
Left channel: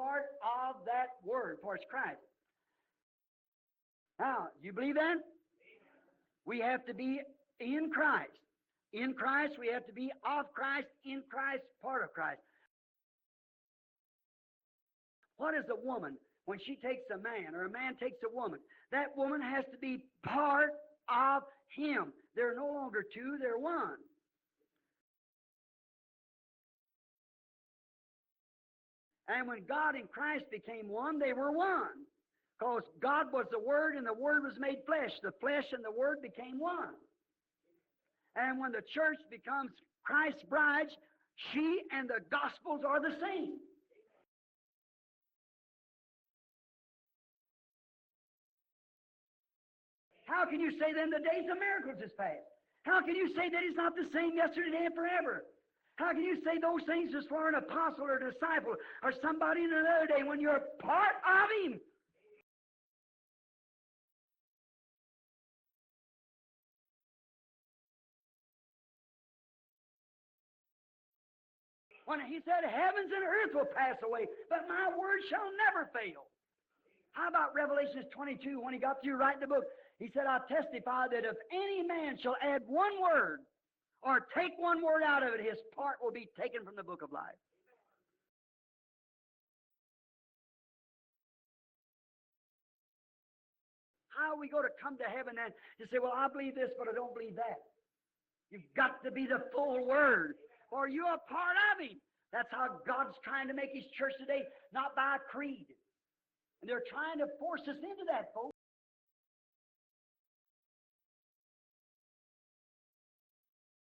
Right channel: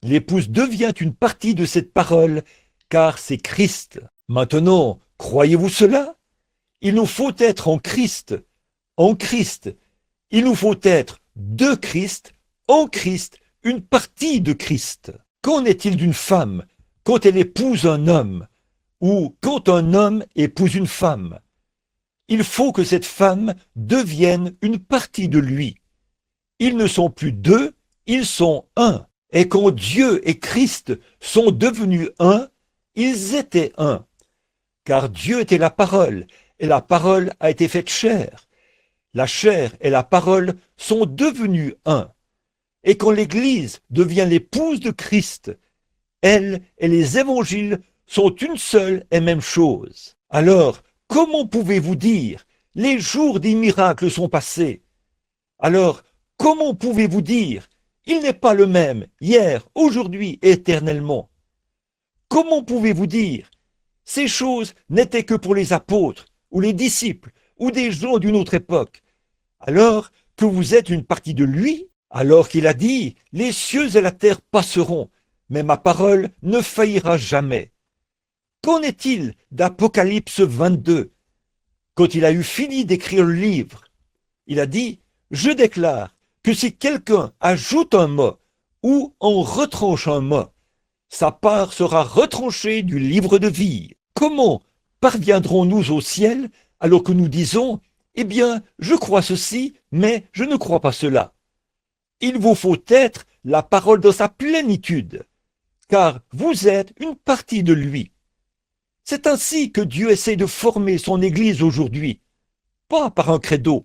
l'épouse devient une partie de cette parole, car c'est Christ. Maintenant, croyez-vous cela? Il nous faut être en Christ. En Christ. Il nous faut être de Christ, en Christ, une partie de Christ. Qu'en est-il d'une femme quand elle épouse un homme ou quand un homme épouse une femme? Il faut que cette femme devienne une partie de lui. Ils ne sont plus deux, ils sont un. Et quand Dieu et Christ sont devenus un, ils étaient un. Car Dieu était la parole, et la parole a été faite chair. La chair et la parole sont devenus un. Et quand l'Église devient l'épouse de Christ, elle et les évangiles sont une seule et même chose. Alors, comment pouvez-vous dire, les jours des miracles sont passés? Alors, comment pouvez-vous dire, il n'est pas le même, hier, aujourd'hui et éternellement? Comment pouvez-vous dire, ces choses n'étaient que pour les apôtres, ou les disciples, ou des gens d'une autre époque, alors que vous êtes une partie de lui, alors qu'il a dit, les cieux et la terre passeront, mais ma parole ne faillira jamais. Qu'en est-il d'Apocalypse 22? Quand il a eu fini d'écrire le livre, il a dit, je déclare que si quelqu'un ajoute un mot ou en retranche un mot, sa part sera retranchée du livre de vie. Comment parviendrons-nous au ciel alors que nous disons, eh bien, je crois ceci, mais je ne crois pas cela? Il vous faut être la parole dans sa plénitude, car vous êtes une partie de lui. C'est ainsi que Dieu essaie de former son Église aujourd'hui, pas par un credo.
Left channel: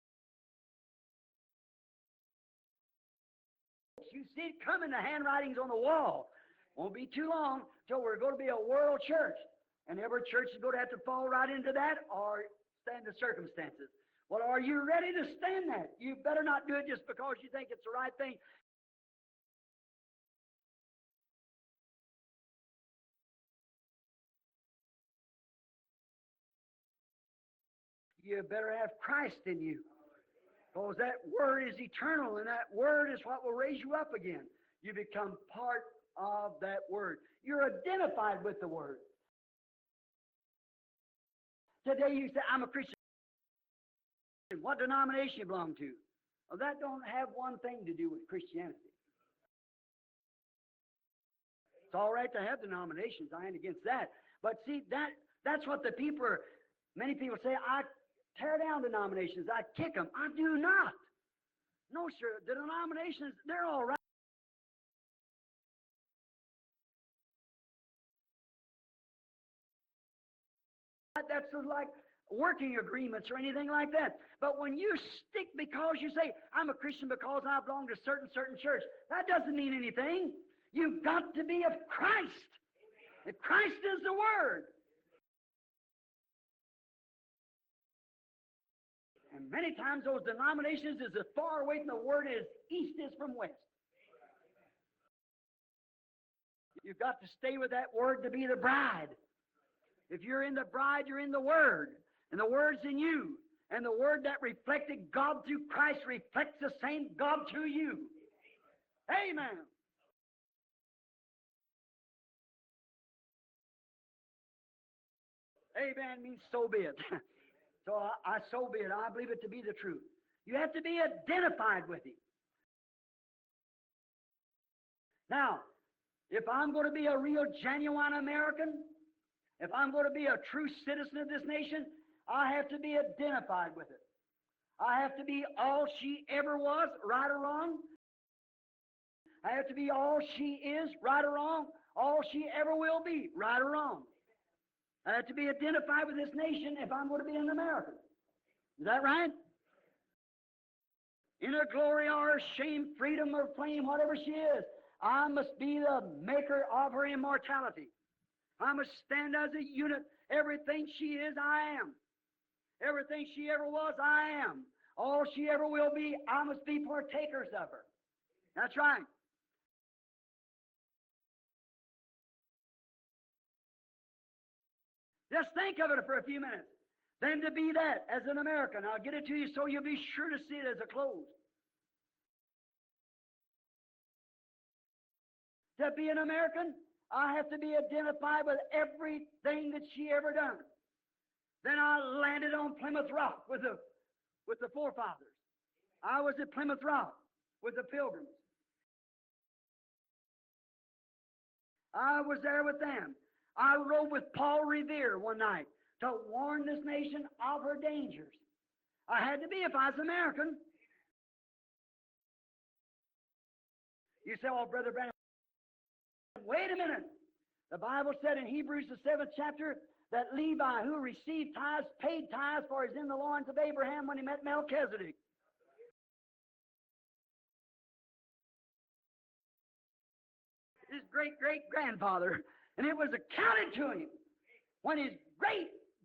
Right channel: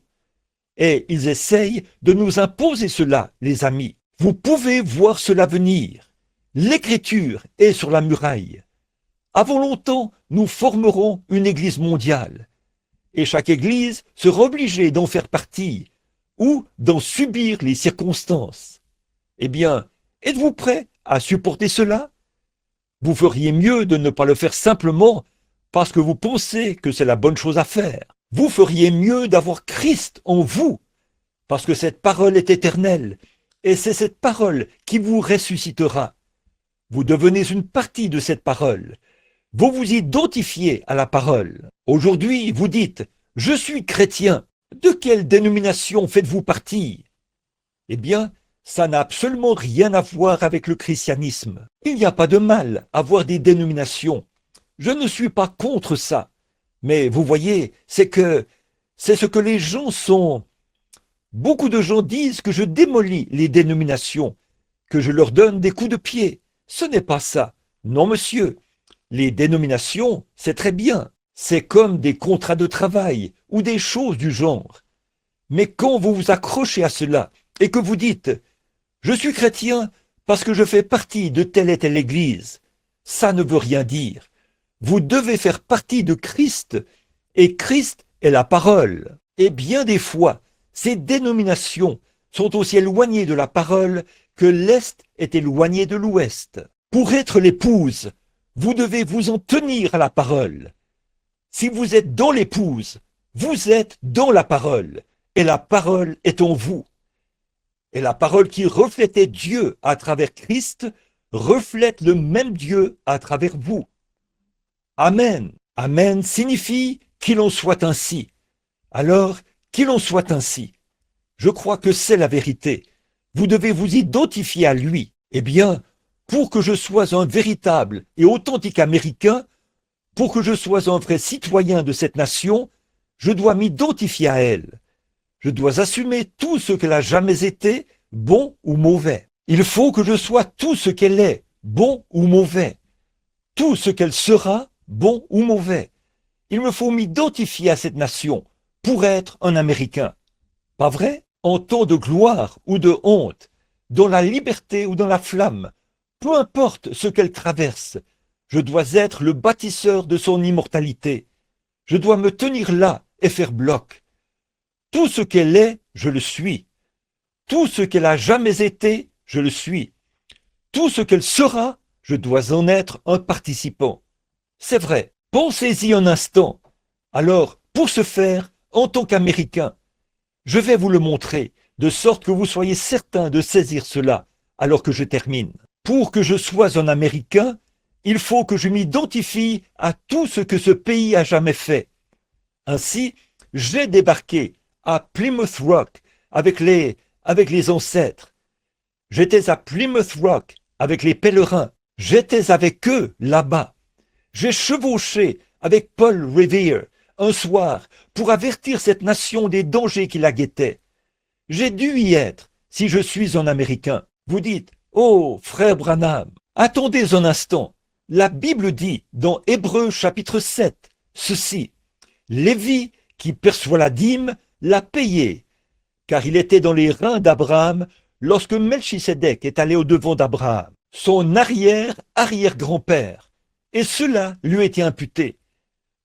Et ils essayent de nous imposer cela, les amis. Vous pouvez voir cela venir. L'Écriture est sur la muraille. Avant longtemps, nous formerons une Église mondiale. Et chaque Église sera obligée d'en faire partie ou d'en subir les circonstances. Eh bien, êtes-vous prêt à supporter cela? Vous feriez mieux de ne pas le faire simplement parce que vous pensez que c'est la bonne chose à faire. Vous feriez mieux d'avoir Christ en vous, parce que cette parole est éternelle, et c'est cette parole qui vous ressuscitera. Vous devenez une partie de cette parole. Vous vous identifiez à la parole. Aujourd'hui, vous dites, je suis chrétien. De quelle dénomination faites-vous partie? Eh bien, ça n'a absolument rien à voir avec le christianisme. Il n'y a pas de mal à avoir des dénominations. Je ne suis pas contre ça. Mais vous voyez, c'est ce que les gens sont. Beaucoup de gens disent que je démolis les dénominations, que je leur donne des coups de pied. Ce n'est pas ça. Non, monsieur. Les dénominations, c'est très bien. C'est comme des contrats de travail ou des choses du genre. Mais quand vous vous accrochez à cela et que vous dites « Je suis chrétien parce que je fais partie de telle et telle église », ça ne veut rien dire. Vous devez faire partie de Christ, et Christ est la parole. Et bien des fois, ces dénominations sont aussi éloignées de la parole que l'Est est éloigné de l'Ouest. Pour être l'épouse, vous devez vous en tenir à la parole. Si vous êtes dans l'épouse, vous êtes dans la parole, et la parole est en vous. Et la parole qui reflétait Dieu à travers Christ reflète le même Dieu à travers vous. Amen. Amen signifie qu'il en soit ainsi. Alors, qu'il en soit ainsi. Je crois que c'est la vérité. Vous devez vous identifier à lui. Eh bien, pour que je sois un véritable et authentique Américain, pour que je sois un vrai citoyen de cette nation, je dois m'identifier à elle. Je dois assumer tout ce qu'elle a jamais été, bon ou mauvais. Il faut que je sois tout ce qu'elle est, bon ou mauvais. tout ce qu'elle sera, bon ou mauvais. Il me faut m'identifier à cette nation pour être un Américain. Pas vrai? En temps de gloire ou de honte, dans la liberté ou dans la flamme, peu importe ce qu'elle traverse, je dois être le bâtisseur de son immortalité. Je dois me tenir là et faire bloc. Tout ce qu'elle est, je le suis. Tout ce qu'elle a jamais été, je le suis. Tout ce qu'elle sera, je dois en être un participant. C'est vrai, pensez-y un instant. Alors, pour ce faire, en tant qu'Américain, je vais vous le montrer, de sorte que vous soyez certain de saisir cela, alors que je termine. Pour que je sois un Américain, il faut que je m'identifie à tout ce que ce pays a jamais fait. Ainsi, j'ai débarqué à Plymouth Rock avec les ancêtres. J'étais à Plymouth Rock avec les pèlerins. J'étais avec eux là-bas. J'ai chevauché avec Paul Revere un soir pour avertir cette nation des dangers qui la guettaient. J'ai dû y être si je suis un Américain. Vous dites, oh, frère Branham, attendez un instant. La Bible dit dans Hébreux chapitre 7, ceci, Lévi, qui perçoit la dîme, l'a payé, car il était dans les reins d'Abraham lorsque Melchisédek est allé au-devant d'Abraham, son arrière-arrière-grand-père, et cela lui était imputé.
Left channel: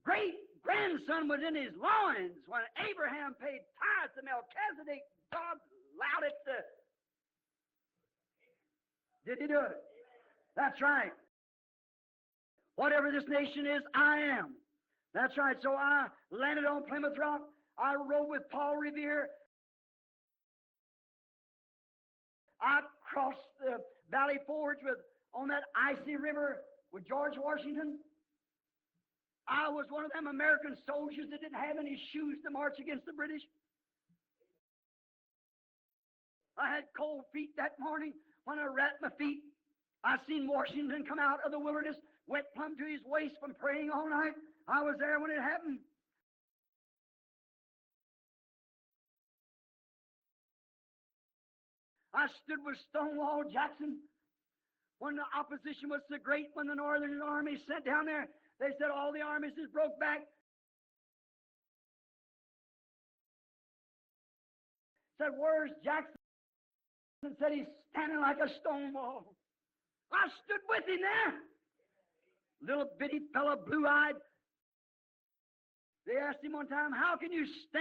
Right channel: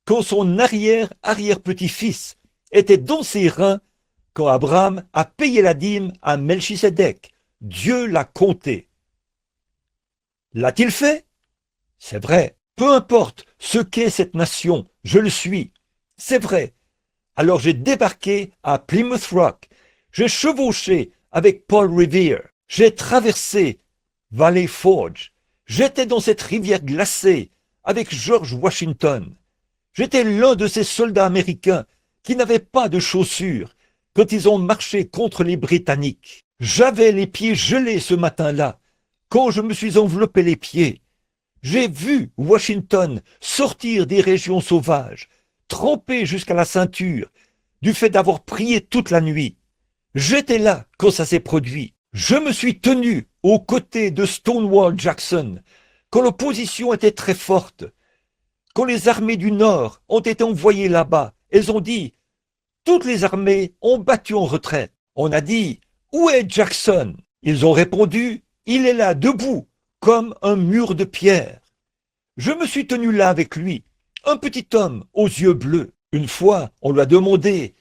Quand son arrière-arrière-petit-fils était dans ses reins, quand Abraham a payé la dîme à Melchisédek, Dieu l'a compté. L'a-t-il fait? C'est vrai. Peu importe ce qu'est cette nation, je le suis. C'est vrai. Alors j'ai débarqué à Plymouth Rock. J'ai chevauché avec Paul Revere. J'ai traversé Valley Forge. J'étais dans cette rivière glacée avec George Washington. J'étais l'un de ces soldats américains qui n'avaient pas de chaussures quand ils ont marché contre les Britanniques. J'avais les pieds gelés ce matin-là. Quand je me suis enveloppé les pieds, j'ai vu Washington sortir des régions sauvages, trempé jusqu'à la ceinture, du fait d'avoir prié toute la nuit. J'étais là quand ça s'est produit. Je me suis tenu aux côtés de Stonewall Jackson, quand l'opposition était très forte. Quand les armées du Nord ont été envoyées là-bas, elles ont dit, toutes les armées ont battu en retraite. On a dit, où est Jackson? Ils ont répondu, il est là, debout, comme un mur de pierre. Je me suis tenu là avec lui, un petit homme aux yeux bleus. Une fois, on lui a demandé,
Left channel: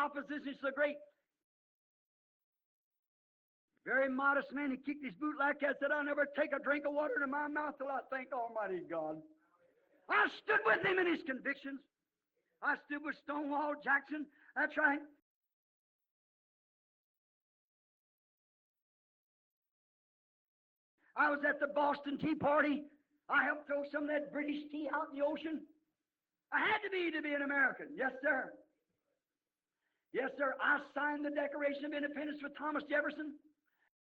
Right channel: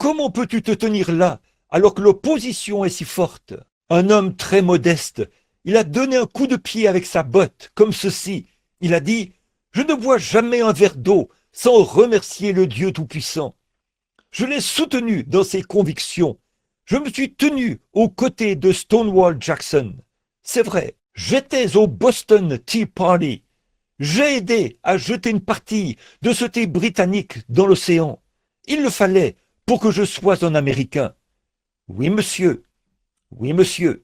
comment peux-tu te tenir là alors que l'opposition est si forte? Un homme très modeste, il a donné un coup de pied avec sa botte, comme ceci. Il a dit, je ne bois jamais un verre d'eau sans remercier le Dieu Tout-Puissant. Je l'ai soutenu dans ses convictions. Je me suis tenu aux côtés de Stonewall Jackson. C'est vrai, j'étais au Boston Tea Party. J'ai aidé à jeter une partie de ce thé britannique dans l'océan. Il le fallait pour que je sois un Américain. Oui, monsieur. Oui, monsieur.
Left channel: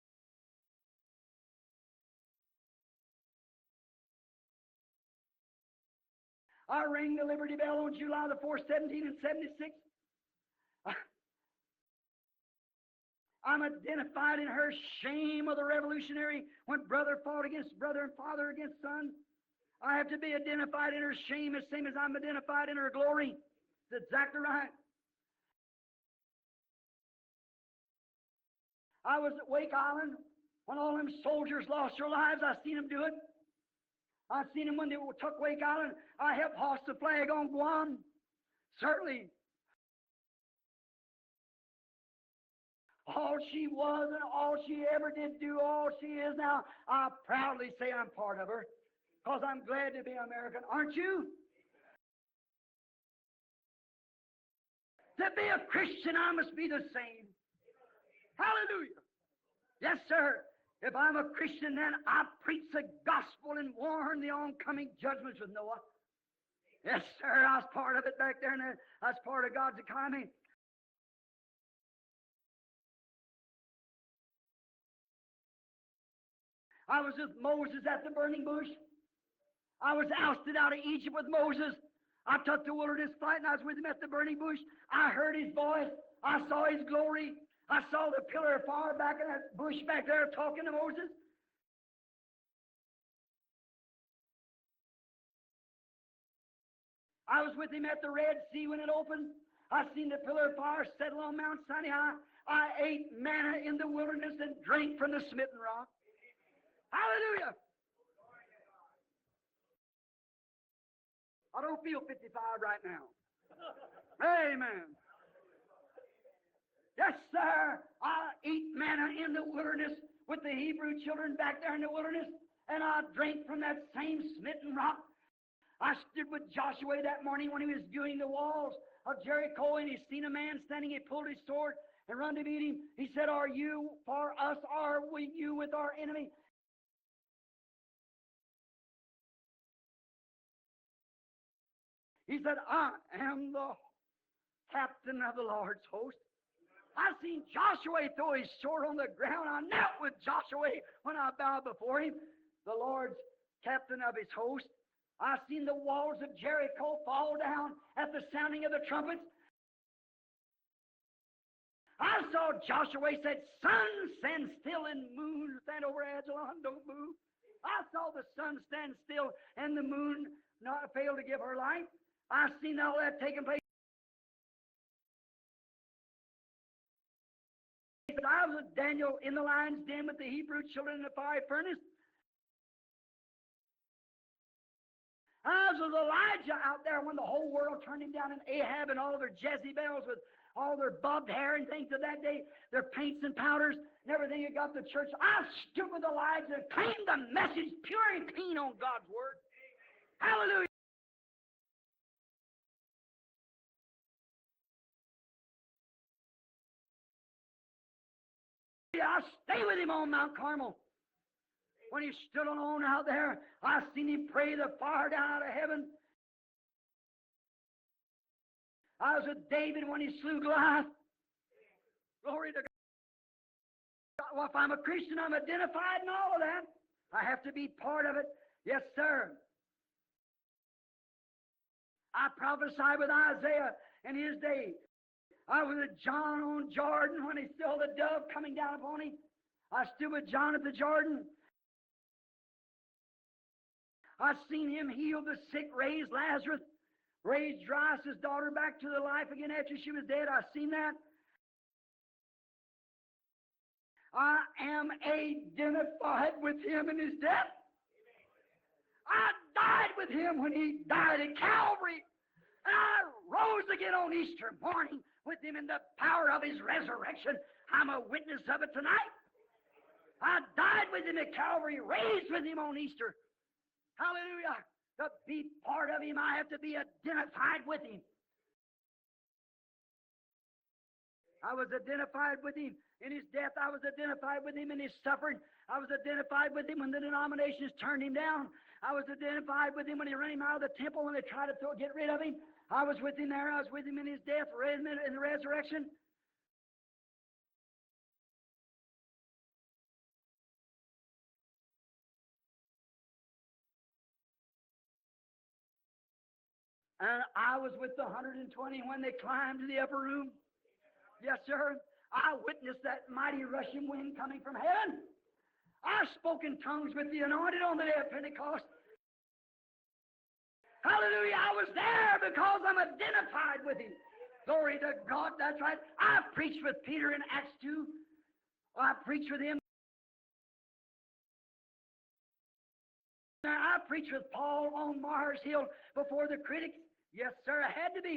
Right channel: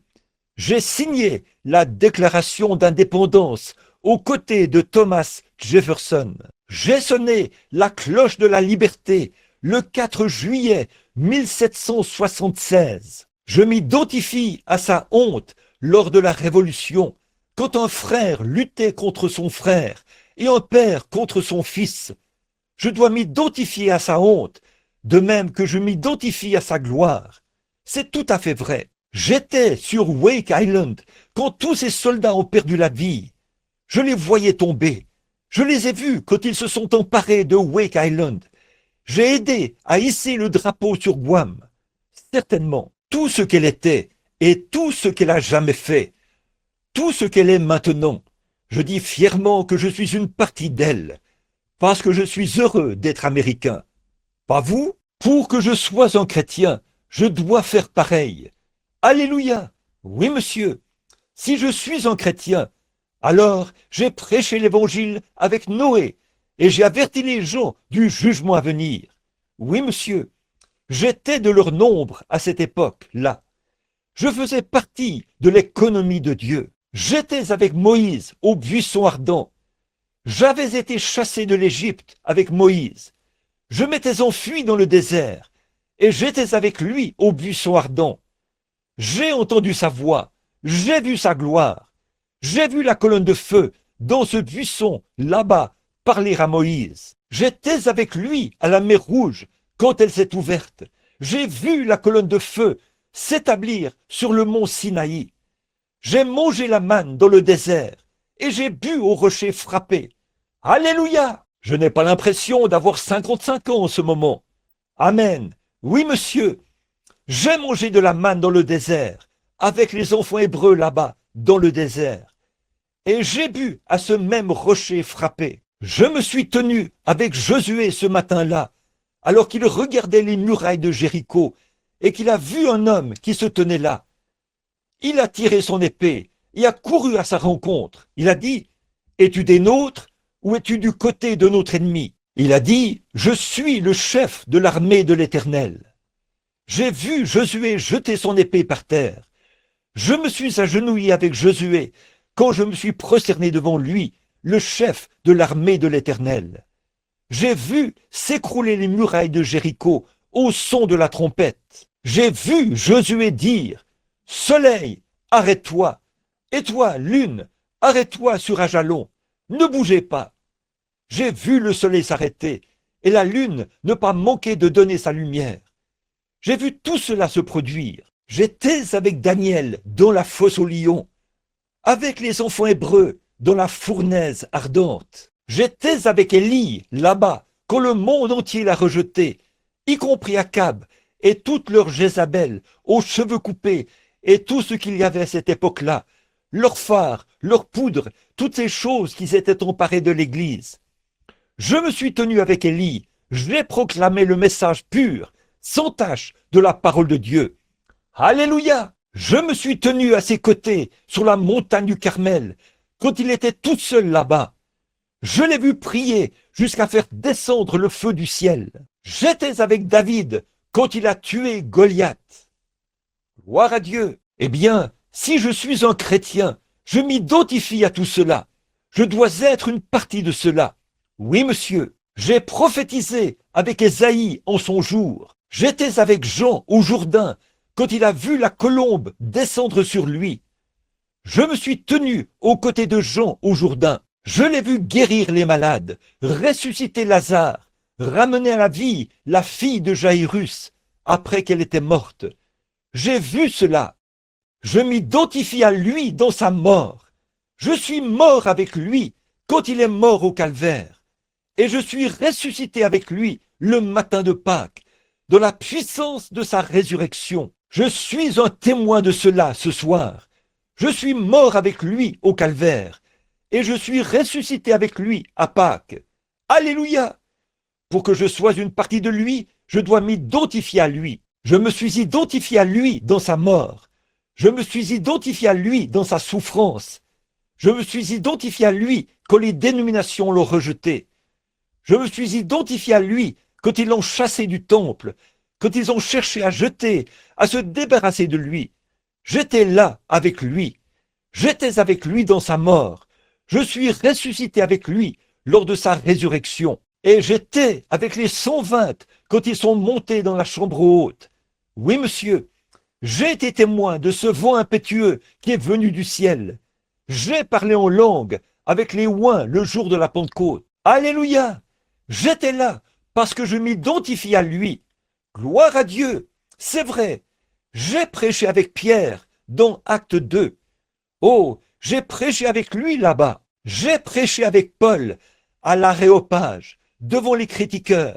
J'ai signé la déclaration d'indépendance aux côtés de Thomas Jefferson. J'ai sonné la cloche de la liberté le 4 juillet 1776. Je m'identifie à sa honte lors de la Révolution, quand un frère luttait contre son frère et un père contre son fils. Je dois m'identifier à sa honte, de même que je m'identifie à sa gloire. C'est tout à fait vrai. J'étais sur Wake Island quand tous ces soldats ont perdu la vie. Je les voyais tomber. Je les ai vus quand ils se sont emparés de Wake Island. J'ai aidé à hisser le drapeau sur Guam. Certainement, tout ce qu'elle était et tout ce qu'elle a jamais fait, tout ce qu'elle est maintenant, je dis fièrement que je suis une partie d'elle, parce que je suis heureux d'être américain. Pas vous? Pour que je sois un chrétien, je dois faire pareil. Alléluia! Oui, monsieur. Si je suis un chrétien, alors j'ai prêché l'évangile avec Noé et j'ai averti les gens du jugement à venir. Oui, monsieur. J'étais de leur nombre à cette époque-là. Je faisais partie de l'économie de Dieu. J'étais avec Moïse au buisson ardent. J'avais été chassé de l'Égypte avec Moïse. Je m'étais enfui dans le désert et j'étais avec lui au buisson ardent. J'ai entendu sa voix, j'ai vu sa gloire, j'ai vu la colonne de feu dans ce buisson, là-bas, parler à Moïse. J'étais avec lui à la mer Rouge quand elle s'est ouverte. J'ai vu la colonne de feu s'établir sur le mont Sinaï. J'ai mangé la manne dans le désert et j'ai bu au rocher frappé. Alléluia! Je n'ai pas l'impression d'avoir 55 ans en ce moment. Amen. Oui, monsieur. J'ai mangé de la manne dans le désert, avec les enfants hébreux là-bas, dans le désert. Et j'ai bu à ce même rocher frappé. Je me suis tenu avec Josué ce matin-là, alors qu'il regardait les murailles de Jéricho, et qu'il a vu un homme qui se tenait là. Il a tiré son épée et a couru à sa rencontre. Il a dit, « Es-tu des nôtres ou es-tu du côté de notre ennemi ?» Il a dit, « Je suis le chef de l'armée de l'Éternel. » J'ai vu Josué jeter son épée par terre. Je me suis agenouillé avec Josué quand je me suis prosterné devant lui, le chef de l'armée de l'Éternel. J'ai vu s'écrouler les murailles de Jéricho au son de la trompette. J'ai vu Josué dire, « Soleil, arrête-toi, et toi, lune, arrête-toi sur Ajalon, ne bougez pas. » J'ai vu le soleil s'arrêter et la lune ne pas manquer de donner sa lumière. J'ai vu tout cela se produire. J'étais avec Daniel dans la fosse aux lions, avec les enfants hébreux dans la fournaise ardente. J'étais avec Élie là-bas quand le monde entier l'a rejeté, y compris Akab et toutes leurs Jézabel aux cheveux coupés et tout ce qu'il y avait à cette époque-là, leurs phares, leurs poudres, toutes ces choses qui s'étaient emparées de l'Église. Je me suis tenu avec Élie, j'ai proclamé le message pur, sans tache, de la parole de Dieu. Alléluia! Je me suis tenu à ses côtés sur la montagne du Carmel, quand il était tout seul là-bas. Je l'ai vu prier jusqu'à faire descendre le feu du ciel. J'étais avec David quand il a tué Goliath. Gloire à Dieu! Eh bien, si je suis un chrétien, je m'identifie à tout cela. Je dois être une partie de cela. Oui, monsieur, j'ai prophétisé avec Ésaïe en son jour. J'étais avec Jean au Jourdain quand il a vu la colombe descendre sur lui. Je me suis tenu aux côtés de Jean au Jourdain. Je l'ai vu guérir les malades, ressusciter Lazare, ramener à la vie la fille de Jaïrus après qu'elle était morte. J'ai vu cela. Je m'identifie à lui dans sa mort. Je suis mort avec lui quand il est mort au calvaire. Et je suis ressuscité avec lui le matin de Pâques, dans la puissance de sa résurrection. Je suis un témoin de cela ce soir. Je suis mort avec lui au calvaire. Et je suis ressuscité avec lui à Pâques. Alléluia! Pour que je sois une partie de lui, je dois m'identifier à lui. Je me suis identifié à lui dans sa mort. Je me suis identifié à lui dans sa souffrance. Je me suis identifié à lui quand les dénominations l'ont rejeté. Je me suis identifié à lui quand ils l'ont chassé du temple, quand ils ont cherché à jeter, à se débarrasser de lui. J'étais là avec lui. J'étais avec lui dans sa mort. Je suis ressuscité avec lui lors de sa résurrection. Et j'étais avec les 120 quand ils sont montés dans la chambre haute. Oui, monsieur, j'ai été témoin de ce vent impétueux qui est venu du ciel. J'ai parlé en langue avec les oins le jour de la Pentecôte. Alléluia! J'étais là parce que je m'identifie à lui. Gloire à Dieu! C'est vrai, j'ai prêché avec Pierre dans Acte 2. Oh, j'ai prêché avec lui là-bas. J'ai prêché avec Paul à l'Aréopage, devant les critiqueurs.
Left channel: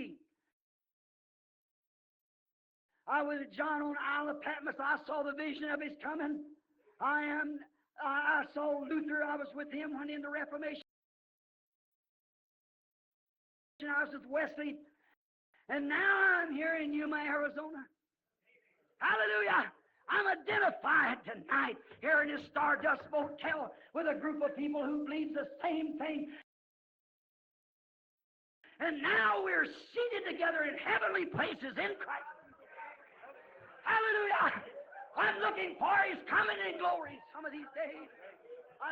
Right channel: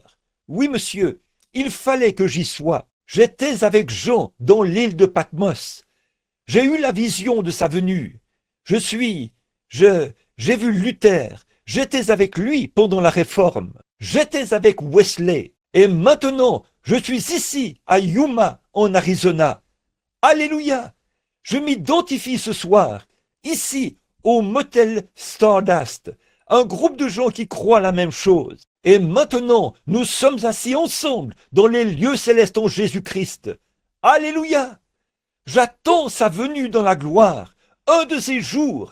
Oui, monsieur, il fallait que j'y sois. J'étais avec Jean dans l'île de Patmos. J'ai eu la vision de sa venue. J'ai vu Luther. J'étais avec lui pendant la Réforme. J'étais avec Wesley. Et maintenant, je suis ici, à Yuma, en Arizona. Alléluia! Je m'identifie ce soir, ici, au motel Stardust. Un groupe de gens qui croient la même chose. Et maintenant, nous sommes assis ensemble dans les lieux célestes en Jésus-Christ. Alléluia! J'attends sa venue dans la gloire. Un de ces jours,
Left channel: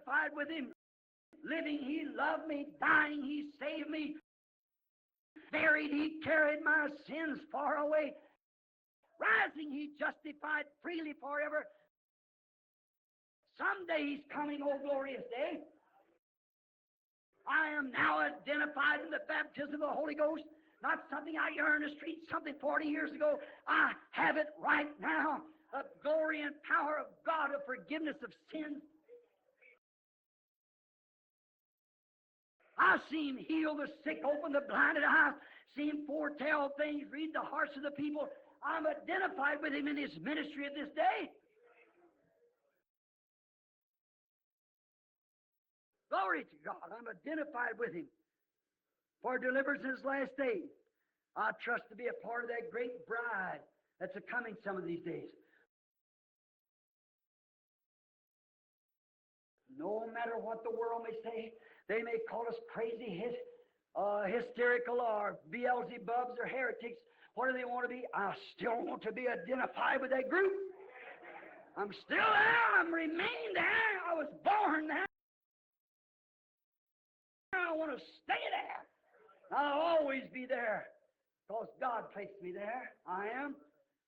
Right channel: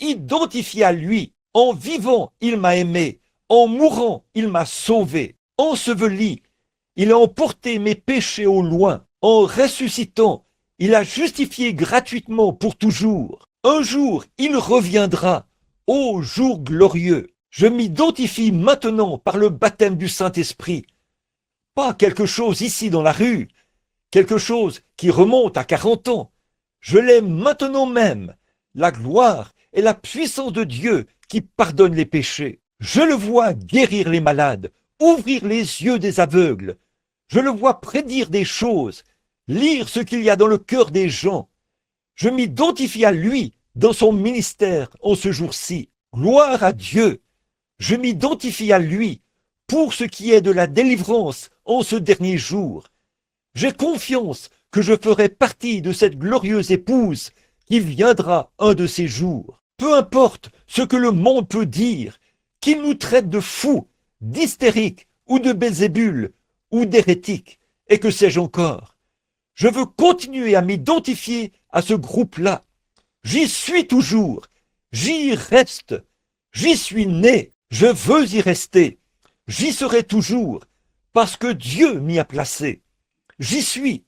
identifié à lui. En vivant, il m'a aimé. En mourant, il m'a sauvé. Enseveli, il a emporté mes péchés au loin. En ressuscitant, il a justifié gratuitement pour toujours. Un jour, il reviendra. Ô jour glorieux, je m'identifie maintenant par le baptême du Saint-Esprit. Pas quelque chose ici dans la rue, quelque chose qui remonte à 40 ans. Je l'ai maintenant même, la gloire et la puissance de Dieu qui pardonne les péchés. Je le vois guérir les malades, ouvrir les yeux des aveugles. Je le vois prédire des choses, lire ce qu'il y a dans le cœur des gens. Je m'identifie à lui dans son ministère en ce jour-ci. Gloire à Dieu. Je m'identifie à lui pour ce qui est de la délivrance en ce dernier jour. J'ai confiance que je ferai partie de cette glorieuse épouse qui viendra un de ces jours. Peu importe ce que le monde peut dire, qu'il nous traite de fous, d'hystériques ou de Belzébul ou d'hérétiques, et que sais-je encore. Je veux continuer à m'identifier à ce groupe-là. J'y suis toujours, j'y reste, j'y suis né, je veux y rester, j'y serai toujours, parce que Dieu m'y a placé. J'y suis,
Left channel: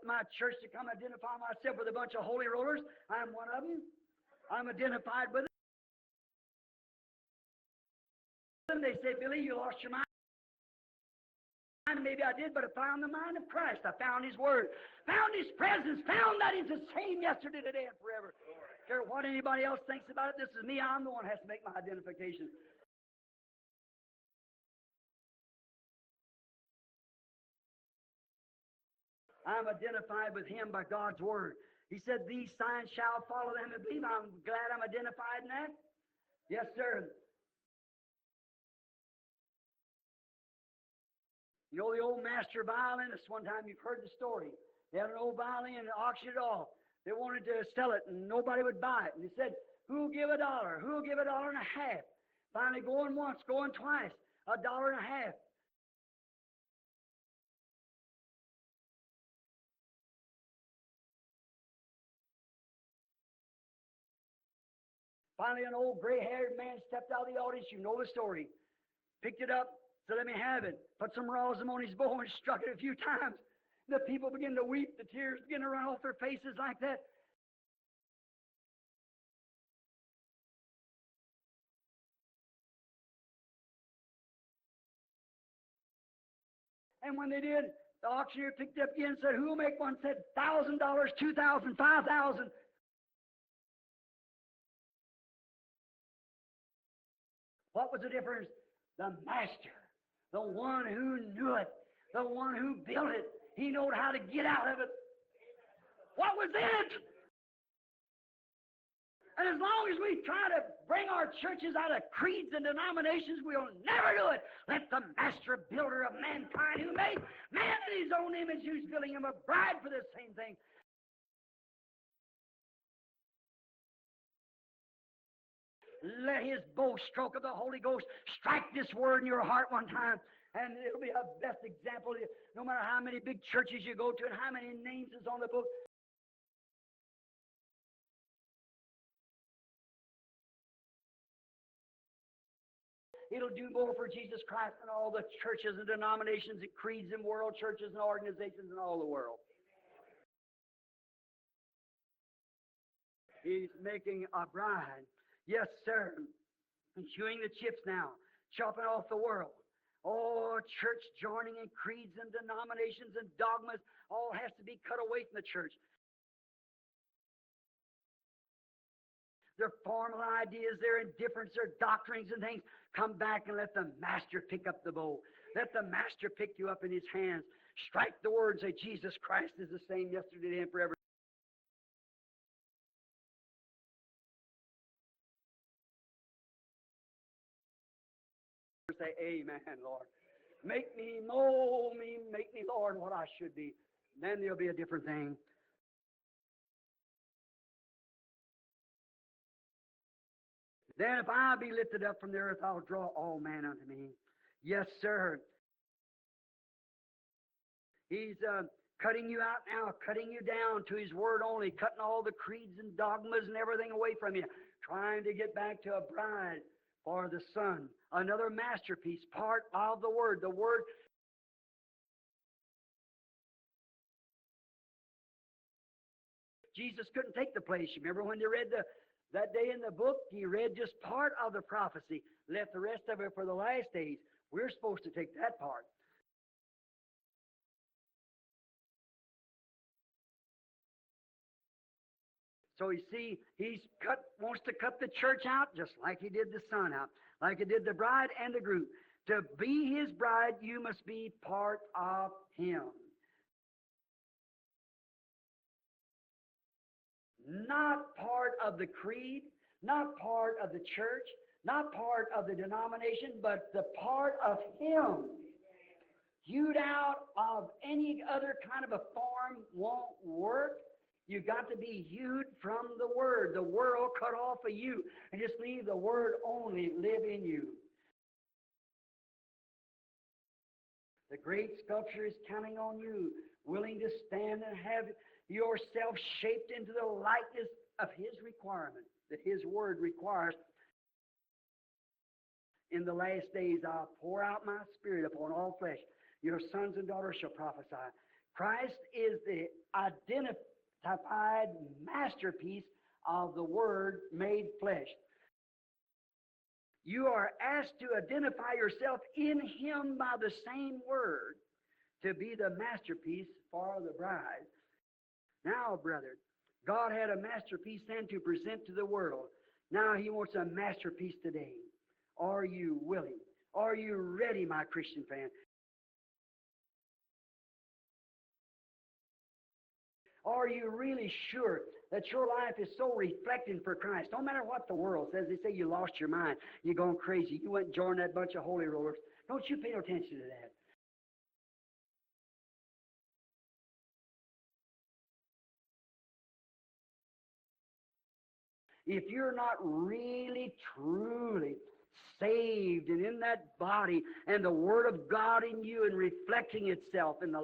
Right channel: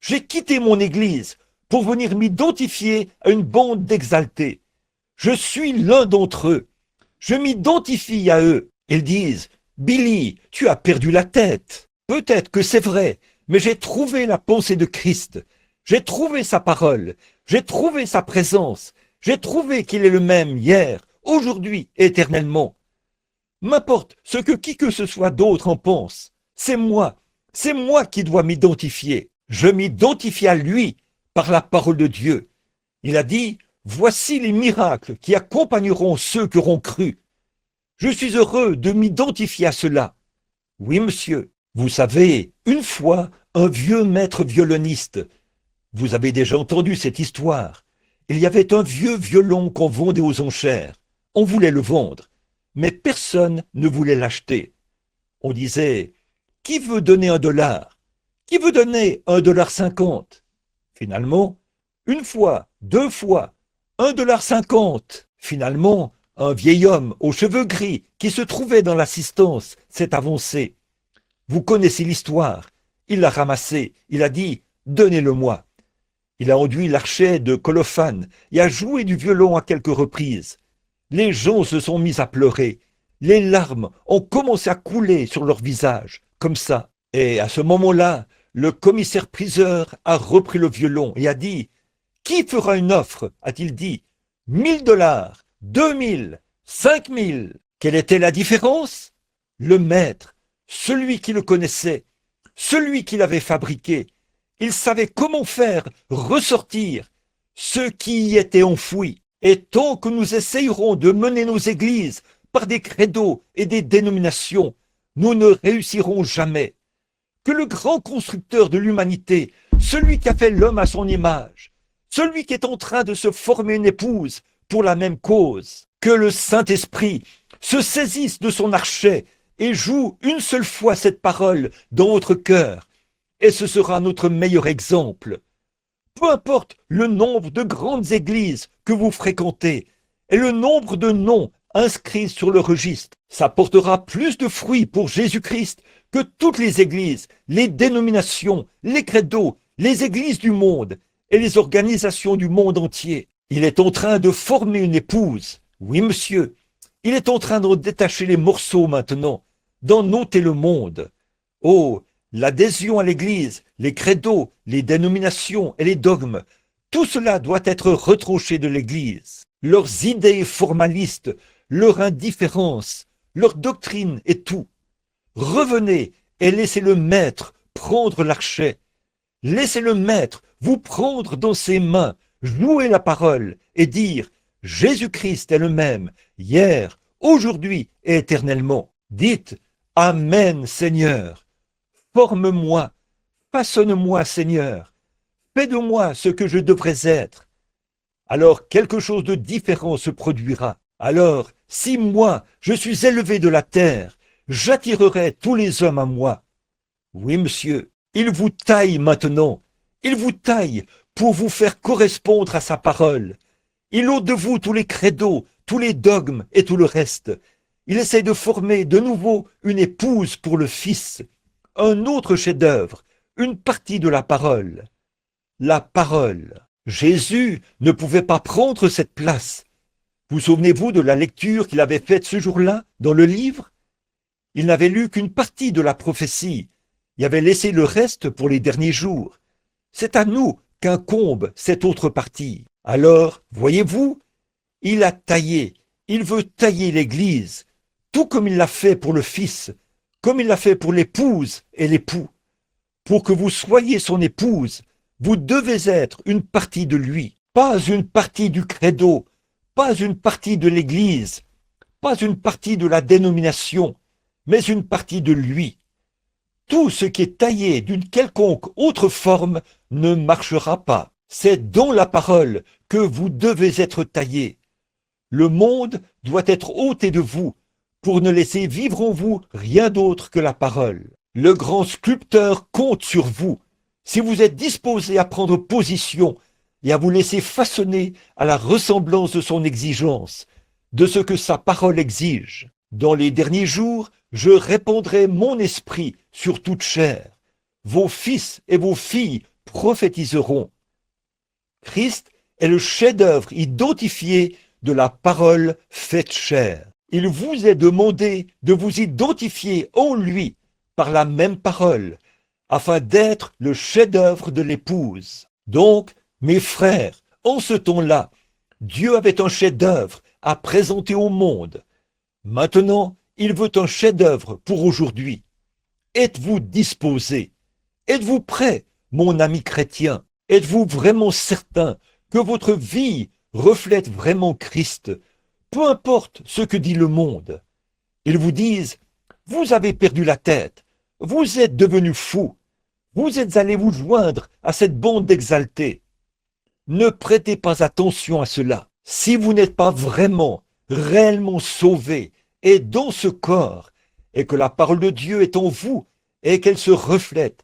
j'ai quitté mon église pour venir m'identifier à une bande d'exaltés. Je suis l'un d'entre eux, je m'identifie à eux. Ils disent, Billy, tu as perdu la tête. Peut-être que c'est vrai, mais j'ai trouvé la pensée de Christ. J'ai trouvé sa parole. J'ai trouvé sa présence. J'ai trouvé qu'il est le même hier, aujourd'hui, éternellement. M'importe ce que qui que ce soit d'autre en pense. C'est moi qui dois m'identifier. Je m'identifie à lui par la parole de Dieu. Il a dit, voici les miracles qui accompagneront ceux qui auront cru. Je suis heureux de m'identifier à cela. Oui, monsieur. Vous savez, une fois, un vieux maître violoniste, vous avez déjà entendu cette histoire. Il y avait un vieux violon qu'on vendait aux enchères. On voulait le vendre, mais personne ne voulait l'acheter. On disait, qui veut donner $1? Qui veut donner $1,50? Finalement, une fois, deux fois, $1,50. Finalement, un vieil homme aux cheveux gris qui se trouvait dans l'assistance s'est avancé. Vous connaissez l'histoire. Il l'a ramassé. Il a dit, donnez-le-moi. Il a enduit l'archet de colophane et a joué du violon à quelques reprises. Les gens se sont mis à pleurer. Les larmes ont commencé à couler sur leur visage, comme ça. Et à ce moment-là, le commissaire-priseur a repris le violon et a dit, « Qui fera une offre ?» a-t-il dit. « $1,000, 2,000, 5,000. » Quelle était la différence? Le maître, celui qui le connaissait, celui qui l'avait fabriqué. Il savait comment faire ressortir ce qui y était enfoui. Et tant que nous essayerons de mener nos églises par des credos et des dénominations, nous ne réussirons jamais. Que le grand constructeur de l'humanité, celui qui a fait l'homme à son image, celui qui est en train de se former une épouse pour la même cause, que le Saint-Esprit se saisisse de son archet et joue une seule fois cette parole dans votre cœur. Et ce sera notre meilleur exemple. Peu importe le nombre de grandes églises que vous fréquentez et le nombre de noms inscrits sur le registre, ça portera plus de fruits pour Jésus-Christ que toutes les églises, les dénominations, les credos, les églises du monde et les organisations du monde entier. Il est en train de former une épouse. Oui, monsieur. Il est en train d'en détacher les morceaux maintenant, d'en ôter le monde. Oh, l'adhésion à l'Église, les credos, les dénominations et les dogmes, tout cela doit être retranché de l'Église. Leurs idées formalistes, leur indifférence, leur doctrine et tout. Revenez et laissez le Maître prendre l'archet. Laissez le Maître vous prendre dans ses mains, jouer la parole et dire « Jésus-Christ est le même, hier, aujourd'hui et éternellement. » Dites « Amen, Seigneur. Forme-moi, façonne-moi, Seigneur. Fais de moi ce que je devrais être. » Alors quelque chose de différent se produira. Alors, si moi, je suis élevé de la terre, j'attirerai tous les hommes à moi. Oui, monsieur, il vous taille maintenant. Il vous taille pour vous faire correspondre à sa parole. Il ôte de vous tous les credos, tous les dogmes et tout le reste. Il essaie de former de nouveau une épouse pour le Fils, un autre chef-d'œuvre, une partie de la parole. La parole. Jésus ne pouvait pas prendre cette place. Vous souvenez-vous de la lecture qu'il avait faite ce jour-là dans le livre? Il n'avait lu qu'une partie de la prophétie. Il avait laissé le reste pour les derniers jours. C'est à nous qu'incombe cette autre partie. Alors, voyez-vous, il a taillé, il veut tailler l'Église, tout comme il l'a fait pour le Fils, comme il l'a fait pour l'épouse et l'époux. Pour que vous soyez son épouse, vous devez être une partie de lui, pas une partie du credo, pas une partie de l'Église, pas une partie de la dénomination, mais une partie de lui. Tout ce qui est taillé d'une quelconque autre forme ne marchera pas. C'est dans la parole que vous devez être taillé. Le monde doit être ôté de vous pour ne laisser vivre en vous rien d'autre que la parole. Le grand sculpteur compte sur vous. Si vous êtes disposé à prendre position et à vous laisser façonner à la ressemblance de son exigence, de ce que sa parole exige. Dans les derniers jours, je répandrai mon esprit sur toute chair. Vos fils et vos filles prophétiseront. Christ est le chef-d'œuvre identifié de la parole faite chair. Il vous est demandé de vous identifier en lui par la même parole, afin d'être le chef-d'œuvre de l'épouse. Donc, mes frères, en ce temps-là, Dieu avait un chef-d'œuvre à présenter au monde. Maintenant, il veut un chef-d'œuvre pour aujourd'hui. Êtes-vous disposé? Êtes-vous prêt, mon ami chrétien? Êtes-vous vraiment certain que votre vie reflète vraiment Christ? Peu importe ce que dit le monde. Ils vous disent, vous avez perdu la tête, vous êtes devenu fou, vous êtes allé vous joindre à cette bande d'exaltés. Ne prêtez pas attention à cela. Si vous n'êtes pas vraiment, réellement sauvé et dans ce corps, et que la parole de Dieu est en vous, et qu'elle se reflète,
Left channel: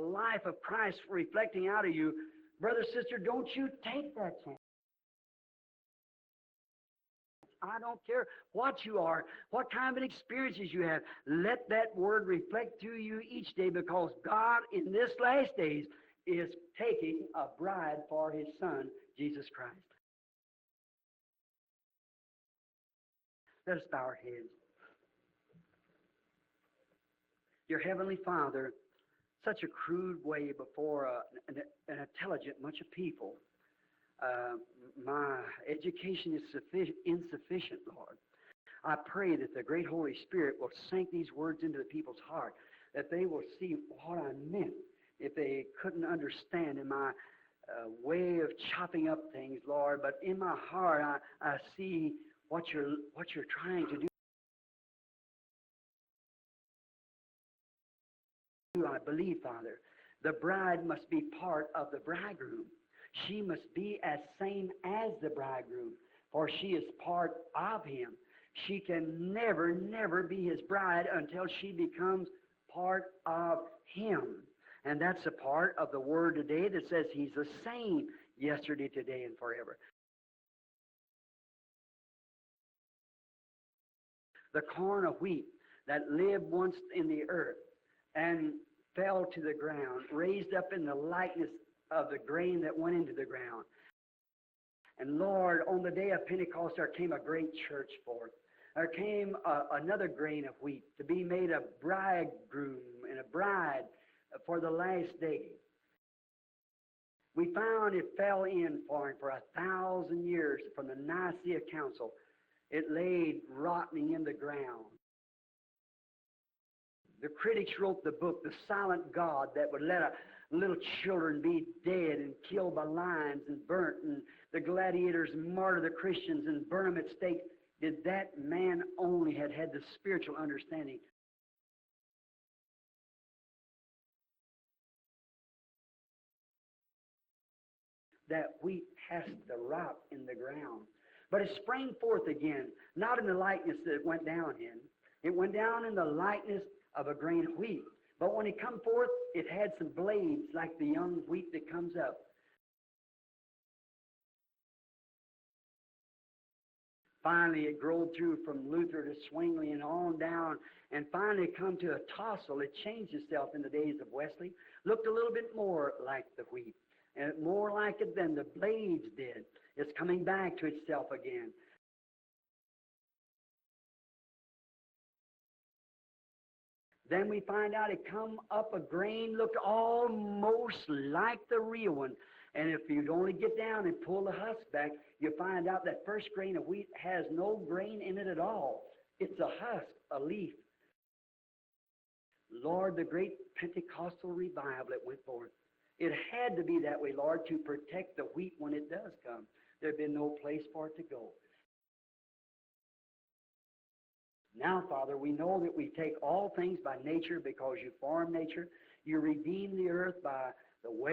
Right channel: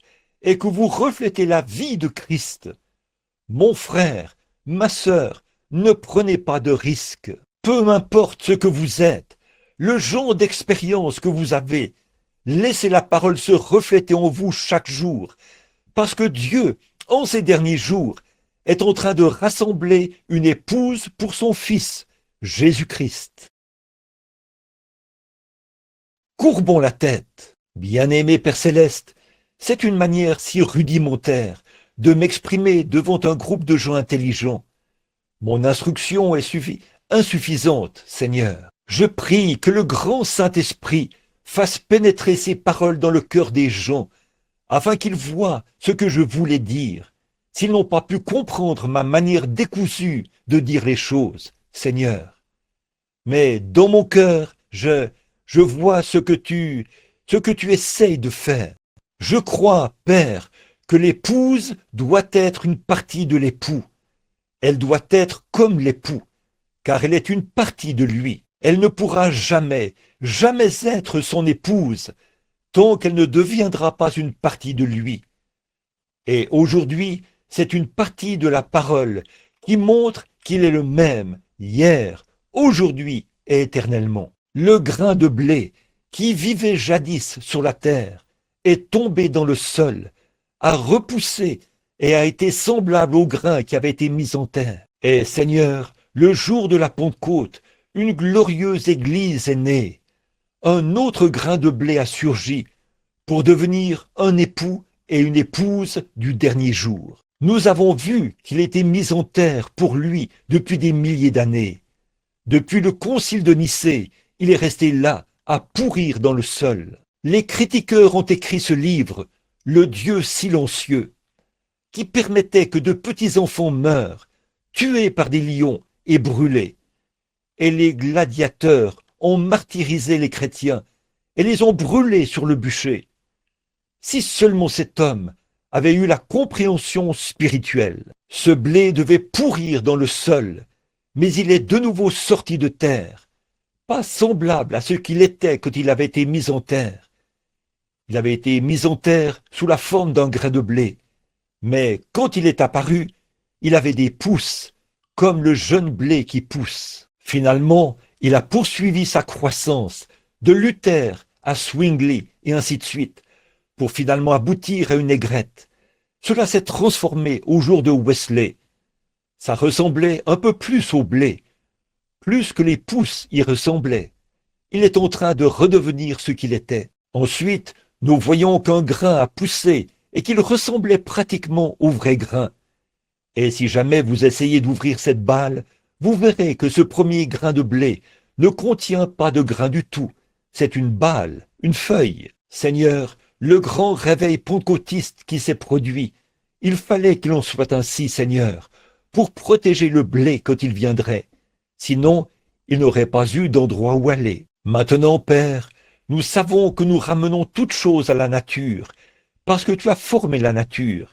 et que vous reflétez la vie de Christ, mon frère, ma sœur, ne prenez pas de risques. Peu importe ce que vous êtes, le genre d'expérience que vous avez, laissez la parole se refléter en vous chaque jour, parce que Dieu, en ces derniers jours, est en train de rassembler une épouse pour son Fils, Jésus-Christ. Courbons la tête. Bien-aimé Père Céleste, c'est une manière si rudimentaire de m'exprimer devant un groupe de gens intelligents. Mon instruction est insuffisante, Seigneur. Je prie que le grand Saint-Esprit fasse pénétrer ces paroles dans le cœur des gens, afin qu'ils voient ce que je voulais dire. S'ils n'ont pas pu comprendre ma manière décousue de dire les choses, Seigneur. Mais dans mon cœur, je vois ce que tu essayes de faire. Je crois, Père, que l'épouse doit être une partie de l'époux. Elle doit être comme l'époux, car elle est une partie de lui. Elle ne pourra jamais, jamais être son épouse, tant qu'elle ne deviendra pas une partie de lui. Et aujourd'hui, c'est une partie de la parole qui montre qu'il est le même hier, aujourd'hui et éternellement. Le grain de blé qui vivait jadis sur la terre est tombé dans le sol, a repoussé et a été semblable au grain qui avait été mis en terre. Et Seigneur, le jour de la Pentecôte, une glorieuse église est née. Un autre grain de blé a surgi pour devenir un époux et une épouse du dernier jour. Nous avons vu qu'il était mis en terre pour lui depuis des milliers d'années. Depuis le concile de Nicée, il est resté là, à pourrir dans le sol. Les critiqueurs ont écrit ce livre, Le Dieu silencieux, qui permettait que de petits enfants meurent, tués par des lions et brûlés. Et les gladiateurs ont martyrisé les chrétiens et les ont brûlés sur le bûcher. Si seulement cet homme avait eu la compréhension spirituelle, ce blé devait pourrir dans le sol, mais il est de nouveau sorti de terre, pas semblable à ce qu'il était quand il avait été mis en terre. Il avait été mis en terre sous la forme d'un grain de blé, mais quand il est apparu, il avait des pousses, comme le jeune blé qui pousse. Finalement, il a poursuivi sa croissance, de Luther à Zwingli et ainsi de suite, pour finalement aboutir à une aigrette. Cela s'est transformé au jour de Wesley. Ça ressemblait un peu plus au blé. plus que les pousses y ressemblaient. Il est en train de redevenir ce qu'il était. Ensuite, nous voyons qu'un grain a poussé et qu'il ressemblait pratiquement au vrai grain. Et si jamais vous essayez d'ouvrir cette balle, vous verrez que ce premier grain de blé ne contient pas de grain du tout. C'est une balle, une feuille. Seigneur, le grand réveil pentecôtiste qui s'est produit, il fallait qu'il en soit ainsi, Seigneur, pour protéger le blé quand il viendrait. Sinon, il n'aurait pas eu d'endroit où aller. Maintenant, Père, nous savons que nous ramenons toutes choses à la nature, parce que tu as formé la nature.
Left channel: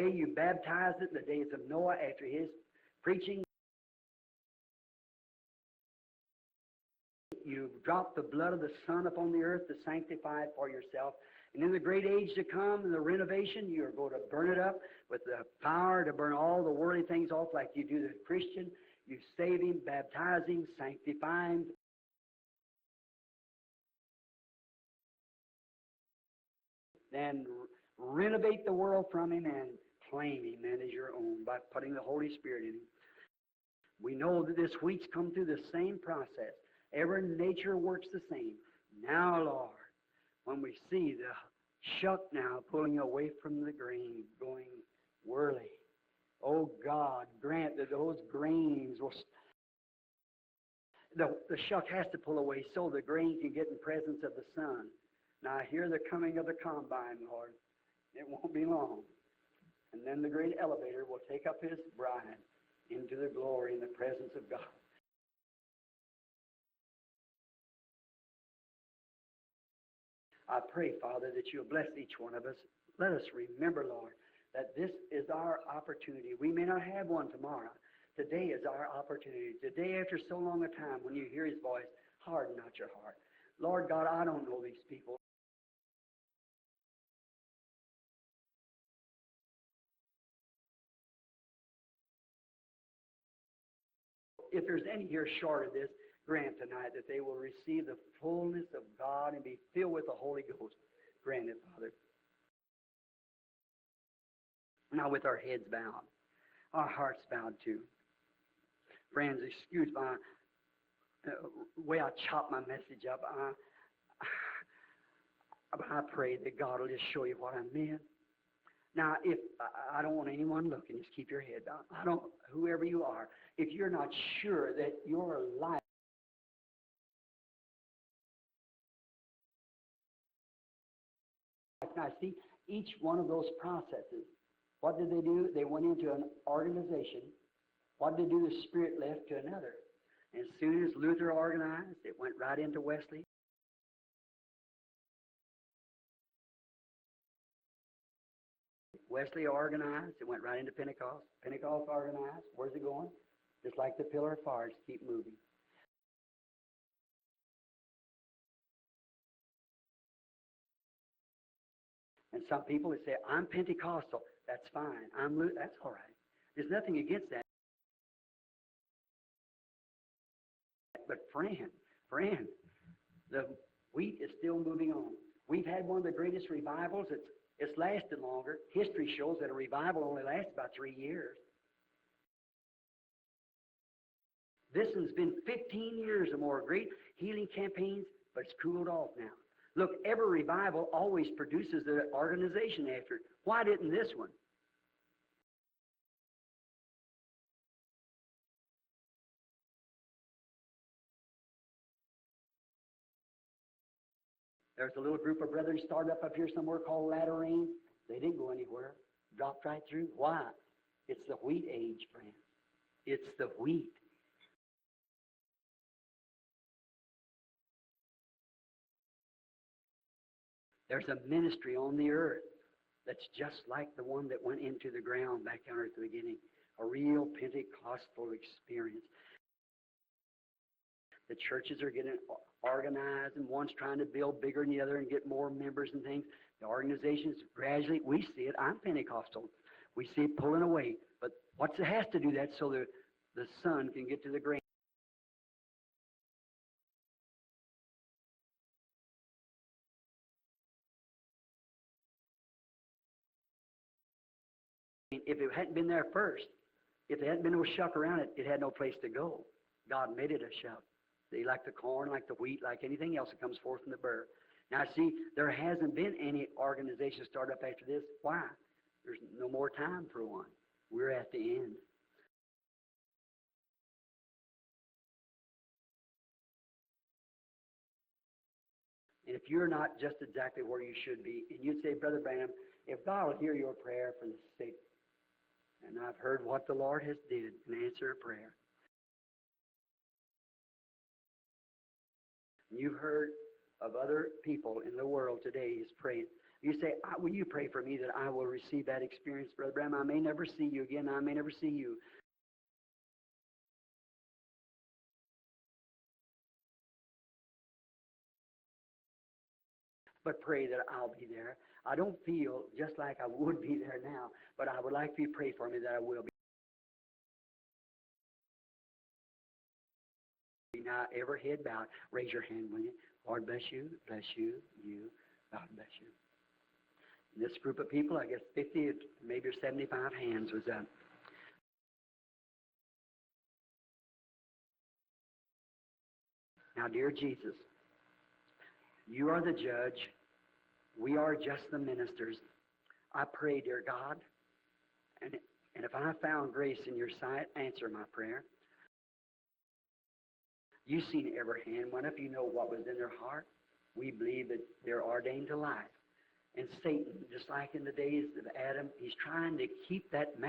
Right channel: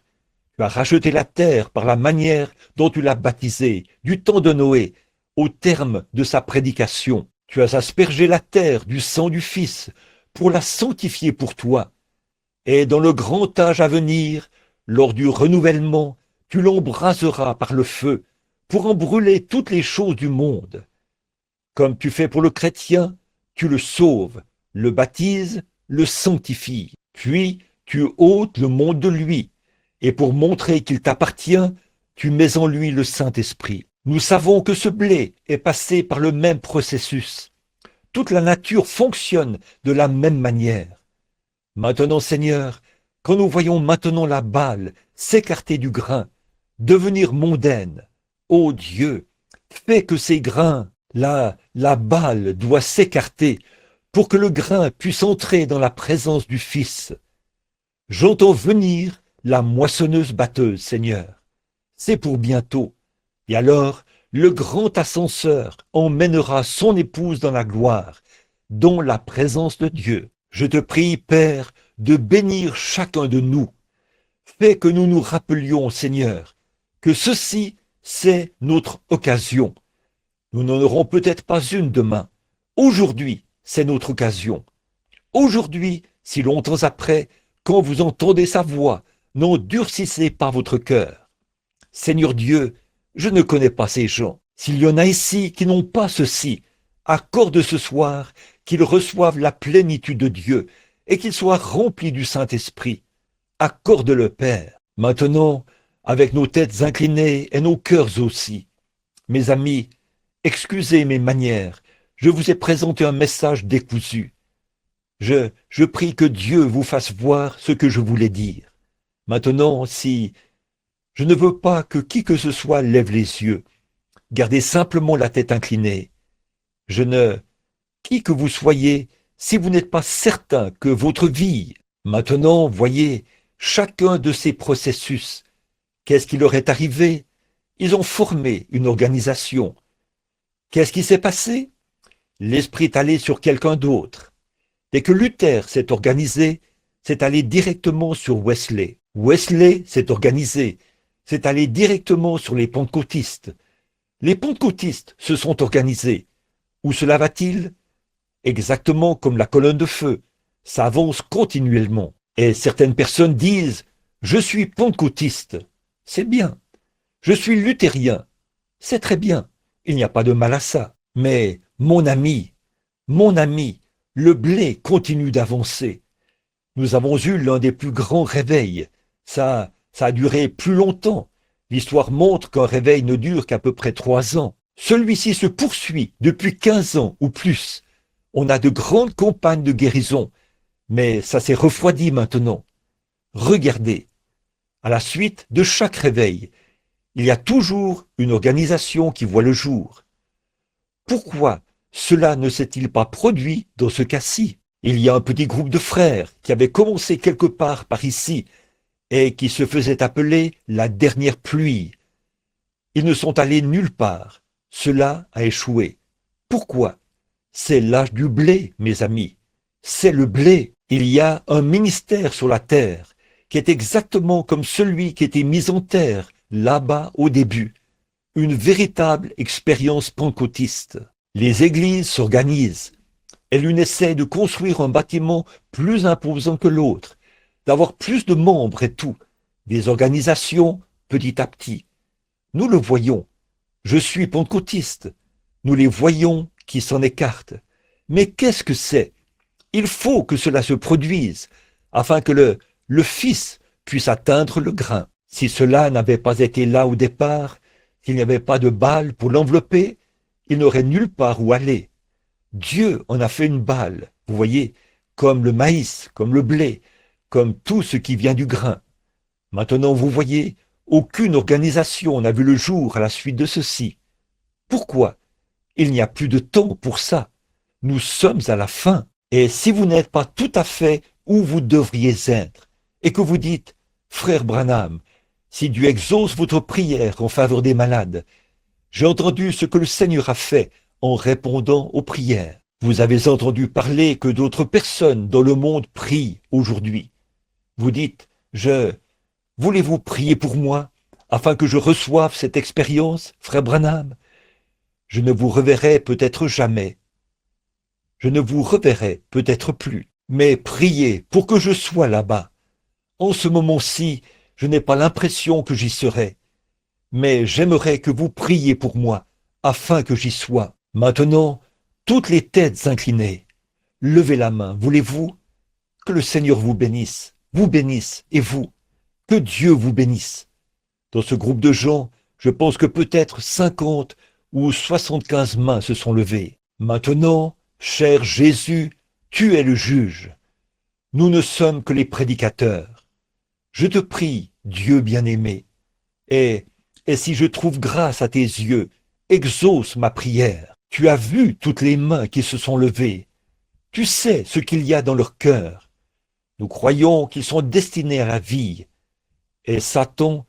Tu as racheté la terre par la manière dont tu l'as baptisée, du temps de Noé, au terme de sa prédication. Tu as aspergé la terre du sang du Fils pour la sanctifier pour toi. Et dans le grand âge à venir, lors du renouvellement, tu l'embraseras par le feu pour en brûler toutes les choses du monde. Comme tu fais pour le chrétien, tu le sauves, le baptises, le sanctifies. Puis tu ôtes le monde de lui. Et pour montrer qu'il t'appartient, tu mets en lui le Saint-Esprit. Nous savons que ce blé est passé par le même processus. Toute la nature fonctionne de la même manière. Maintenant, Seigneur, quand nous voyons maintenant la balle s'écarter du grain, devenir mondaine, ô Dieu, fais que ces grains, la balle doit s'écarter pour que le grain puisse entrer dans la présence du Fils. J'entends venir la moissonneuse-batteuse, Seigneur. C'est pour bientôt. Et alors, le grand ascenseur emmènera son épouse dans la gloire, dans la présence de Dieu. Je te prie, Père, de bénir chacun de nous. Fais que nous nous rappelions, Seigneur, que ceci, c'est notre occasion. Nous n'en aurons peut-être pas une demain. Aujourd'hui, c'est notre occasion. Aujourd'hui, si longtemps après, quand vous entendez sa voix, n'endurcissez pas votre cœur. Seigneur Dieu, je ne connais pas ces gens. S'il y en a ici qui n'ont pas ceci, accorde ce soir qu'ils reçoivent la plénitude de Dieu et qu'ils soient remplis du Saint-Esprit. Accorde-le, Père. Maintenant, avec nos têtes inclinées et nos cœurs aussi. Mes amis, excusez mes manières. Je vous ai présenté un message décousu. Je prie que Dieu vous fasse voir ce que je voulais dire. Maintenant, si je ne veux pas que qui que ce soit lève les yeux, gardez simplement la tête inclinée. Qui que vous soyez, si vous n'êtes pas certain que votre vie, maintenant, voyez, chacun de ces processus, qu'est-ce qui leur est arrivé? Ils ont formé une organisation. Qu'est-ce qui s'est passé? L'esprit est allé sur quelqu'un d'autre. Dès que Luther s'est organisé, c'est allé directement sur Wesley. Wesley s'est organisé, c'est allé directement sur les pentecôtistes. Les pentecôtistes se sont organisés. Où cela va-t-il? Exactement comme la colonne de feu. Ça avance continuellement. Et certaines personnes disent, je suis pentecôtiste. C'est bien. Je suis luthérien. C'est très bien. Il n'y a pas de mal à ça. Mais mon ami, le blé continue d'avancer. Nous avons eu l'un des plus grands réveils. Ça a duré plus longtemps. L'histoire montre qu'un réveil ne dure qu'à peu près 3 ans. Celui-ci se poursuit depuis 15 ans ou plus. On a de grandes campagnes de guérison, mais ça s'est refroidi maintenant. Regardez, à la suite de chaque réveil, il y a toujours une organisation qui voit le jour. Pourquoi cela ne s'est-il pas produit dans ce cas-ci? Il y a un petit groupe de frères qui avait commencé quelque part par ici et qui se faisait appeler la dernière pluie. Ils ne sont allés nulle part. Cela a échoué. Pourquoi? C'est l'âge du blé, mes amis. C'est le blé. Il y a un ministère sur la terre qui est exactement comme celui qui était mis en terre là-bas au début. Une véritable expérience pentecôtiste. Les églises s'organisent. Et l'une essaie de construire un bâtiment plus imposant que l'autre, d'avoir plus de membres et tout. Des organisations petit à petit. Nous le voyons. Je suis pentecôtiste. Nous les voyons qui s'en écartent. Mais qu'est-ce que c'est? Il faut que cela se produise afin que le Fils puisse atteindre le grain. Si cela n'avait pas été là au départ, qu'il n'y avait pas de balle pour l'envelopper, il n'aurait nulle part où aller. Dieu en a fait une balle, vous voyez, comme le maïs, comme le blé, comme tout ce qui vient du grain. Maintenant, vous voyez, aucune organisation n'a vu le jour à la suite de ceci. Pourquoi? Il n'y a plus de temps pour ça. Nous sommes à la fin. Et si vous n'êtes pas tout à fait où vous devriez être, et que vous dites, frère Branham, si Dieu exauce votre prière en faveur des malades, j'ai entendu ce que le Seigneur a fait en répondant aux prières. Vous avez entendu parler que d'autres personnes dans le monde prient aujourd'hui. Vous dites, voulez-vous prier pour moi afin que je reçoive cette expérience, frère Branham? Je ne vous reverrai peut-être jamais. Je ne vous reverrai peut-être plus. Mais priez pour que je sois là-bas. En ce moment-ci, je n'ai pas l'impression que j'y serai. Mais j'aimerais que vous priez pour moi, afin que j'y sois. Maintenant, toutes les têtes inclinées, levez la main, voulez-vous? Que le Seigneur vous bénisse, et vous, que Dieu vous bénisse. Dans ce groupe de gens, je pense que peut-être 50 ou 75 mains se sont levées. Maintenant, cher Jésus, tu es le juge. Nous ne sommes que les prédicateurs. Je te prie, Dieu bien-aimé, et si je trouve grâce à tes yeux, exauce ma prière. Tu as vu toutes les mains qui se sont levées. Tu sais ce qu'il y a dans leur cœur. Nous croyons qu'ils sont destinés à la vie. Et Satan,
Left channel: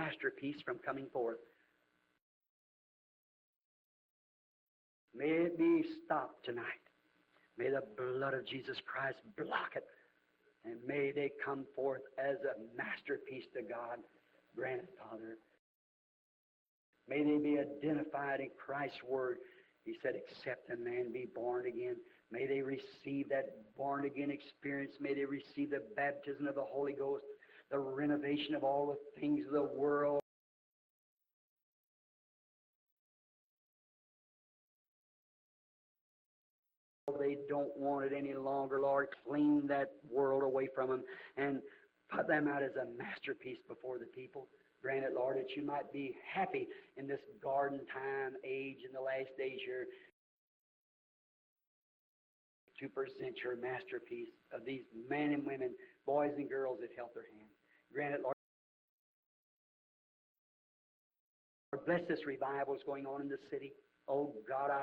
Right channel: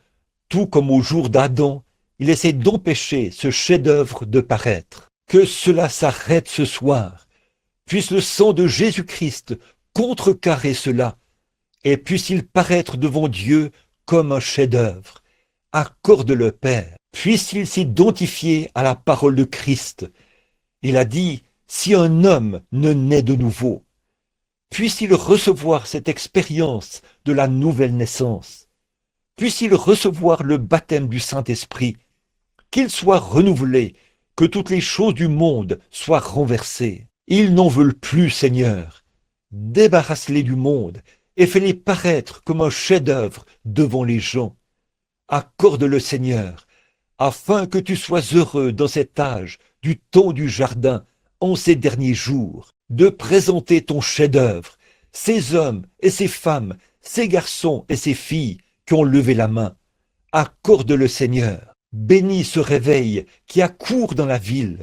tout comme au jour d'Adam, il essaie d'empêcher ce chef-d'œuvre de paraître. Que cela s'arrête ce soir. Puisse le sang de Jésus-Christ contrecarrer cela, et puisse-t-il paraître devant Dieu comme un chef-d'œuvre. Accorde-le, Père. Puisse-t-il s'identifier à la parole de Christ. Il a dit, si un homme ne naît de nouveau, puisse-t-il recevoir cette expérience de la nouvelle naissance. Puisse-t-il recevoir le baptême du Saint-Esprit, qu'il soit renouvelé, que toutes les choses du monde soient renversées. Ils n'en veulent plus, Seigneur. Débarrasse-les du monde et fais-les paraître comme un chef-d'œuvre devant les gens. Accorde-le, Seigneur, afin que tu sois heureux dans cet âge du temps du jardin, en ces derniers jours, de présenter ton chef-d'œuvre, ces hommes et ces femmes, ces garçons et ces filles qui ont levé la main. Accorde-le, Seigneur. Bénis ce réveil qui accourt dans la ville.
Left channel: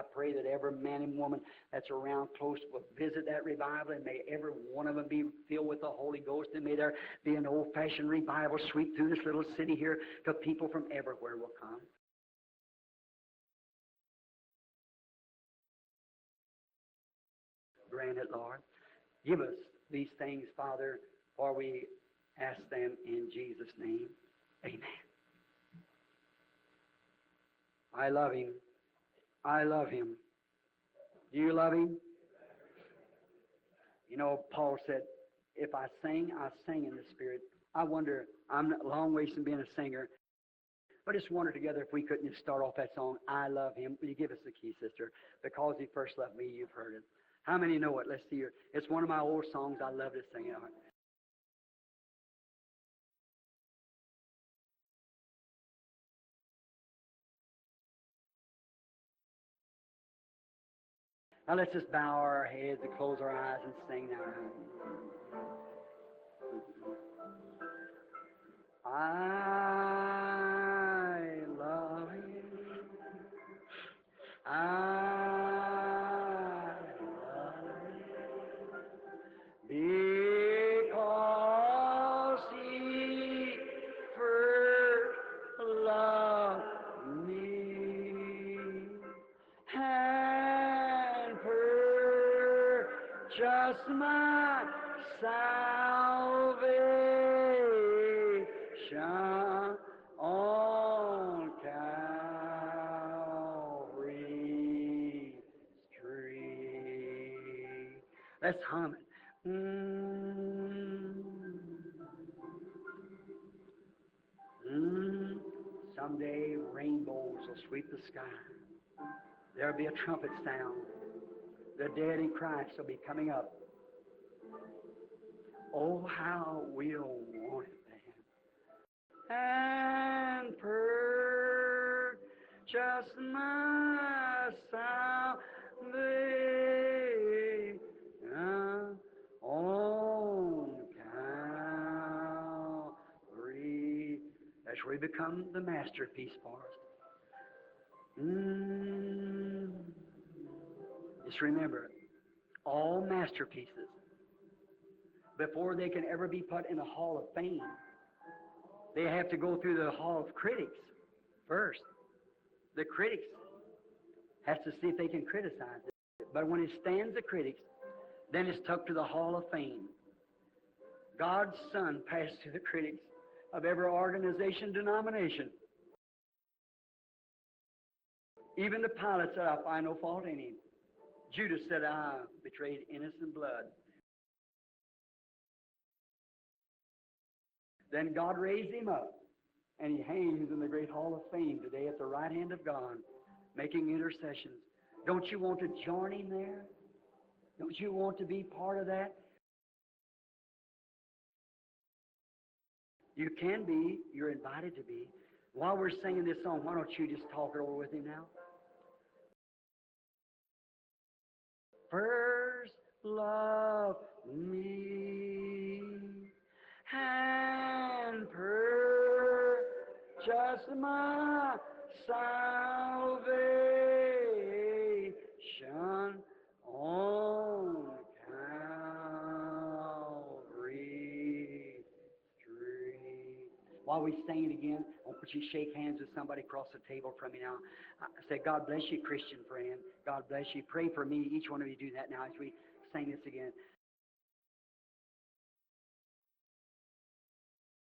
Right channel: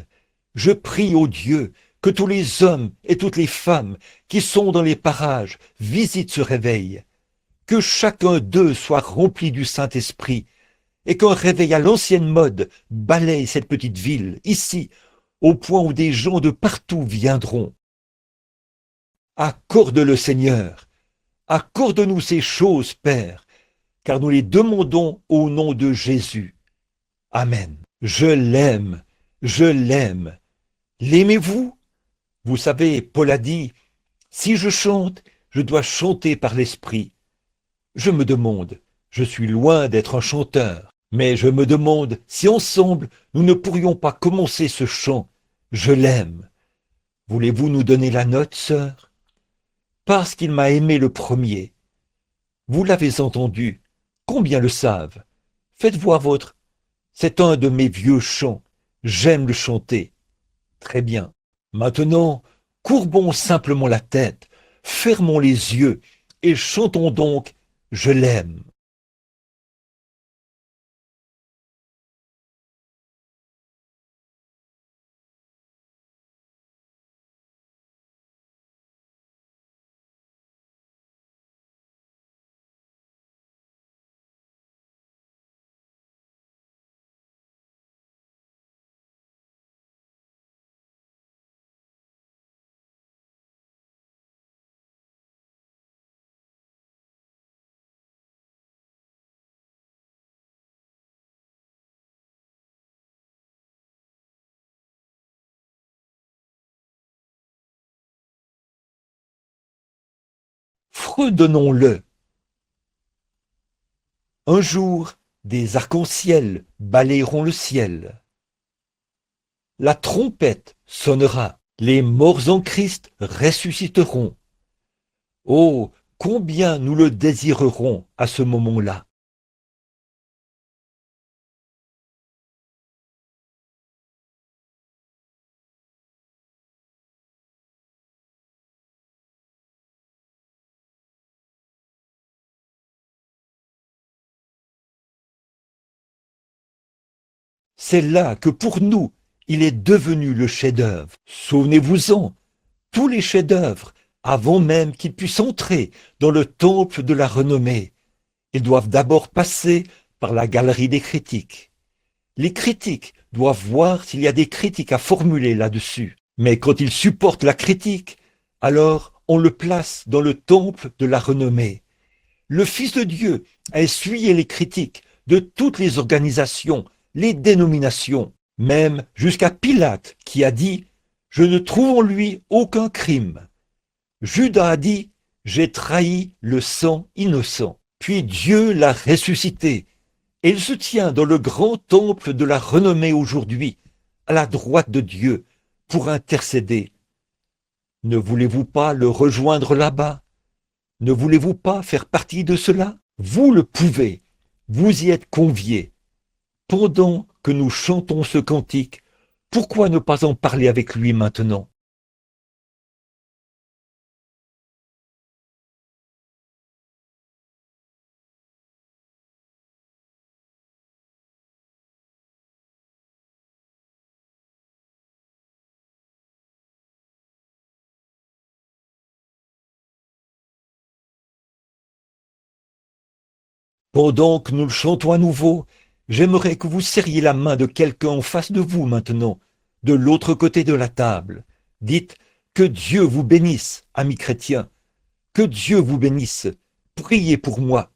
Je prie, ô Dieu, que tous les hommes et toutes les femmes qui sont dans les parages visitent ce réveil. Que chacun d'eux soit rempli du Saint-Esprit et qu'un réveil à l'ancienne mode balaye cette petite ville, ici, au point où des gens de partout viendront. Accorde-le, Seigneur. Accorde-nous ces choses, Père, car nous les demandons au nom de Jésus. Amen. Je l'aime, je l'aime. L'aimez-vous? Vous savez, Paul a dit, si je chante, je dois chanter par l'Esprit. Je me demande, je suis loin d'être un chanteur, mais je me demande si ensemble nous ne pourrions pas commencer ce chant. Je l'aime. Voulez-vous nous donner la note, sœur? Parce qu'il m'a aimé le premier. Vous l'avez entendu. Combien le savent? Faites voir votre. C'est un de mes vieux chants. J'aime le chanter. Très bien. Maintenant, courbons simplement la tête, fermons les yeux et chantons donc « Je l'aime ». Just my salvation on Calvary's tree. Let's hum it. Fredonnons-le. Un jour, des arcs-en-ciel balayeront le ciel. La trompette sonnera. Les morts en Christ ressusciteront. Oh, combien nous le désirerons à ce moment-là. And purchase my salvation become the masterpiece for us. C'est là que pour nous, il est devenu le chef-d'œuvre. Souvenez-vous-en, tous les chefs-d'œuvre, avant même qu'ils puissent entrer dans le temple de la renommée, ils doivent d'abord passer par la galerie des critiques. Les critiques doivent voir s'il y a des critiques à formuler là-dessus. Mais quand ils supportent la critique, alors on le place dans le temple de la renommée. Le Fils de Dieu a essuyé les critiques de toutes les organisations, les dénominations, même jusqu'à Pilate qui a dit « Je ne trouve en lui aucun crime ». Judas a dit « J'ai trahi le sang innocent ». Puis Dieu l'a ressuscité. Et il se tient dans le grand temple de la renommée aujourd'hui, à la droite de Dieu, pour intercéder. Ne voulez-vous pas le rejoindre là-bas? Ne voulez-vous pas faire partie de cela? Vous le pouvez. Vous y êtes conviés. Pendant que nous chantons ce cantique, pourquoi ne pas en parler avec lui maintenant? First love me and purchase my salvation on Calvary Street. Pendant que nous le chantons à nouveau, j'aimerais que vous serriez la main de quelqu'un en face de vous maintenant, de l'autre côté de la table. Dites que Dieu vous bénisse, amis chrétiens, que Dieu vous bénisse. Priez pour moi.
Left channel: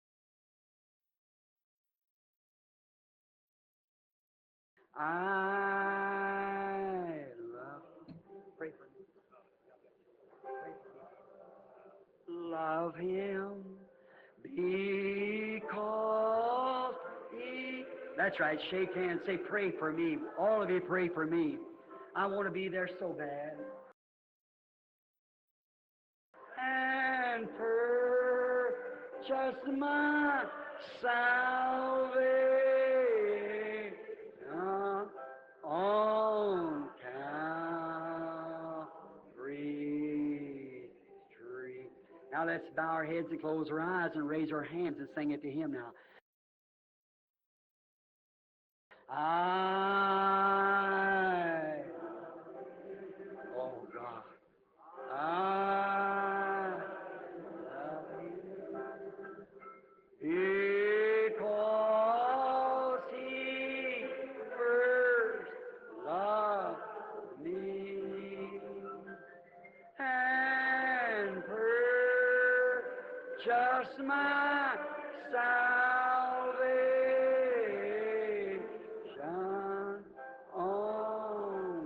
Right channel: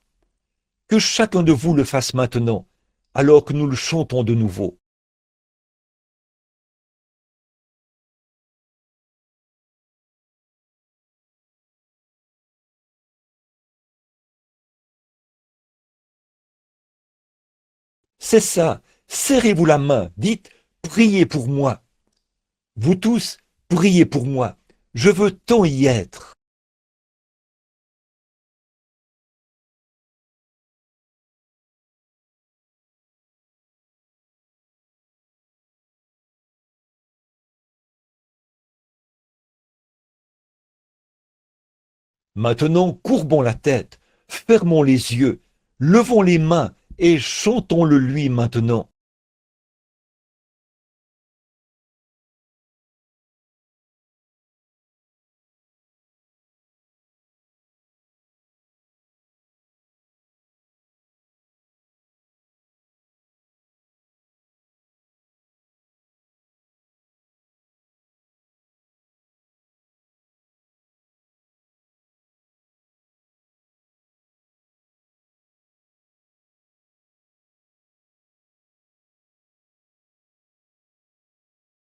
Que chacun de vous le fasse maintenant, alors que nous le chantons de nouveau. Love him because he... C'est ça, serrez-vous la main, dites, priez pour moi. Vous tous, priez pour moi. Je veux tant y être. And purchase my salvation on Calvary Street. Maintenant, courbons la tête, fermons les yeux, levons les mains et chantons-le lui maintenant. Oh God, I love you because he first loved me and purchased my salvation on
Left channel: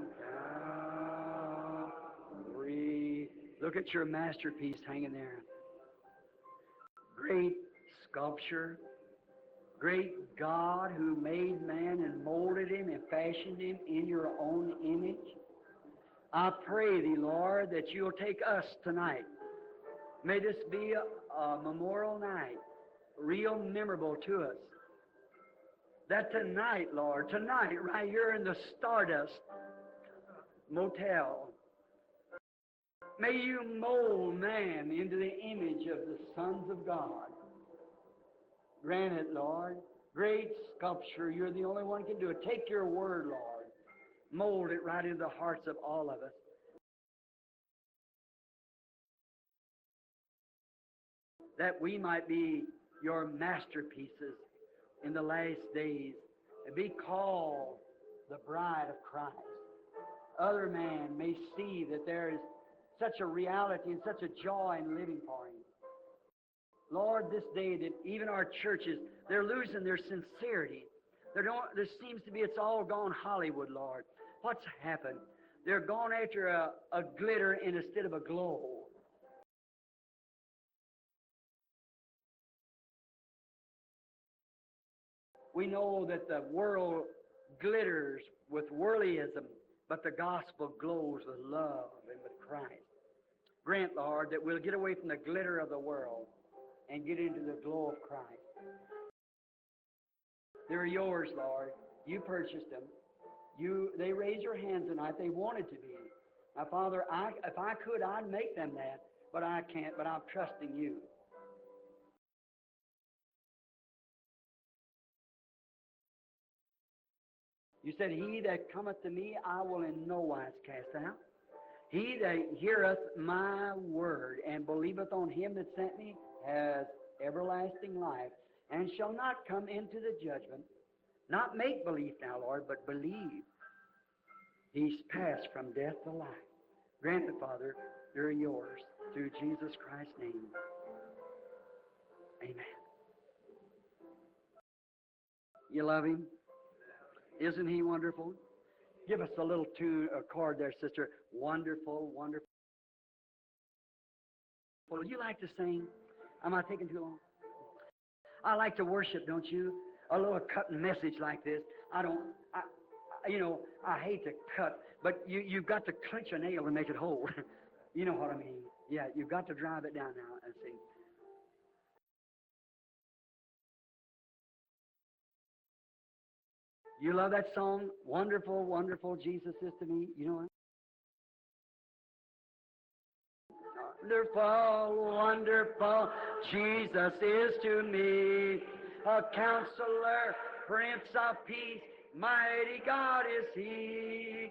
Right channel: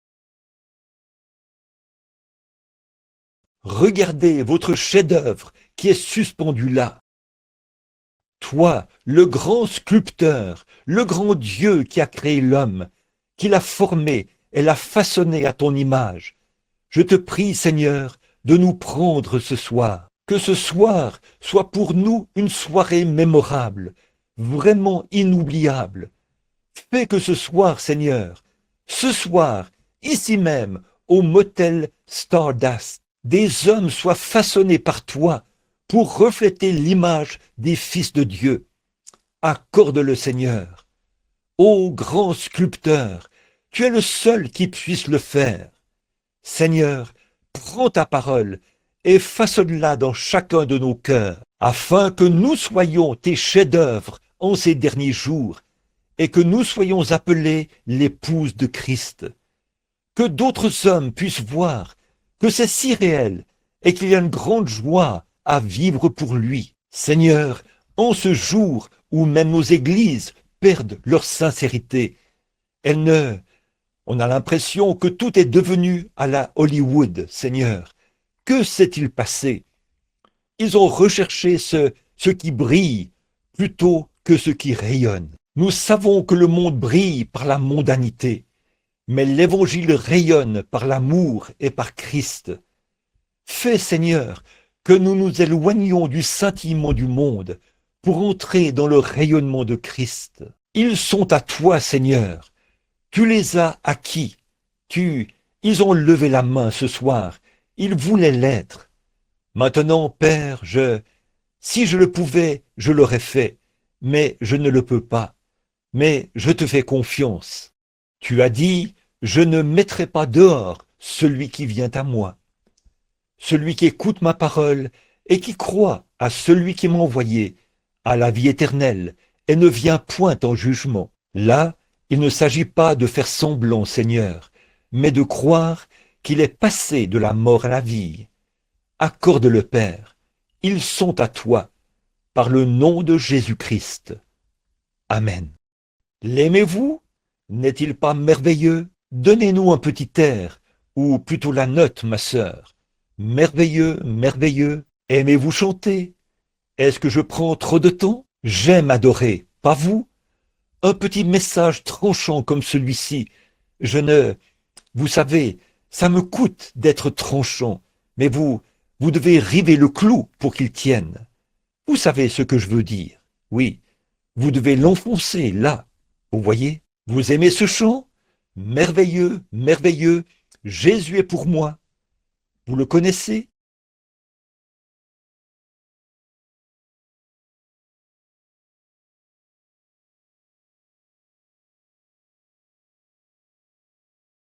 Calvary. Regardez votre chef-d'œuvre qui est suspendu là. Great sculpture. Toi, le grand sculpteur, le grand Dieu qui a créé l'homme, qui l'a formé et l'a façonné à ton image. Je te prie, Seigneur, de nous prendre ce soir. Que ce soir soit pour nous une soirée mémorable, vraiment inoubliable. Fais que ce soir, Seigneur, ce soir, ici même, au motel Stardust, des hommes soient façonnés par toi pour refléter l'image des fils de Dieu. Accorde-le, Seigneur. Ô grand sculpteur, tu es le seul qui puisse le faire. Seigneur, prends ta parole et façonne-la dans chacun de nos cœurs, afin que nous soyons tes chefs-d'œuvre en ces derniers jours et que nous soyons appelés l'épouse de Christ. Que d'autres hommes puissent voir que c'est si réel et qu'il y a une grande joie à vivre pour lui. Seigneur, en ce jour où même nos églises perdent leur sincérité, on a l'impression que tout est devenu à la Hollywood, Seigneur. Que s'est-il passé? Ils ont recherché ce qui brille plutôt que ce qui rayonne. Nous savons que le monde brille par la mondanité, mais l'Évangile rayonne par l'amour et par Christ. Fais, Seigneur, que nous nous éloignions du scintillement du monde pour entrer dans le rayonnement de Christ. Ils sont à toi, Seigneur. Tu les as acquis. Ils ont levé la main ce soir. Ils voulaient l'être. Maintenant, Père, si je le pouvais, je l'aurais fait. mais je ne le peux pas. Mais je te fais confiance. Tu as dit, je ne mettrai pas dehors celui qui vient à moi, celui qui écoute ma parole et qui croit à celui qui m'a envoyé, à la vie éternelle, et ne vient point en jugement. Là, il ne s'agit pas de faire semblant, Seigneur, mais de croire qu'il est passé de la mort à la vie. Accorde-le, Père. Ils sont à toi, par le nom de Jésus-Christ. Amen. L'aimez-vous? N'est-il pas merveilleux? Donnez-nous un petit air, ou plutôt la note, ma sœur. Merveilleux, merveilleux. Aimez-vous chanter? Est-ce que je prends trop de temps? J'aime adorer, pas vous? Un petit message tranchant comme celui-ci. Vous savez, ça me coûte d'être tranchant, mais vous devez river le clou pour qu'il tienne. Vous savez ce que je veux dire. Oui, vous devez l'enfoncer là. Vous voyez? Vous aimez ce chant? Merveilleux, merveilleux, Jésus est pour moi. Vous le connaissez? Wonderful, wonderful, Jesus is to me. A counselor, Prince of Peace, mighty God is He.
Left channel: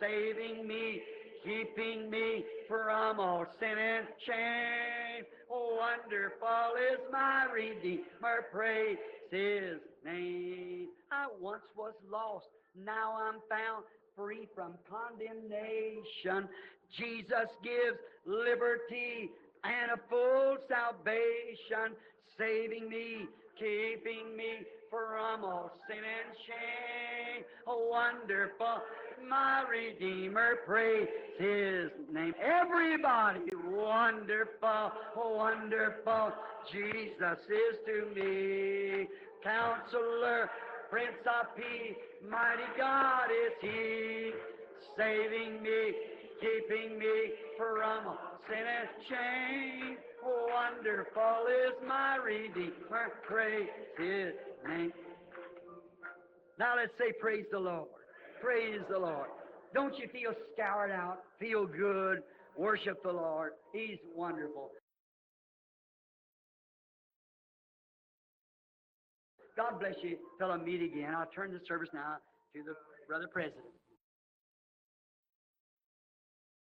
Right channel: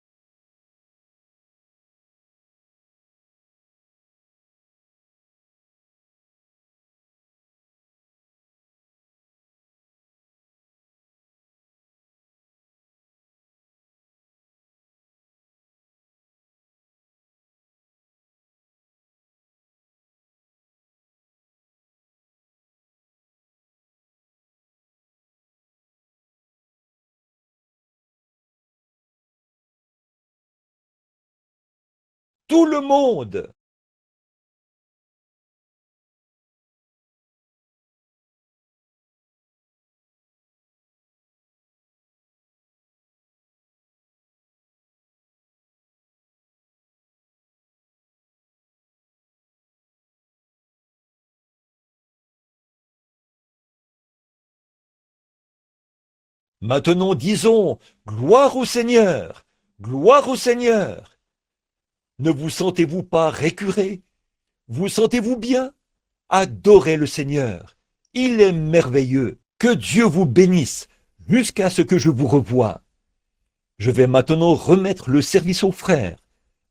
Saving me, keeping me from all sin and shame. Wonderful is my Redeemer, praise His name. I once was lost, now I'm found, free from condemnation. Jesus gives liberty and a full salvation, saving me, keeping me from all sin and shame. Wonderful, my Redeemer, praise His name. Tout le Everybody, monde. wonderful, wonderful, Jesus is to me. Counselor, Prince of Peace, mighty God is He, saving me, keeping me from sin and shame. Wonderful is my Redeemer, praise His name. Maintenant disons, gloire au Seigneur, gloire au Seigneur. Ne vous sentez-vous pas récuré? Vous sentez-vous bien? Adorez le Seigneur. Il est merveilleux. Que Dieu vous bénisse jusqu'à ce que je vous revoie. Je vais maintenant remettre le service aux frères,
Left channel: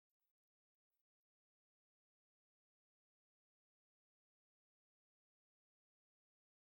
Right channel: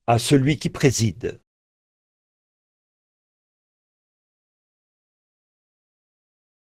à celui qui préside.